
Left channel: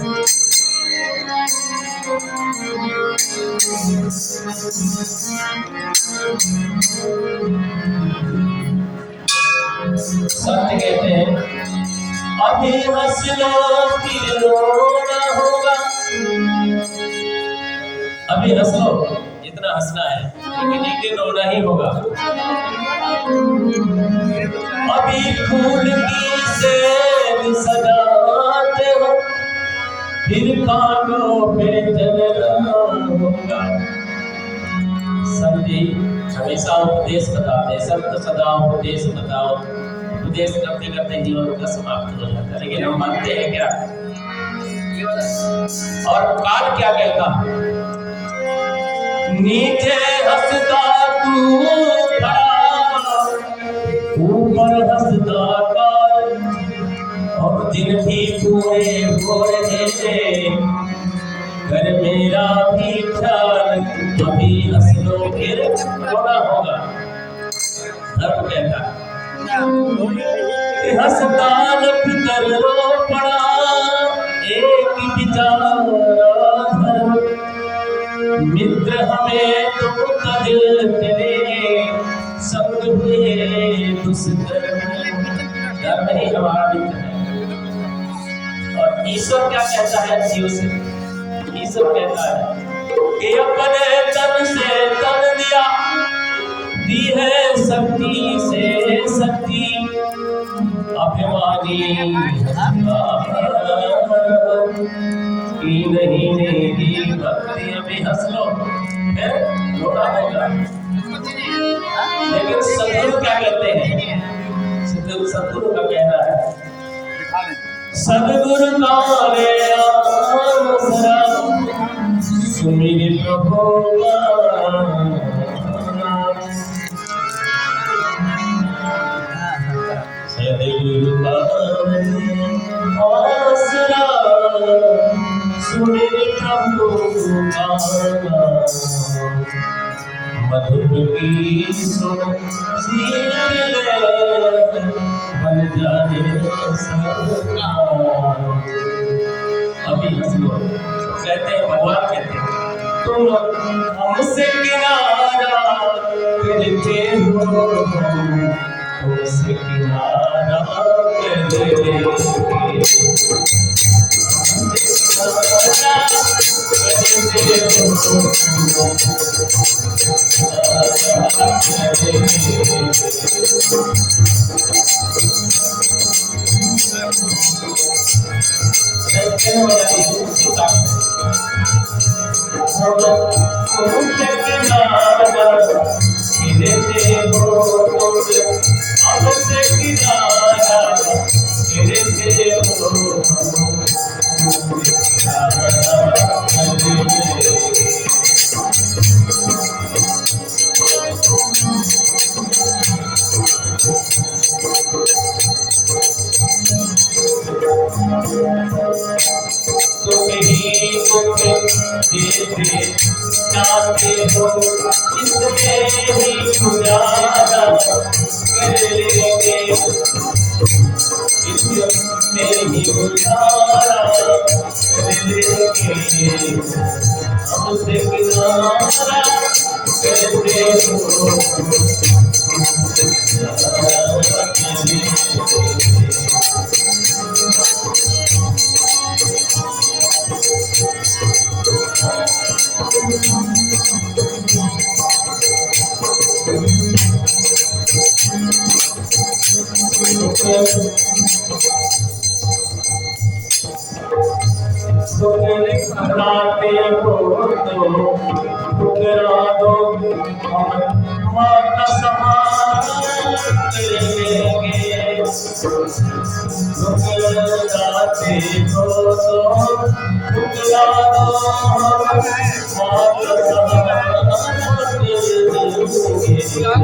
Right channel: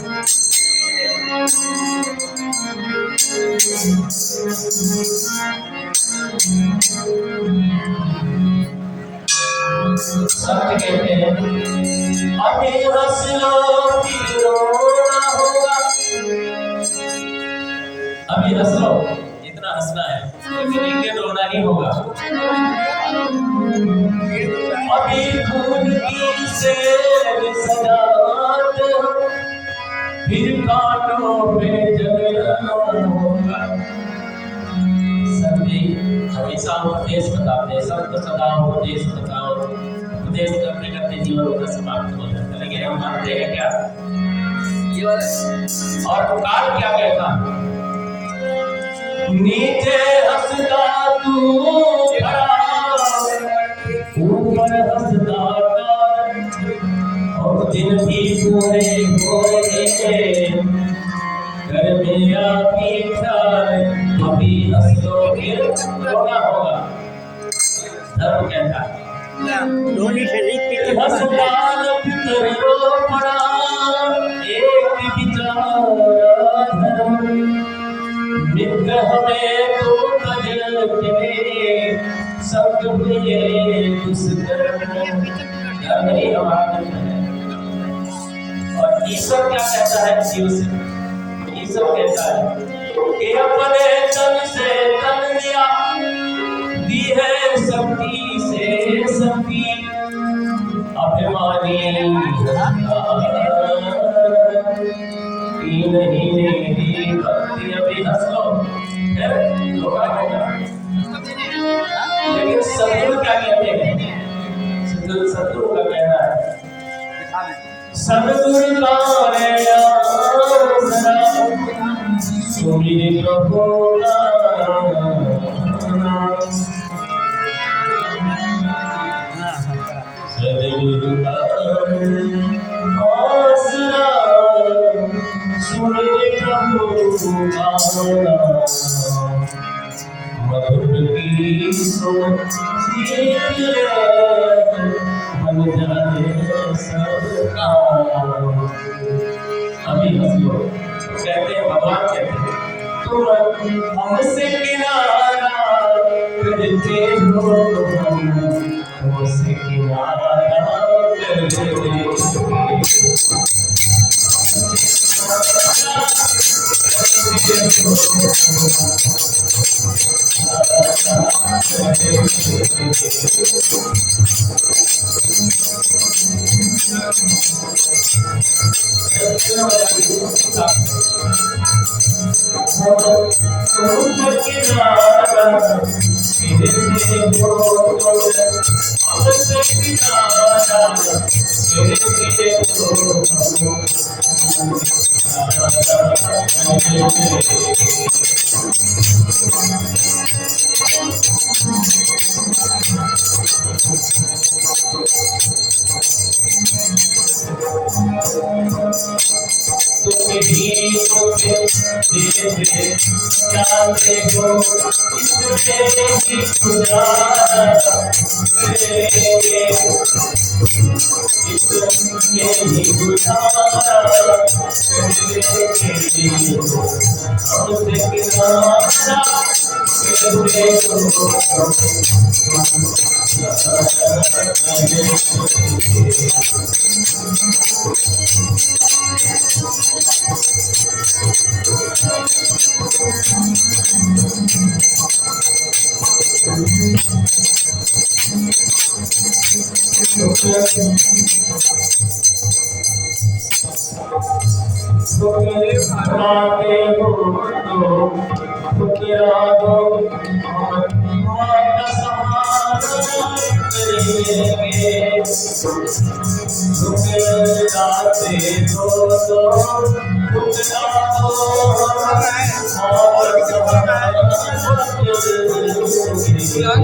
सत्य कहते हैं अभी हंस लो फिर रोना होगा। अभी हंस लो, जितना हंसना है लेकिन ये रोना ही होगा। अभी फूल की सेब सजाते हो फिर कांटों पे जलना होगा। सभी हमेशा उपदेश बताते, सबको सदा उपदेश बताओ, उपदेश करते करते जीवन का समाप्त हो जाता है। लेकिन हम मानते हैं क्या? और काल क्या कहता? नीचे हंसता तू खड़ा, ऊपर हंसता काल, और दिन भी पूरे हो रहे घर मेरा भी ख्याल। अभी हंस लो फिर रोना होगा। धर्म कहता है हंसता फिकर रो पड़ा एक बिचारा धर्म। मित्र हमें तो तज तेरे संग हुए दुष्कर्म। डर नहीं हमारी। और ईश्वर क्या कहता है जीव से? ईश्वर कहता है कि अपने तन से तन दिया, दी है शक्ति से शक्ति। अभिमानी नहीं दी भक्ति। अभी हंस लो फिर रोना होगा। लेकिन सदगुरु क्या कहते हैं? सदगुरु का कहना है सदगुरु का रे आसरा सुमिर प्रभु का। सदगुरु का रे आसरा सुमिर प्रभु का। मधुर की सुन सीख ले मन जाने सबका। अभी हंस लो। कहते हैं भगवान कहते हैं तुम हमसे किनारा करके हो, हमसे किनारा कर दे। चाहते हो इसमें ही गुजारा करेंगे, इसमें ही गुजारा करेंगे, हमसे किनारा करते हो ठुकराते हो तो ठुकरा दो, माता सहारा करेंगे, ठुकराते हो तो ठुकरा दो, माता सहारा करेंगे, जब मुझे हम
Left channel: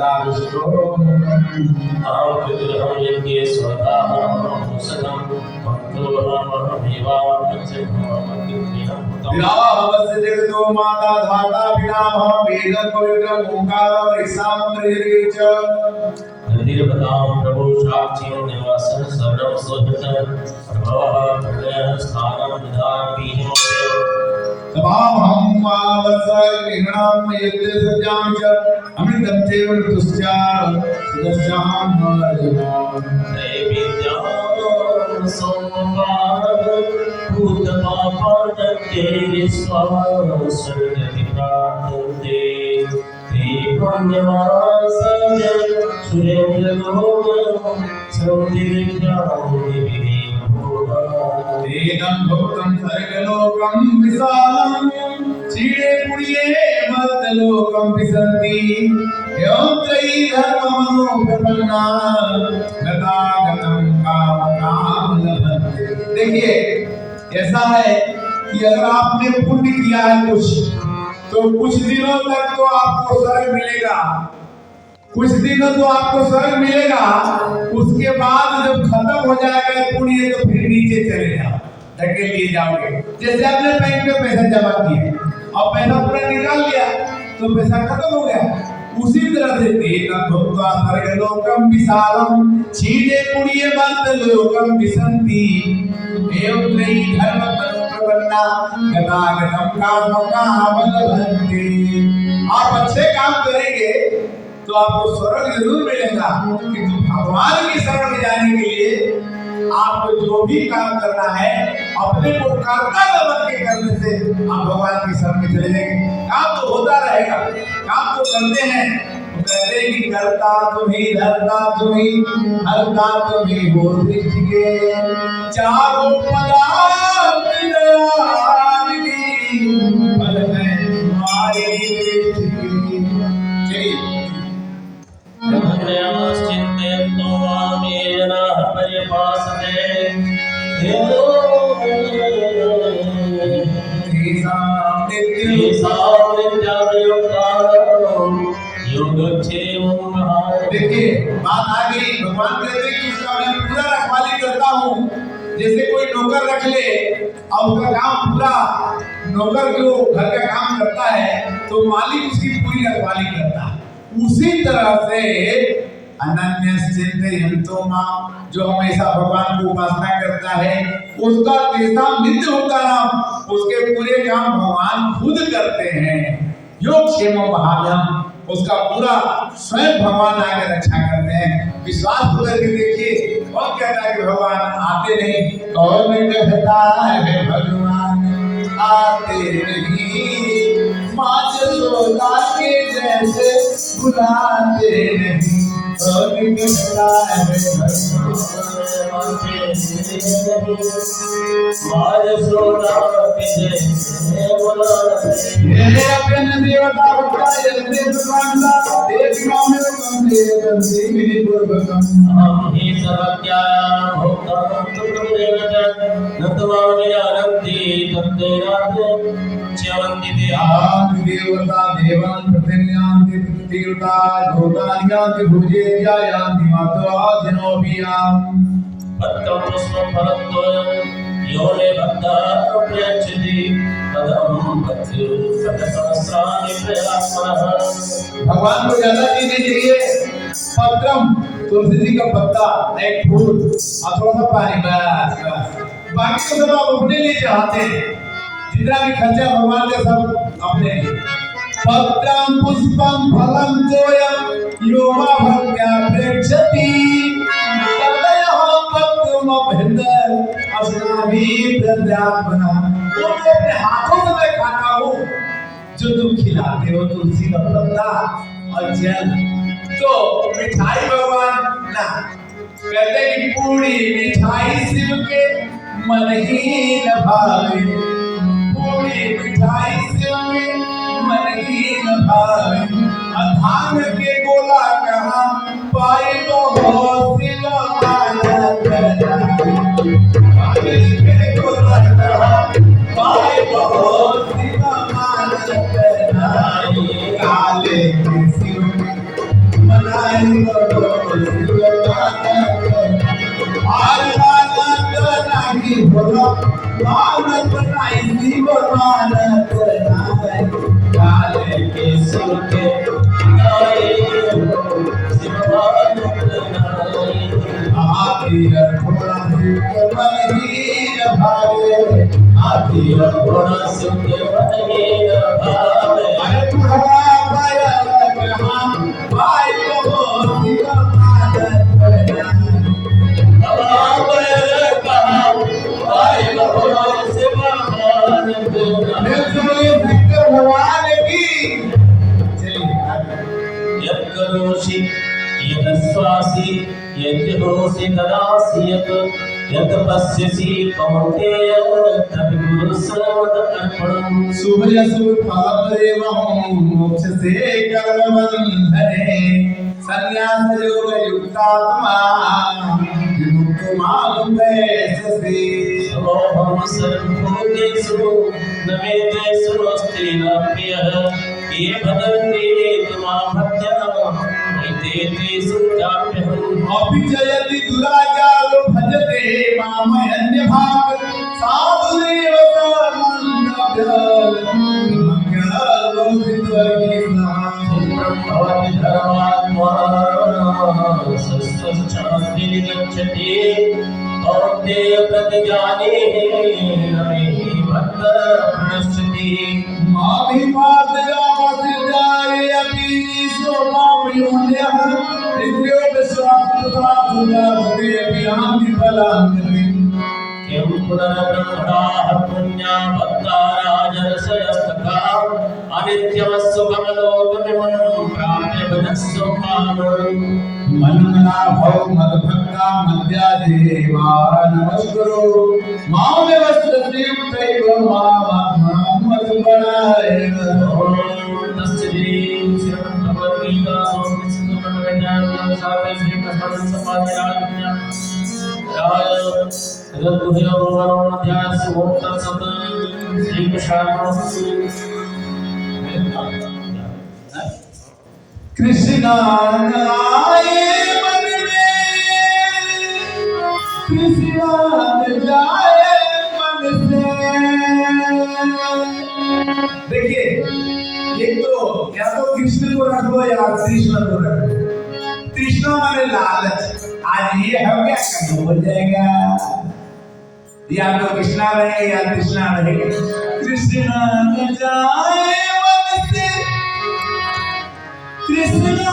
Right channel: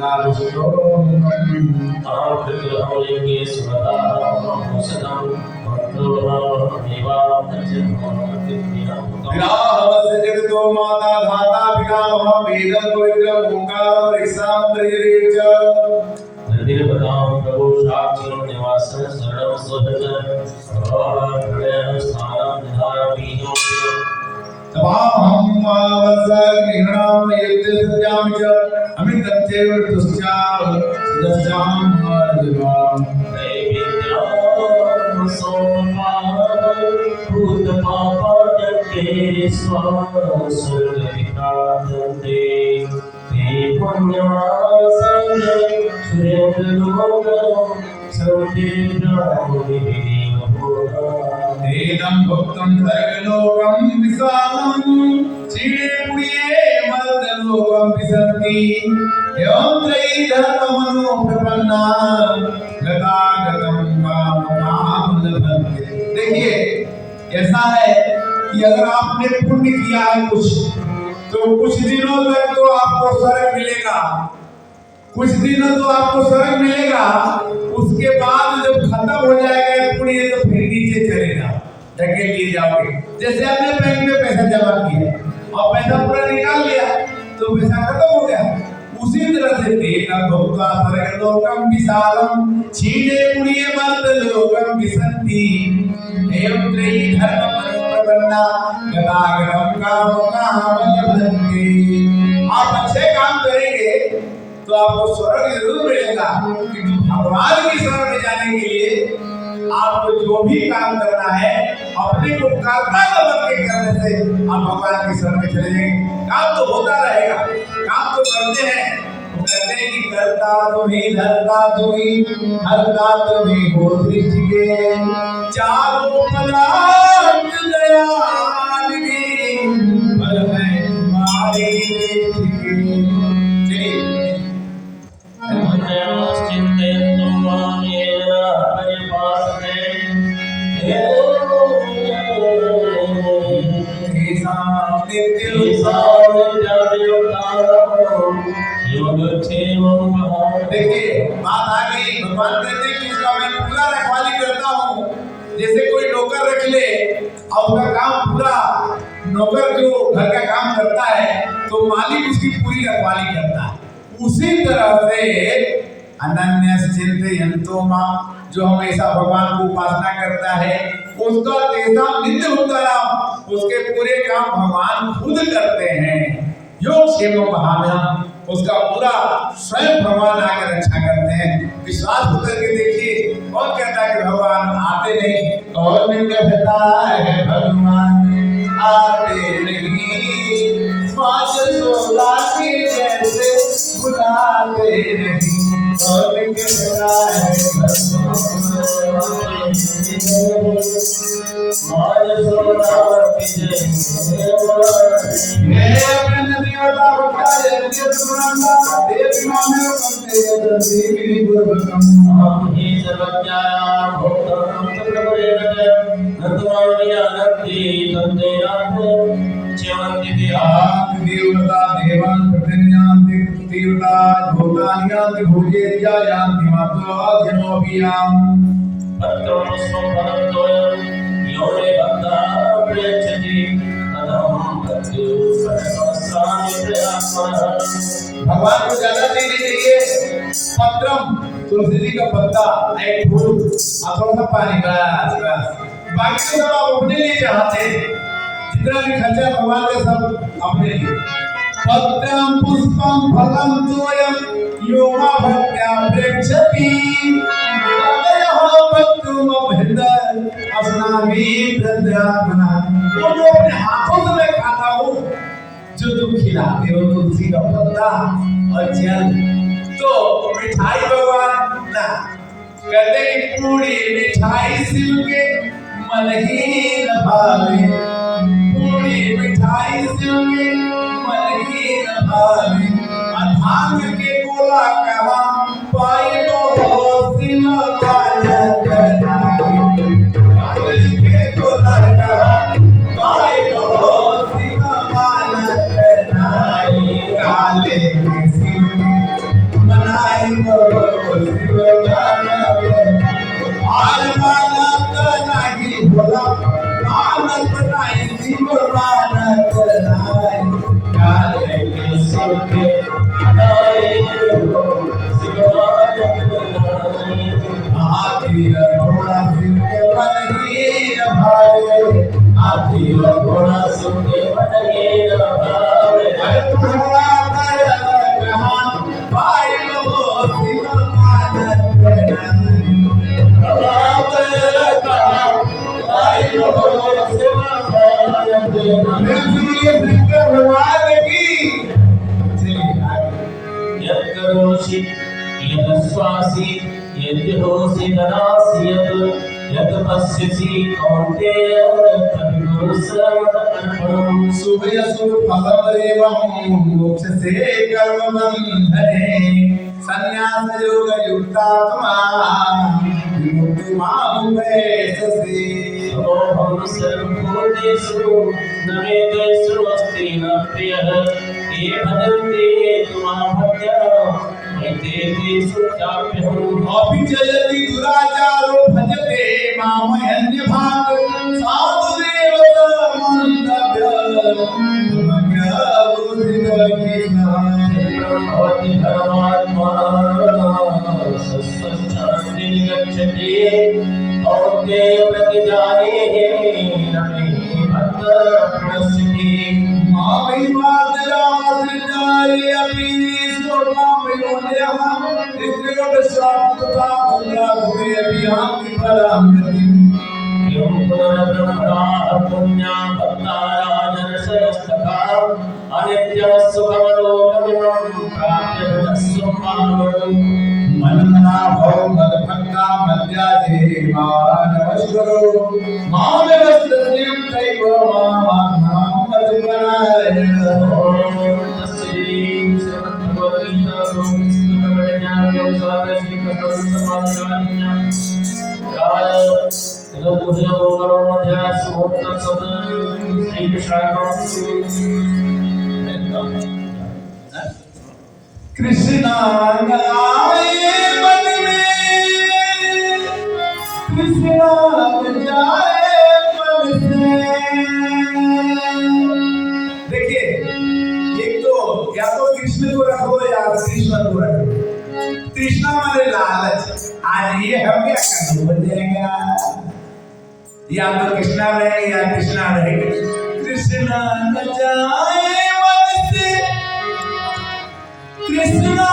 सदा विष्णो अहं विग्रहं यज्ञे स्वदाहं भूषणं मंत्रोऽहमेवां विराहवस्य जगतो माता धाता पितामह वेदं पवित्रम् ओंकारं ऋक्सामन्त्रयरे च निर्भदां प्रभु साक्षिं निवासं शरणं सुहृदं प्रभवः प्रलयं स्थानं विधानं बीजोऽपि तवाहं मावस गृह्णामि यद्य सज्जां च अमृतं चैव मृत्युश्चा सदस्यां अर्जुनां नैवेद्यं सोमवार भूतपापके स्वास्वर्गविनाशन्ते ते पुण्यमासने सुरेन्द्रलोकं सौन्दर्यज्ञामुनिविदेवभूता तेनं भक्तं सर्गलोकं विशालं क्षीणे पुण्ये मर्त्यलोकं विशन्ति एवं त्रयी धर्ममनो प्रपन्ना गतागतं कामकाम लभन्ते। देखिए ऐसा है कि अगर आपने पुण्य किया है कुछ तो कुछ दिनों तक तो आपको स्वर्ग मिलेगा, कुछ दिनों तो आपको स्वर्ग मिलेगा। उसके बाद जब खत्म हो जाएगा पुण्य तो फिर नीचे चलेगा, धकेल लिए जाओगे। जैसे आपने बैंक में पैसा जमा किया और पैसा पूरा निकाल लिया तो पैसा खत्म हो गया। उसी तरह से तेना भक्ता स्वर्गलोकं विशालं क्षीणे पुण्ये मर्त्यलोकं विशन्ति एवं त्रयी धर्ममनो प्रपन्ना गतागतं कामकाम लभन्ते। आप अच्छे काम करेंगे तो आपको स्वर्ग जरूर मिलेगा, किंतु भगवान की शरण में जाने के लिए आपको जो भी काम करना है अपने को कर्ता बन के करने से आप भगवान की शरण में चले जाएंगे। काम तो होता रहेगा, काम तो करते हैं, वो कहते हैं कि कर्ता तुम्ही धर्ता तुम्ही हरता तुम्ही हो सृष्टि के चारों पदार्थ दयाल की फल है तुम्हारी दृष्टि की। चलिए चिंतयन्तो मामेन परिपासते देखिए बात आ गई। भगवान कहते हैं कि उसका मैं पूरा रखवाली करता हूँ। जैसे कोई नौकर रख ले और उसका काम पूरा, नौकर जो घर का काम करता है तो मालिक उसकी पूरी रखवाली करता है। उसी तरह से अनन्यश्चिन्तयन्तो मां, जो हमेशा भगवान को उपासना करता है उसका तेषां नित्य उत्तरम, उसके पूरे काम भगवान खुद करते हैं। योग क्षेम भाव्यम, उसका पूरा स्वयं भगवान आगे रक्षा करते हैं। विश्वास होकर के देखिए। और कहता है कि भगवान आते नहीं, और में कहता है भगवान आते नहीं, माँ यशोदा के जैसे बुलाते नहीं। और में कहता है भगवान माँ यशोदा के जैसे बुलाते ये अपने देवता भक्ता यज्ञ सुमानता देवी माँ में कंधे कंधे मिली पूर्वकम हम ही सर्वज्ञान भोक्तारं चक्रवर्तीं नतवामयानन्ति तन्तेनाथ च्यवन्ति देवान् देवता देवान् प्रतिज्ञान्ति देवता भूतान्यान्ति भुजेयान्ति मात्वा जनोभियाम् पत्रं पुष्पं फलं तोयं यो मे भक्तः प्रेक्षति तदहं पत्युत्सहस्राणि प्रयामः। भगवान को ज्यादा देने चाहिए। पत्रम तुलसी जी का पत्ता, एक फूल और थोड़ा सा पानी, बस बस। बाकी तो सब आप अपने लिए चाहते हैं, जितना भी खर्चा भगवान का सब अपने लिए। पत्रम पुष्पम फलम तोयम यो मा भक्त्या प्रेक्षति तदयो भक्तुम अभिन्दर अस्नामि प्रत्यात्मना। वो मैं अपने हाथों से मैं खाता हूँ जो तुम खिलाते हो, तुलसी का पत्ता और जल। तो मिठाई भगवान ना कहते कि पूरी मिठाई शिव के मन ही न भावे, पूरी मिठाई शिव के मन ही न भावे। अधान के गोला कहा पाई तो हो शिव मानत नाई। पागल के गोला कहा पाई तो हो शिव मानत नाई। काले के शिव मानत नहीं शिव मानत नहीं काले के सुखे नाये शिवानंद नाये हाथी घोड़ा सुखे मन हीन भावे हाथी घोड़ा सुखे मन हीन भावे अरे तुम्हारा दया कहाँ भाई को शिव मानत नहीं भगवान की यत्करोषि यदश्वासि यद्योषि तदासि यत् पश्यसि कौन्तेय तद्गुरु सर्वदर्पणम् शुभयसु फलदेवं मोक्षसे कर्मबन्धने संन्यास योग युक्तात्मा विमुक्तो मामुपैस्यसि सोऽहं सर्वभूतेषु न वेदेषु अस्ति न प्रियः ये भजन्ते त्वां भक्त्या एते तेषु चाप्यहम् अपि च यदि दुराचारो भजते मामन्यभाक् साधुरेव भवति धर्मात्मा सस्वस्थान्ति गच्छति औद्ये प्रतिजाने नमे भक्त प्रणश्यति मामि मार्दयामसृजाये अपि स्वमामयोन्यः नित्योपशाप्तता भुलाभुरे अपि अहं विफलाङ्गतिम् एवं पुनर्ब्रह्मणाः पुण्या भक्ता राजर्षयस्तथा अनित्यमस्सुखमलोकमिमं प्राप्य भजस्व माम् मनमना भव मदभक्ता मद्यादेवा नमस्कुरु मामव्यवस्थितैव मामात्मां मधुपरायण तस्यै श्रीमद्भगवद्गीतासु कृष्णज्ञानयोगसारे श्रीकृष्णसमाधिराज्ञा राय तदुभयोगमध्यासुमोत्तसत् श्रीकृष्णार्पणमस्तु कृष्ण आए मन में कृष्ण जाए मन से देखिए एक तो या तो कृष्ण को रखो या कृष्ण को रखो कृष्ण हमारे लालच आज ये हम क्या करना हो जाएगा या तो कृष्णा रहे या कृष्णा रहे कृष्ण न जाए मन से कृष्णा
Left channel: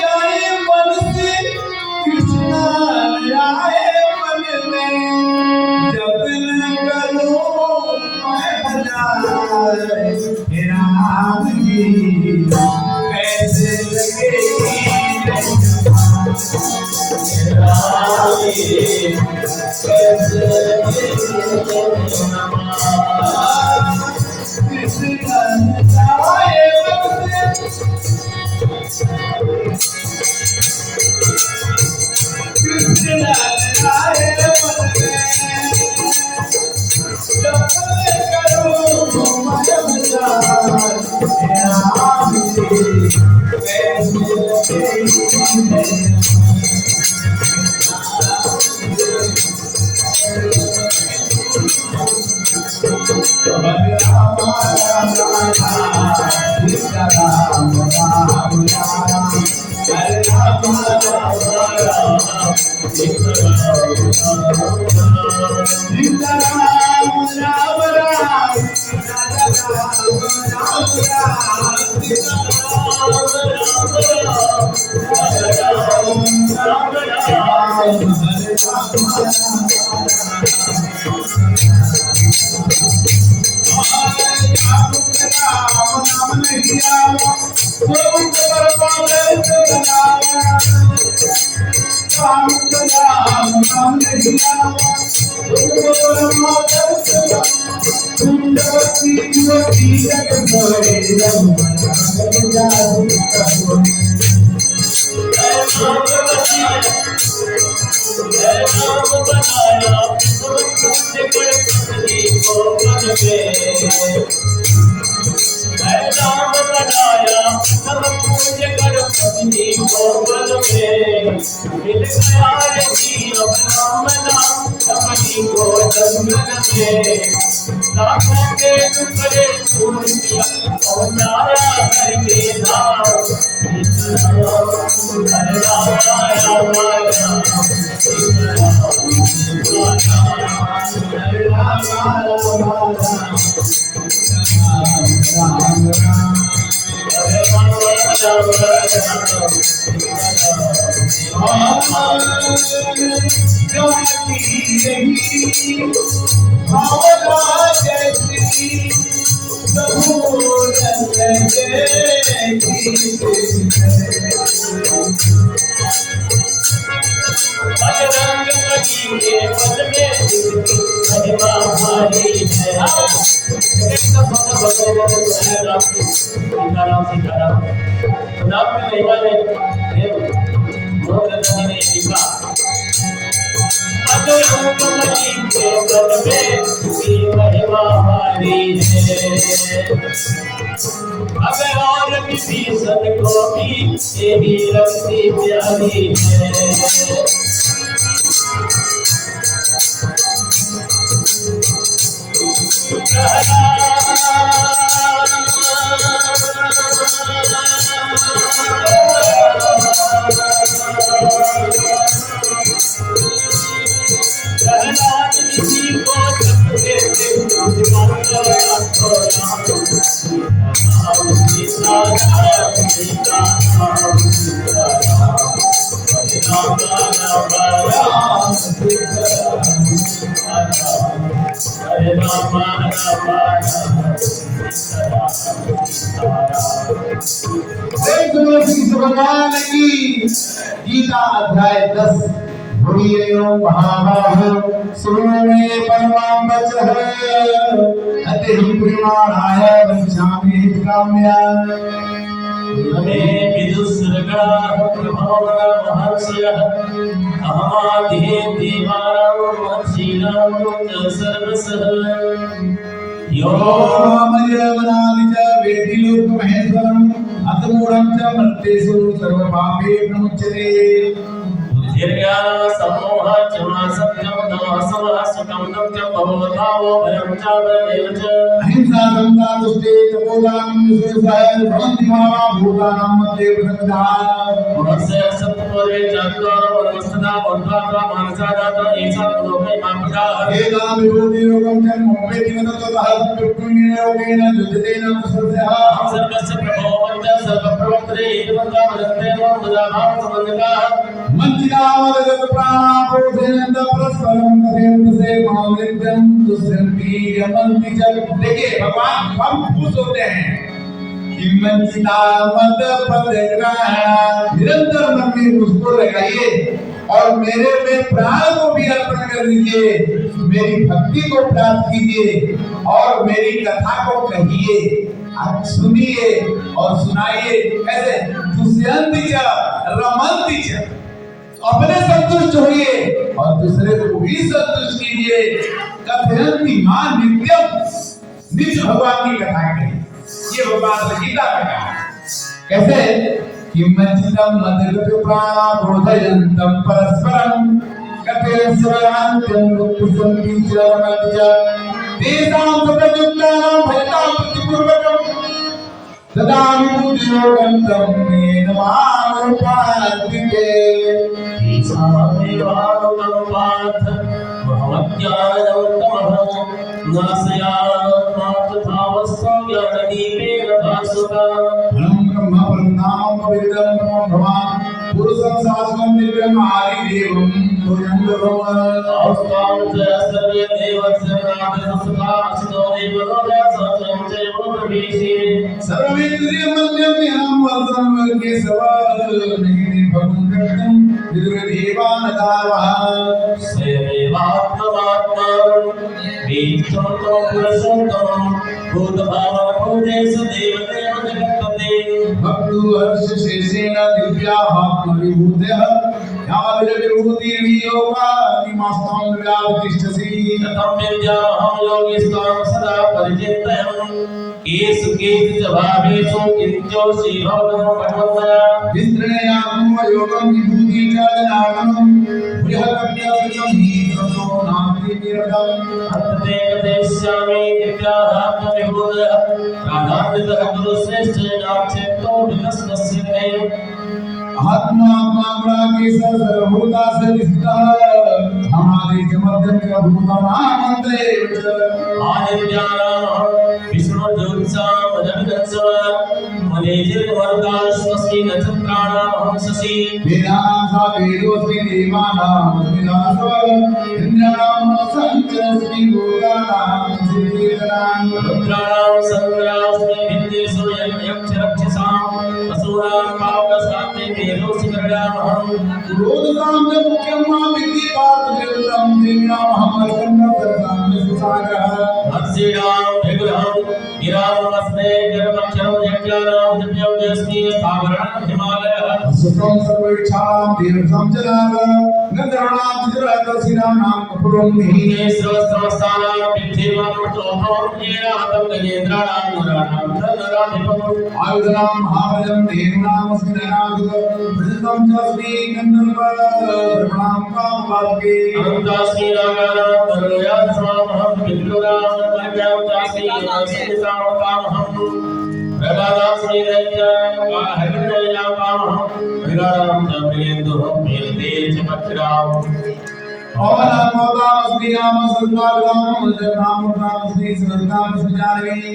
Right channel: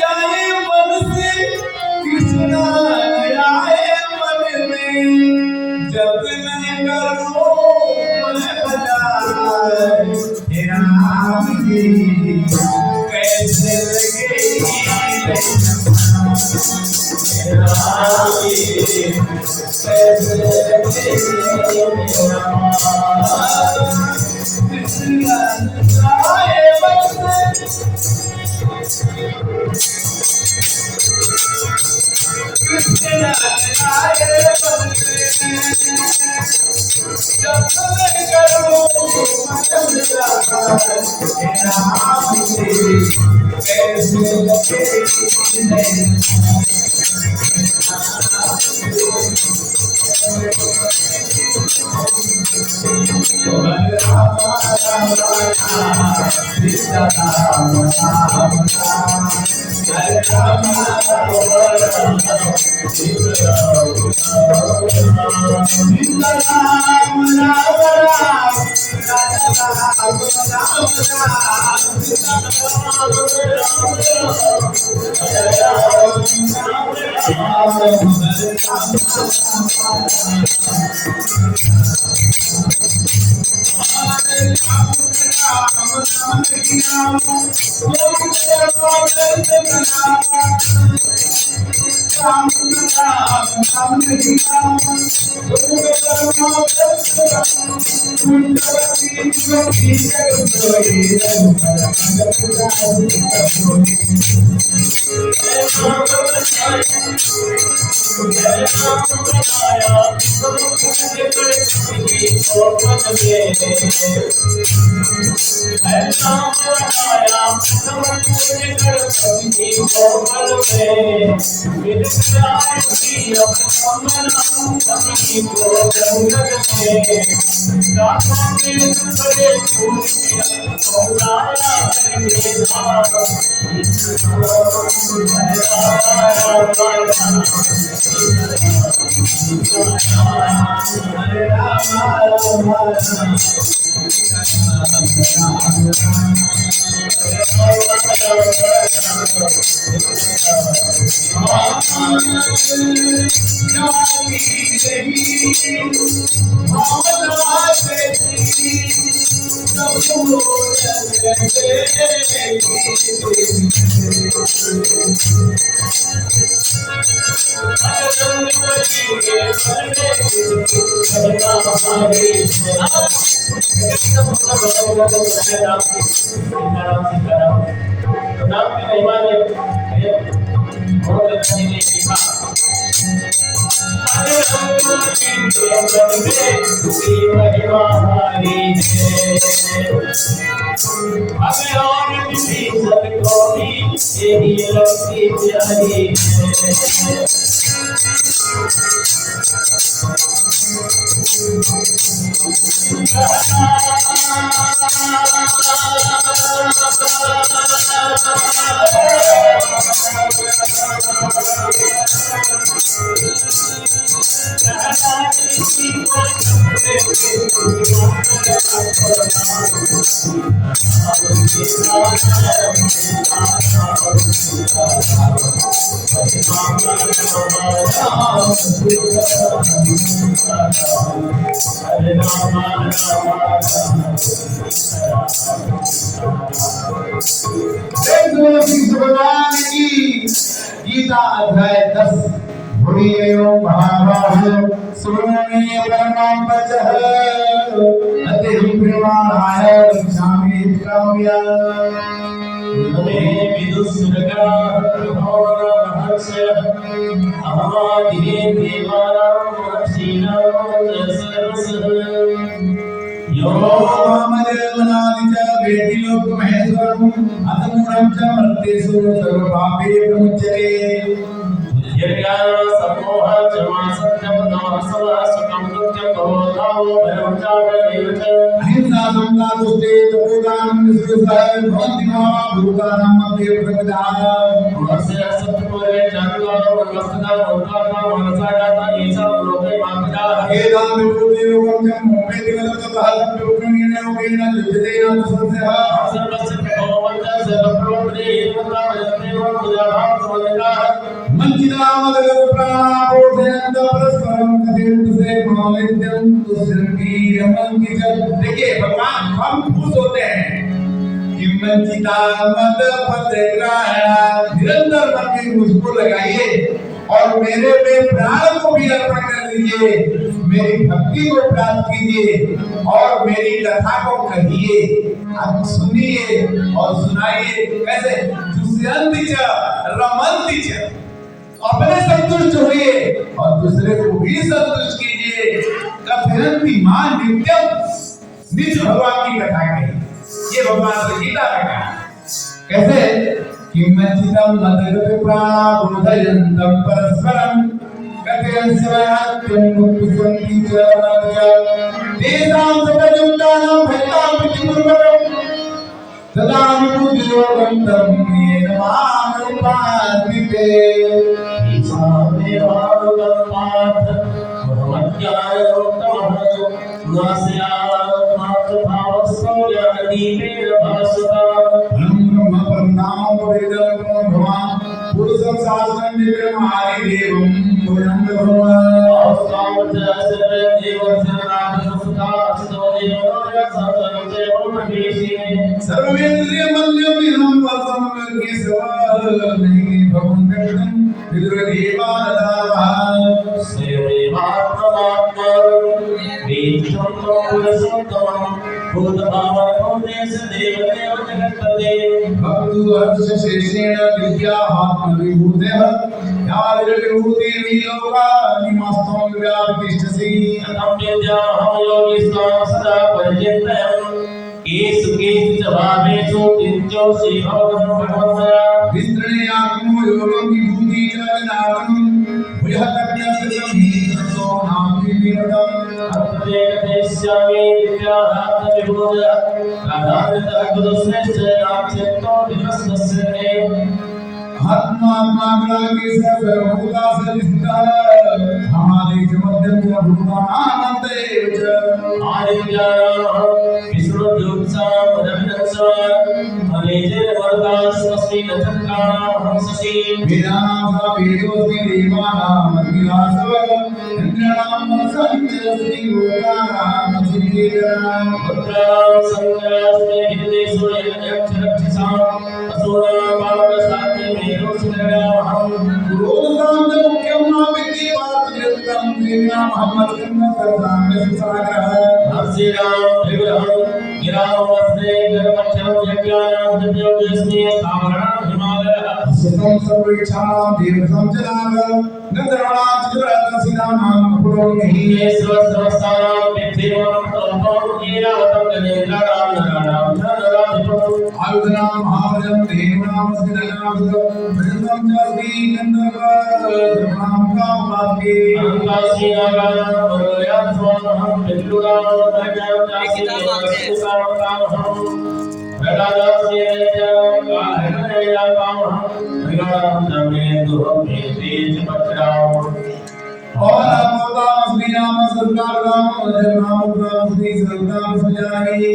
जाए मन से कृष्णा आए मन में जब न करो मैं भला हे राम जी कैसे लगेगी हे राम जी कैसे लगेगी कृष्णा जाए मन से कृष्ण आए मन में जब मैं करूं जब हे राम जी कैसे लगेगी राम बनाया सब पूज्य गणपति गोकुल में मिल गया यही अब नाम अपनी गोकुल में लाखों के टुकड़े फूल किया और लाया हर के धाम हरे राम हरे राम और किसी को भी यही लगती प्यारी है भगवान की गीता अध्याय 10 बुरी एवं महाबाहो सुनो में परमाम वचः अति प्रेमाणाय वंशामि काम्या हमे विदुस्सर्गा भावना महर्षयः अहमादिहे देवानां महर्षीणां सर्वसः यो मनादि च वेदी लोक महेश्वरम् अतमूढं च मर्त्येषु सर्वपापे प्रमुच्यते धीर्याय सम्मोह च सत्यं तमसः सुखं दुःखं भवतावो भयं च वैव च अहिंसा समता दुष्टे तपोदानं विश्वसः भवन्ति महाभूतानां मध्ये प्रमिदा वर्षय सत्पुरे जातुकारो वनमस्तदा वन्ताका मनसा जाता ईशा लोके मामका एदां विभूति योगं च मोहेति नततः दुर्गुणेन योगेन युज्यतेन तस्यः सर्वस्य प्रभो वन्त सर्वप्रवृत्ते इन्वन्ता वजन्ते वन्ददाभाव समन्विताः मंचिदामदगत प्राणापोधयन्त परस्परं कथयन्त से मानित्यं दुष्यन्ति यमन्ति च। देखिए भगवान हम खुश होते हैं कि मंचिदामद प्रत्यग्राह निरंतर मन में मुझको लगाइए और मेरे में प्राण को भी अर्पण कर दीजिए, मेरी भक्ति को प्राप्त कीजिए और मेरी कथा को कहिए, आप सुनिए और सुनाइए। कैसे दुष्यन्ति च रमन्ति च, अपने संतुष्ट होइए और दूसरे को भी संतुष्ट कीजिए। कथयन्ति मां नित्यम, नित्य भगवान की कथा कही, ये भगवान की गीता में कहा। कैसे किमचिदं मदगत प्राबोधयन्तं परस्परं कथयन् सर्वान्त्यं गुप्तसन्ति च तेषां सतयुक्तानां भयतां प्रतिपूर्वकं तदा विबुद्धियोगं तं येन मामनुपान्ति श्री भगवतो भगवतया विस्तृणयात्म योगं विभूति चालनानं बृहत्तप्यसं हीतो नामति विरदं भक्ते कथयिष्यामि दिव्याहात्म विभूत राधाकृत गुरुश्रेष्ठ नामचेतो विकसनस्य मे आत्मा के सर्वभूता से स्थितः हमारे मध्यम का भूतानामते आदित्यानां विष्णु ज्योतिषां रविरंसवान् मनेजर वरदास्मि नक्षत्राणां अहं शशि वेदांसा वेदोस्मि देवानां विलासव इंद्राणां संचरस्मि भूतानां श्रीधरां रुद्राणां संग्रास्मि विद्येषु यक्षरक्षसां असुरां पावकस्ताते मेरोऽसि गरुडामहं पुरोधसां च मुख्यं मां विद्धि पात्रकृतं देवानां महमस्कन्दं सर्वां सुसागरः हर्षिणां विग्रहं गिरामस्मे जगमक्षरं यज्ञानां दिव्योऽस्मि स्थावराणां हिमालयः सुखं सर्वेक्षाणां देवतां च नाम गन्धर्वाणां चित्ररथसिनानां पुरोहिः ये सर्वस्तानां विद्येवमृतोऽहं येनावतं गजेन्द्राणां नराणां नराधिपम् आयुधानां महाबलं देवानामस्मि नगावृतं च अस्मि गन्धर्वाणां कामवाक्ये अनन्तास्मि नागानां वरुणयास्मामहं विष्णुरां नागावतास्मि सामकामहं प्रहलादास्मि दैत्यानां काहरणयापामहं विराणां नमेन्दुहं मेन्दे च पक्षराम् और नामोदामस्मि नाम सर्वनाम नामोदामस्मि सर्वनाम सुजानि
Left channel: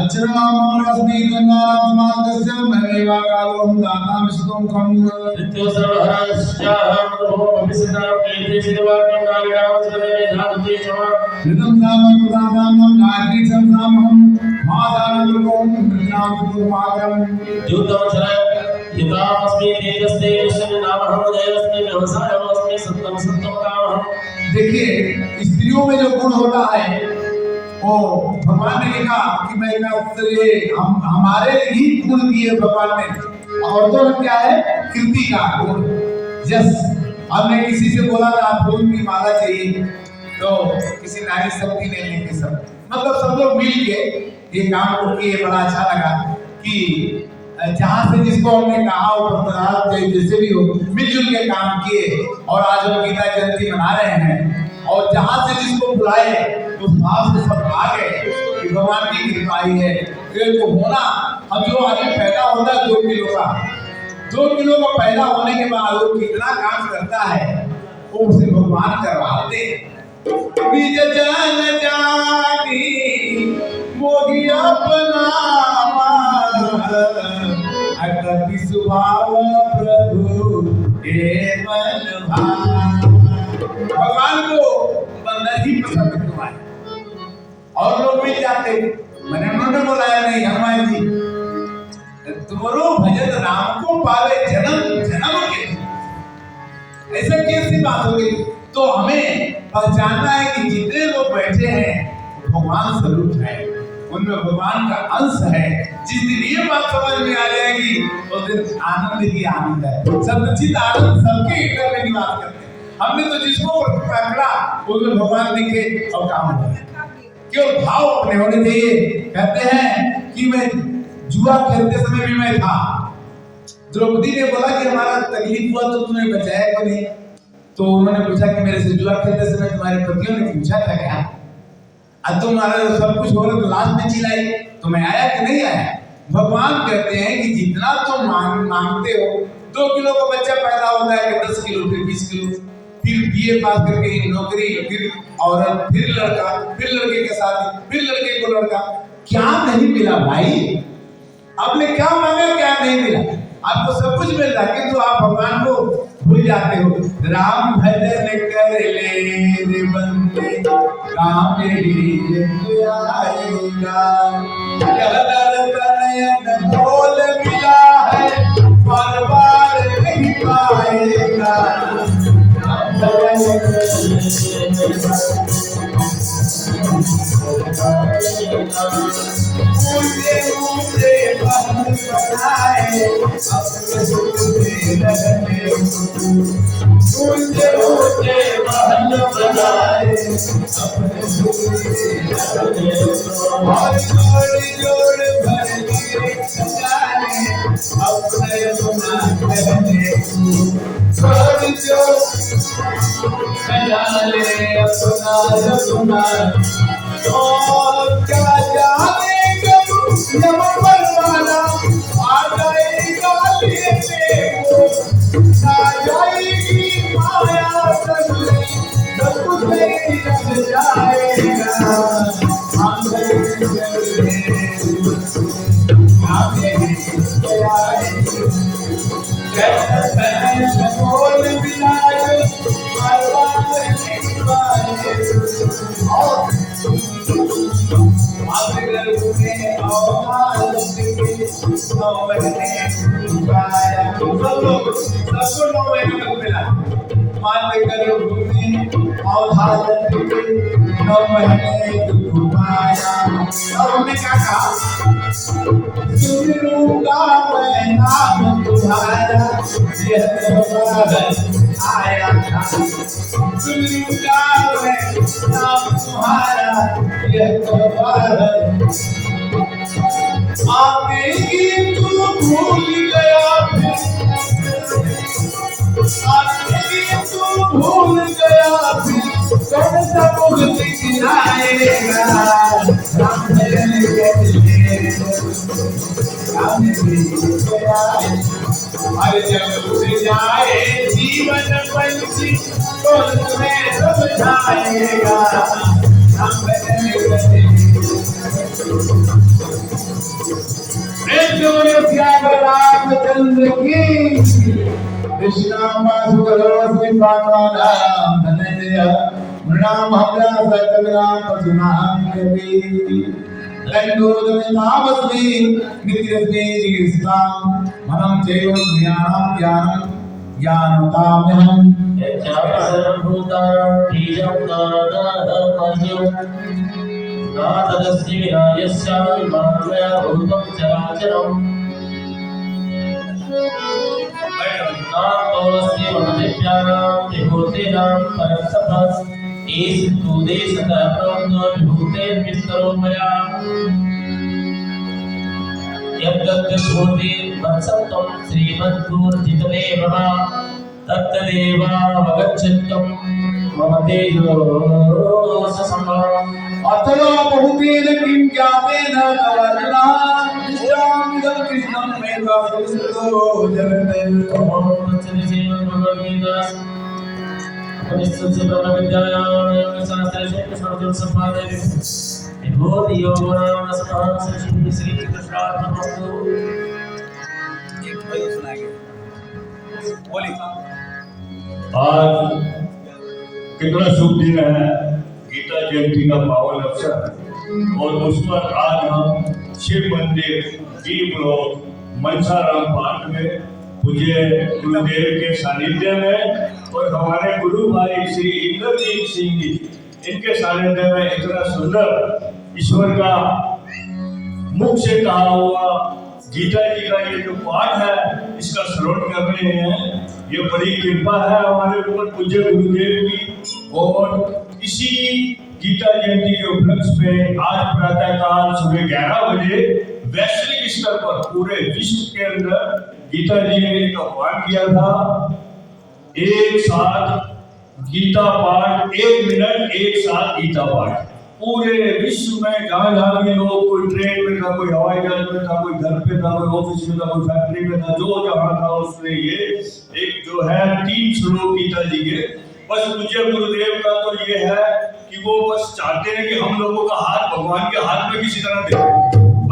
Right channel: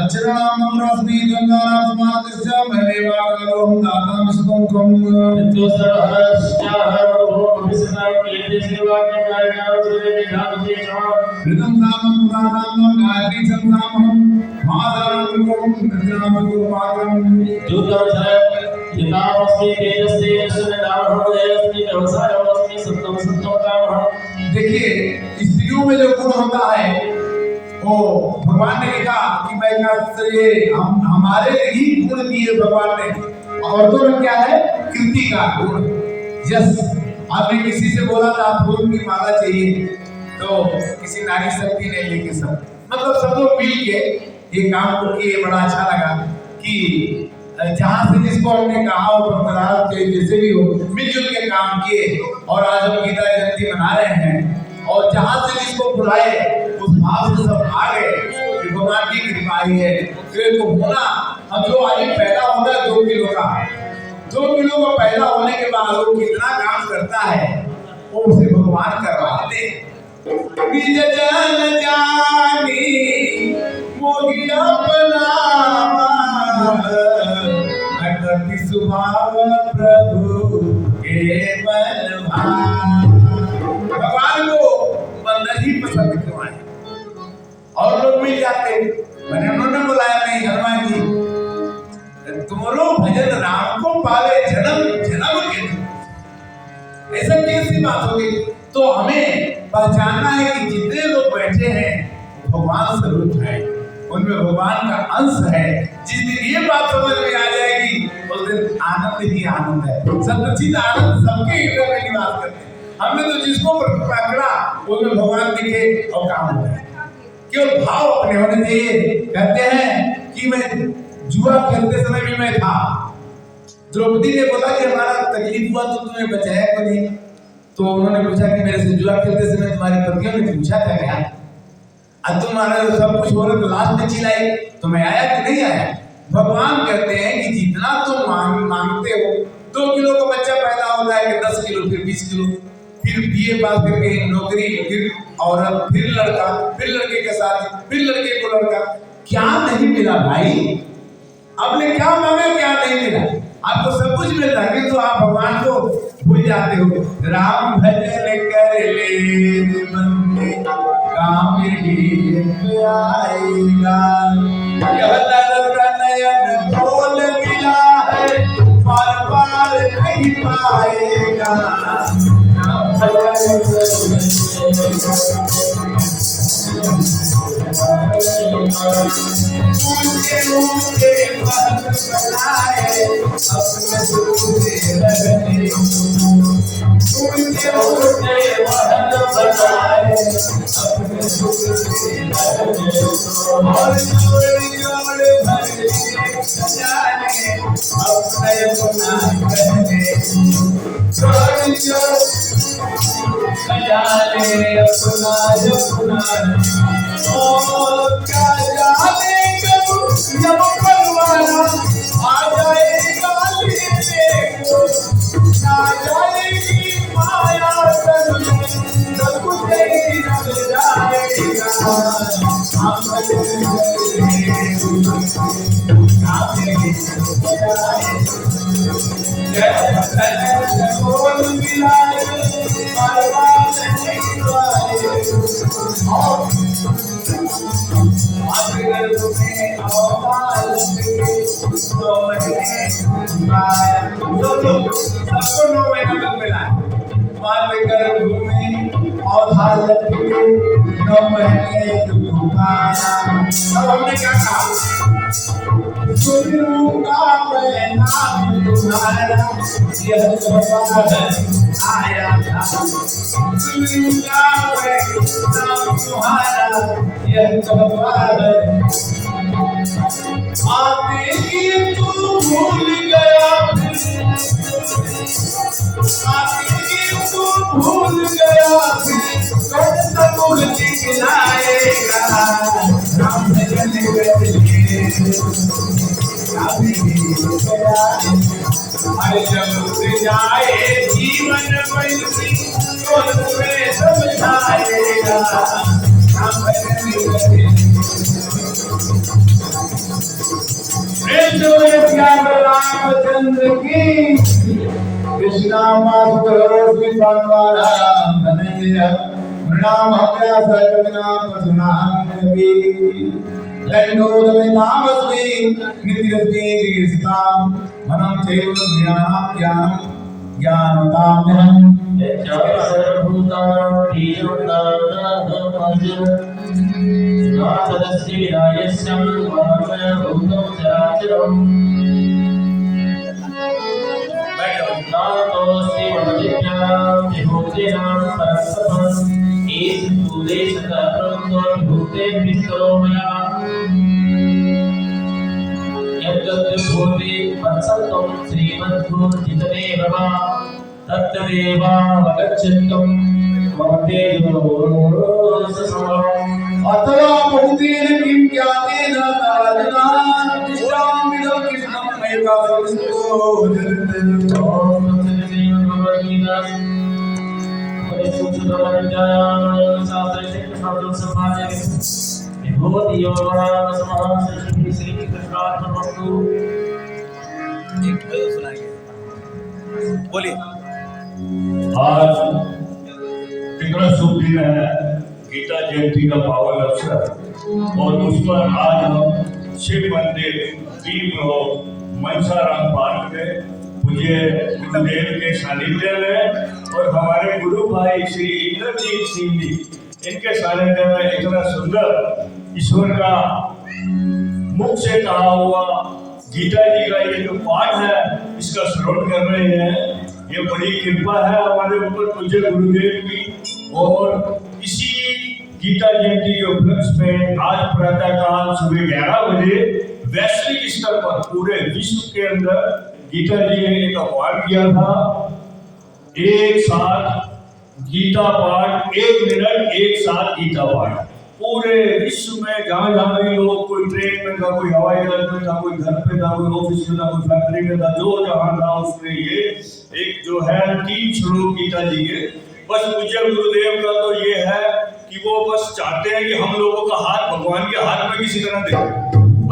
अक्षरनामस्मि गंगानां समागस्य महेवाकालों दातां सुतों ऋतं नामं पुराणां गायत्री संनामं मादानं लों नामं मागं देखिए स्त्रियों में जो गुण होता है वो भगवान ने कहा कि मैं हमारे ही गुण दिए भगवान ने। औरतों में क्या है कृति का गुण। यस आपने किसी से बोला ना फूल की माला चाहिए तो किसी नारी शक्ति ने लेके सब मतलब सब लोग मिल के ये काम को किए। बड़ा अच्छा लगा कि जहाँ से जिसको हमने कहा हो जैसे भी हो मिलजुल के काम किए और आज हम गीता जयंती मना रहे हैं और जहाँ से जिसको बुलाए उस भाव से सब आ गए कि भगवान की कृपा ही है। फिर को होना अब जो आदमी पैदा होता है 2 किलो का 2 किलो का पैदा होने के बाद वो कितना काम करता है वो उसे भगवान करवाते। बीज जन जानी मोहि अपना अति सुभाव प्रभु के बलवान। भगवान को बंदर ही पसंद क्यों आए और लोग मिल जाते। मैंने उन्होंने बुलाया नहीं हनुमान जी तुम्हारो भजन राम को पावे जन्म जन्म के ऐसा कैसी बात हो गई। तो हमें पहचानना है कि जितने लोग बैठे हैं भगवान स्वरूप है उनमें भगवान का अंश है। जिस दिन ये बात समझ में आ जाएगी उस दिन आनंद ही आनंद है। सच्चित आनंद सबके हृदय में निवास करते हैं। हमने तो जिसको पकड़ा उसमें भगवान दिखे और काम हो जाए। केवल भाव अपने होने चाहिए। कहते हैं कि मैं जुआ खेलते समय भी मैं था। द्रौपदी ने बोला कि हमारा तकलीफ हुआ तो तुम्हें बचाया क्यों नहीं। तो उन्होंने पूछा कि मेरे से जुआ खेलते समय तुम्हारे पतियों ने पूछा था क्या अब तुम्हारा सब कुछ हो रहा तो लास्ट में चिल्लाई तो मैं आया कि नहीं आया। भगवान कहते हैं कि जितना तुम मांगते हो 2 किलो का बच्चा पैदा होता है 10 किलो फिर 20 किलो फिर बीए पास करके नौकरी फिर औरत फिर लड़का फिर लड़के के साथ फिर लड़के को लड़का। क्या नहीं मिला भाई आपने क्या मांगा क्या नहीं मिला। आपको सब कुछ मिल रहा है किंतु आप भगवान को भूल जाते हो। राम भजन कर ले बंदे काम आएगा। नयन बोल मिला है बार बार नहीं पाएगा। ऊंचे ऊंचे पद बनाए अपने दूसरे लगने ऊंचे ऊंचे पद बनाए और जोड़ जोड़ भर लिए जाने अपने अपना कहने जोड़ जोड़ जाने अपना अपना और क्या जाने कब जब परवाना आ जाएगा लेने को ना जाएगी माया करने सब कुछ ही रह जाएगा हम बोल बिलाए सबको 9 महीना तक मिला माते गर्भ में अवधार लटके 9 महीने दुख पाया। अब हमने क्या कहा सुनूंगा मैं नाम तुम्हारा यह तुम्हारा आया था सुनूंगा मैं नाम तुम्हारा यह तुम्हारा आते ही तू भूल गया भूल गया कौन सा भूल दिखलाएगा राम भजन अरे जब जाए जीवन बंसी कौन तुम्हें समझाएगा राम भजन रामचंद्र की कृष्णा मासुकरो श्रीपादवाराम धनंजय नृणाम हव्या सकलनाम पशुनाम कवि दंडोदमितामस्मि नित्यस्मे जीस्ताम मनम चैव ज्ञानं ज्ञानं ज्ञानताम्यहम् यच्चावसर्वभूतानां बीजं नानादमज्यं नातदस्ति विनायस्यामं मामया भूतं चराचरम् नातोऽस्ति मनोदिभ्यां त्रिभूतेनां परस्तपः ईश तु देशतः प्रोक्तो विभूतेर्विस्तरो मया यद्गद्भूति वत्सत्वं श्रीमद्गुरुर्जितमेव वा तत्तदेवावगच्छत्वं मम तेजो ससंभवम् अतवा बहुतेन किं ज्ञातेन कारणा निष्ठामिदं कृष्णं एकावस्तु जगत् ओम तत्सदिश्रीमद्भगवद्गीता उपनिषत्सु शास्त्रे कृष्णार्जुन संवादे विभूति योगनाम समासि श्री कृष्णार्जुन एक भजन सुनाएंगे बोलिए आज कितना शुभ दिन है गीता जयंती का पावन अवसर और उस पर आज हम शिव मंदिर दीप रोड मनसाराम पार्क में पूज्य गुरुदेव के सानिध्य में और हमारे गुरु भाई श्री इंद्रजीत सिंह जी इनके सानिध्य में इतना सुंदर ईश्वर का मुख से कहा हुआ गीता जी का ये जो पाठ है इसका श्रवण कर रहे हैं। ये बड़ी कृपा है हमारे ऊपर पूज्य गुरुदेव की और इसी गीता जयंती के उपलक्ष्य में आज प्रातः काल सुबह 11 बजे वैश्विक स्तर पर पूरे विश्व के अंदर गीता जी ने एक आह्वान किया था एक साथ गीता पाठ 1 मिनट एक साथ गीता पाठ पूरे विश्व में जहाँ जहाँ भी लोग कोई ट्रेन में था कोई हवाई जहाज में था कोई घर पे था कोई ऑफिस में था कोई फैक्ट्री में था जो जहाँ था उसने ये एक जो है 3 श्लोक गीता जी के बस पूज्य गुरुदेव का तो ये है कि वो बस चाहते हैं कि हम लोगों का हाथ भगवान के हाथ में किसी तरह दे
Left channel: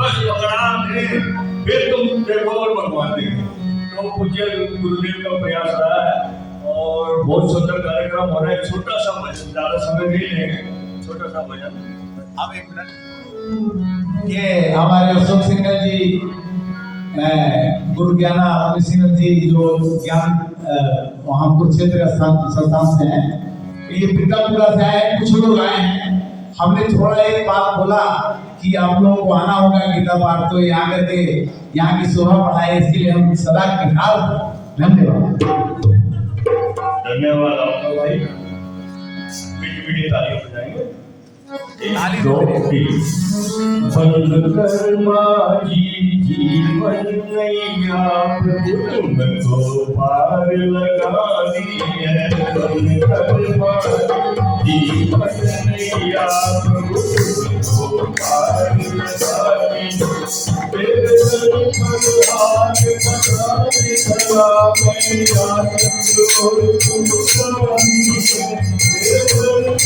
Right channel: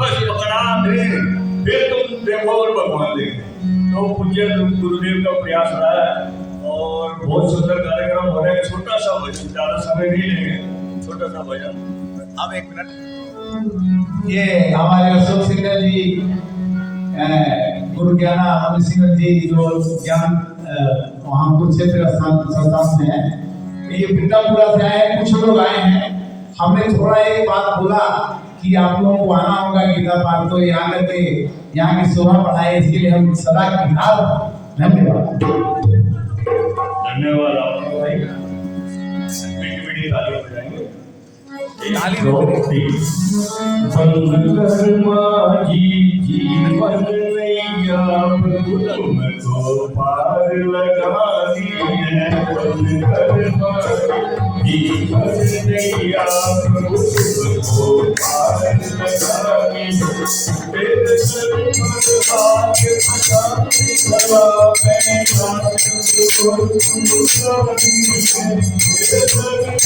बस पकड़ा दे फिर तुम देखो और भगवान देंगे। तो पूज्य गुरुदेव का प्रयास रहा है और बहुत सुंदर कार्यक्रम हो रहा है। छोटा सा भजन ज्यादा समय नहीं लेंगे छोटा सा भजन अब 1 मिनट ये हमारे अशोक सिंह जी गुरु ज्ञाना अमित सिंह जी जो ज्ञान वहाँ कुरुक्षेत्र संस्थान से हैं ये पितापुरा से आए कुछ लोग आए हैं। हमने थोड़ा एक बात बोला कि आप लोगों को आना होगा गीता पाठ तो यहाँ करके यहाँ की शोभा बढ़ाए इसके लिए हम सदा की हार धन्यवाद धन्यवाद आपका भाई मीठी मीठी तालियां बजाएंगे। जी जीवन नैया तुमको पार लगानी है। जीवन नैया तुमको पार लगानी तेरे आगे पछाड़ी करा मैं तुमको तुम स्वामी है। तेरे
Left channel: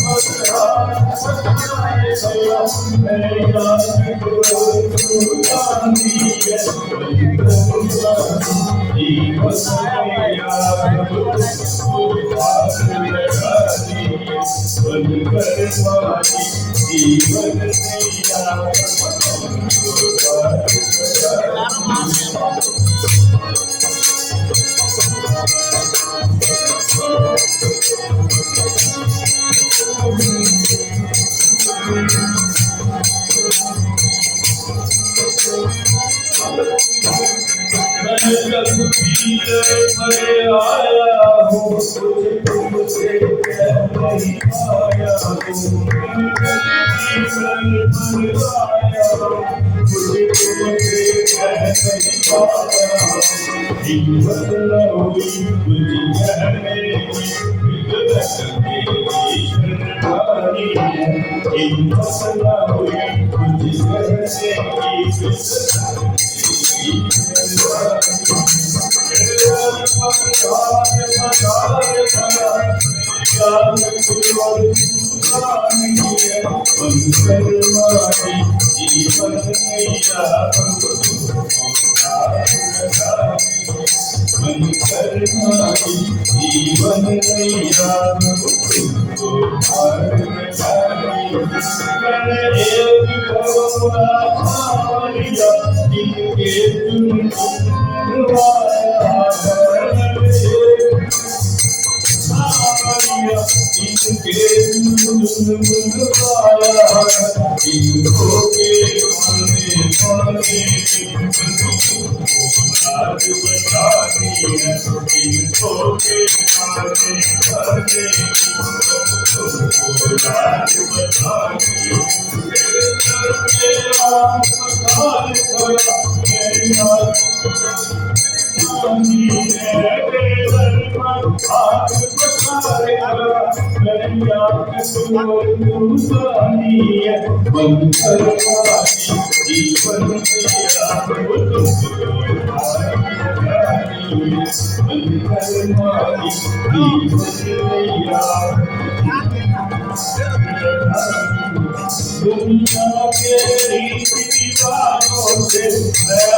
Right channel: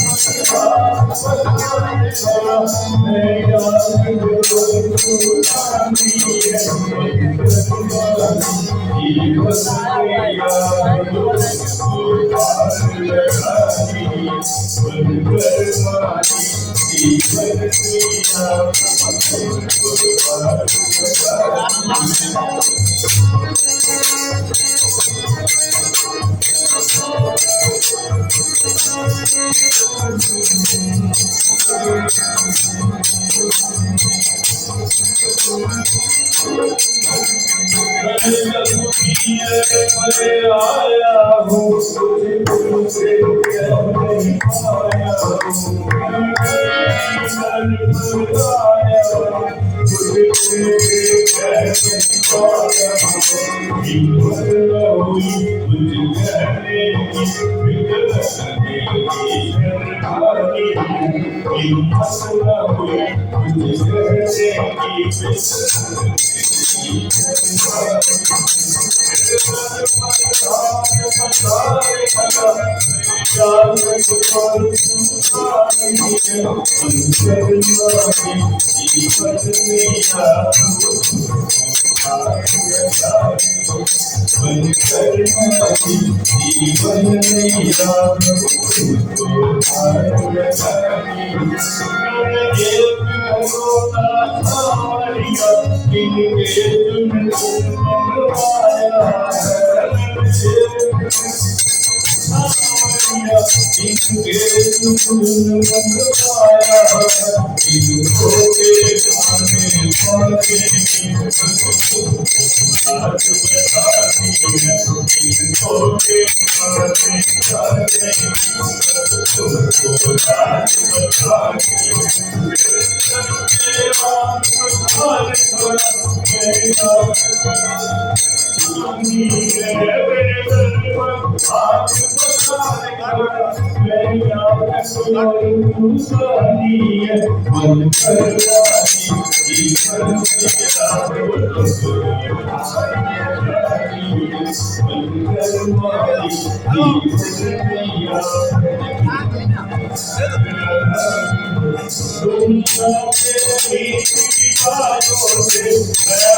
मैं आया हूँ तुझसे नहीं पाया दुनिया के रीति रिवाजों से मैं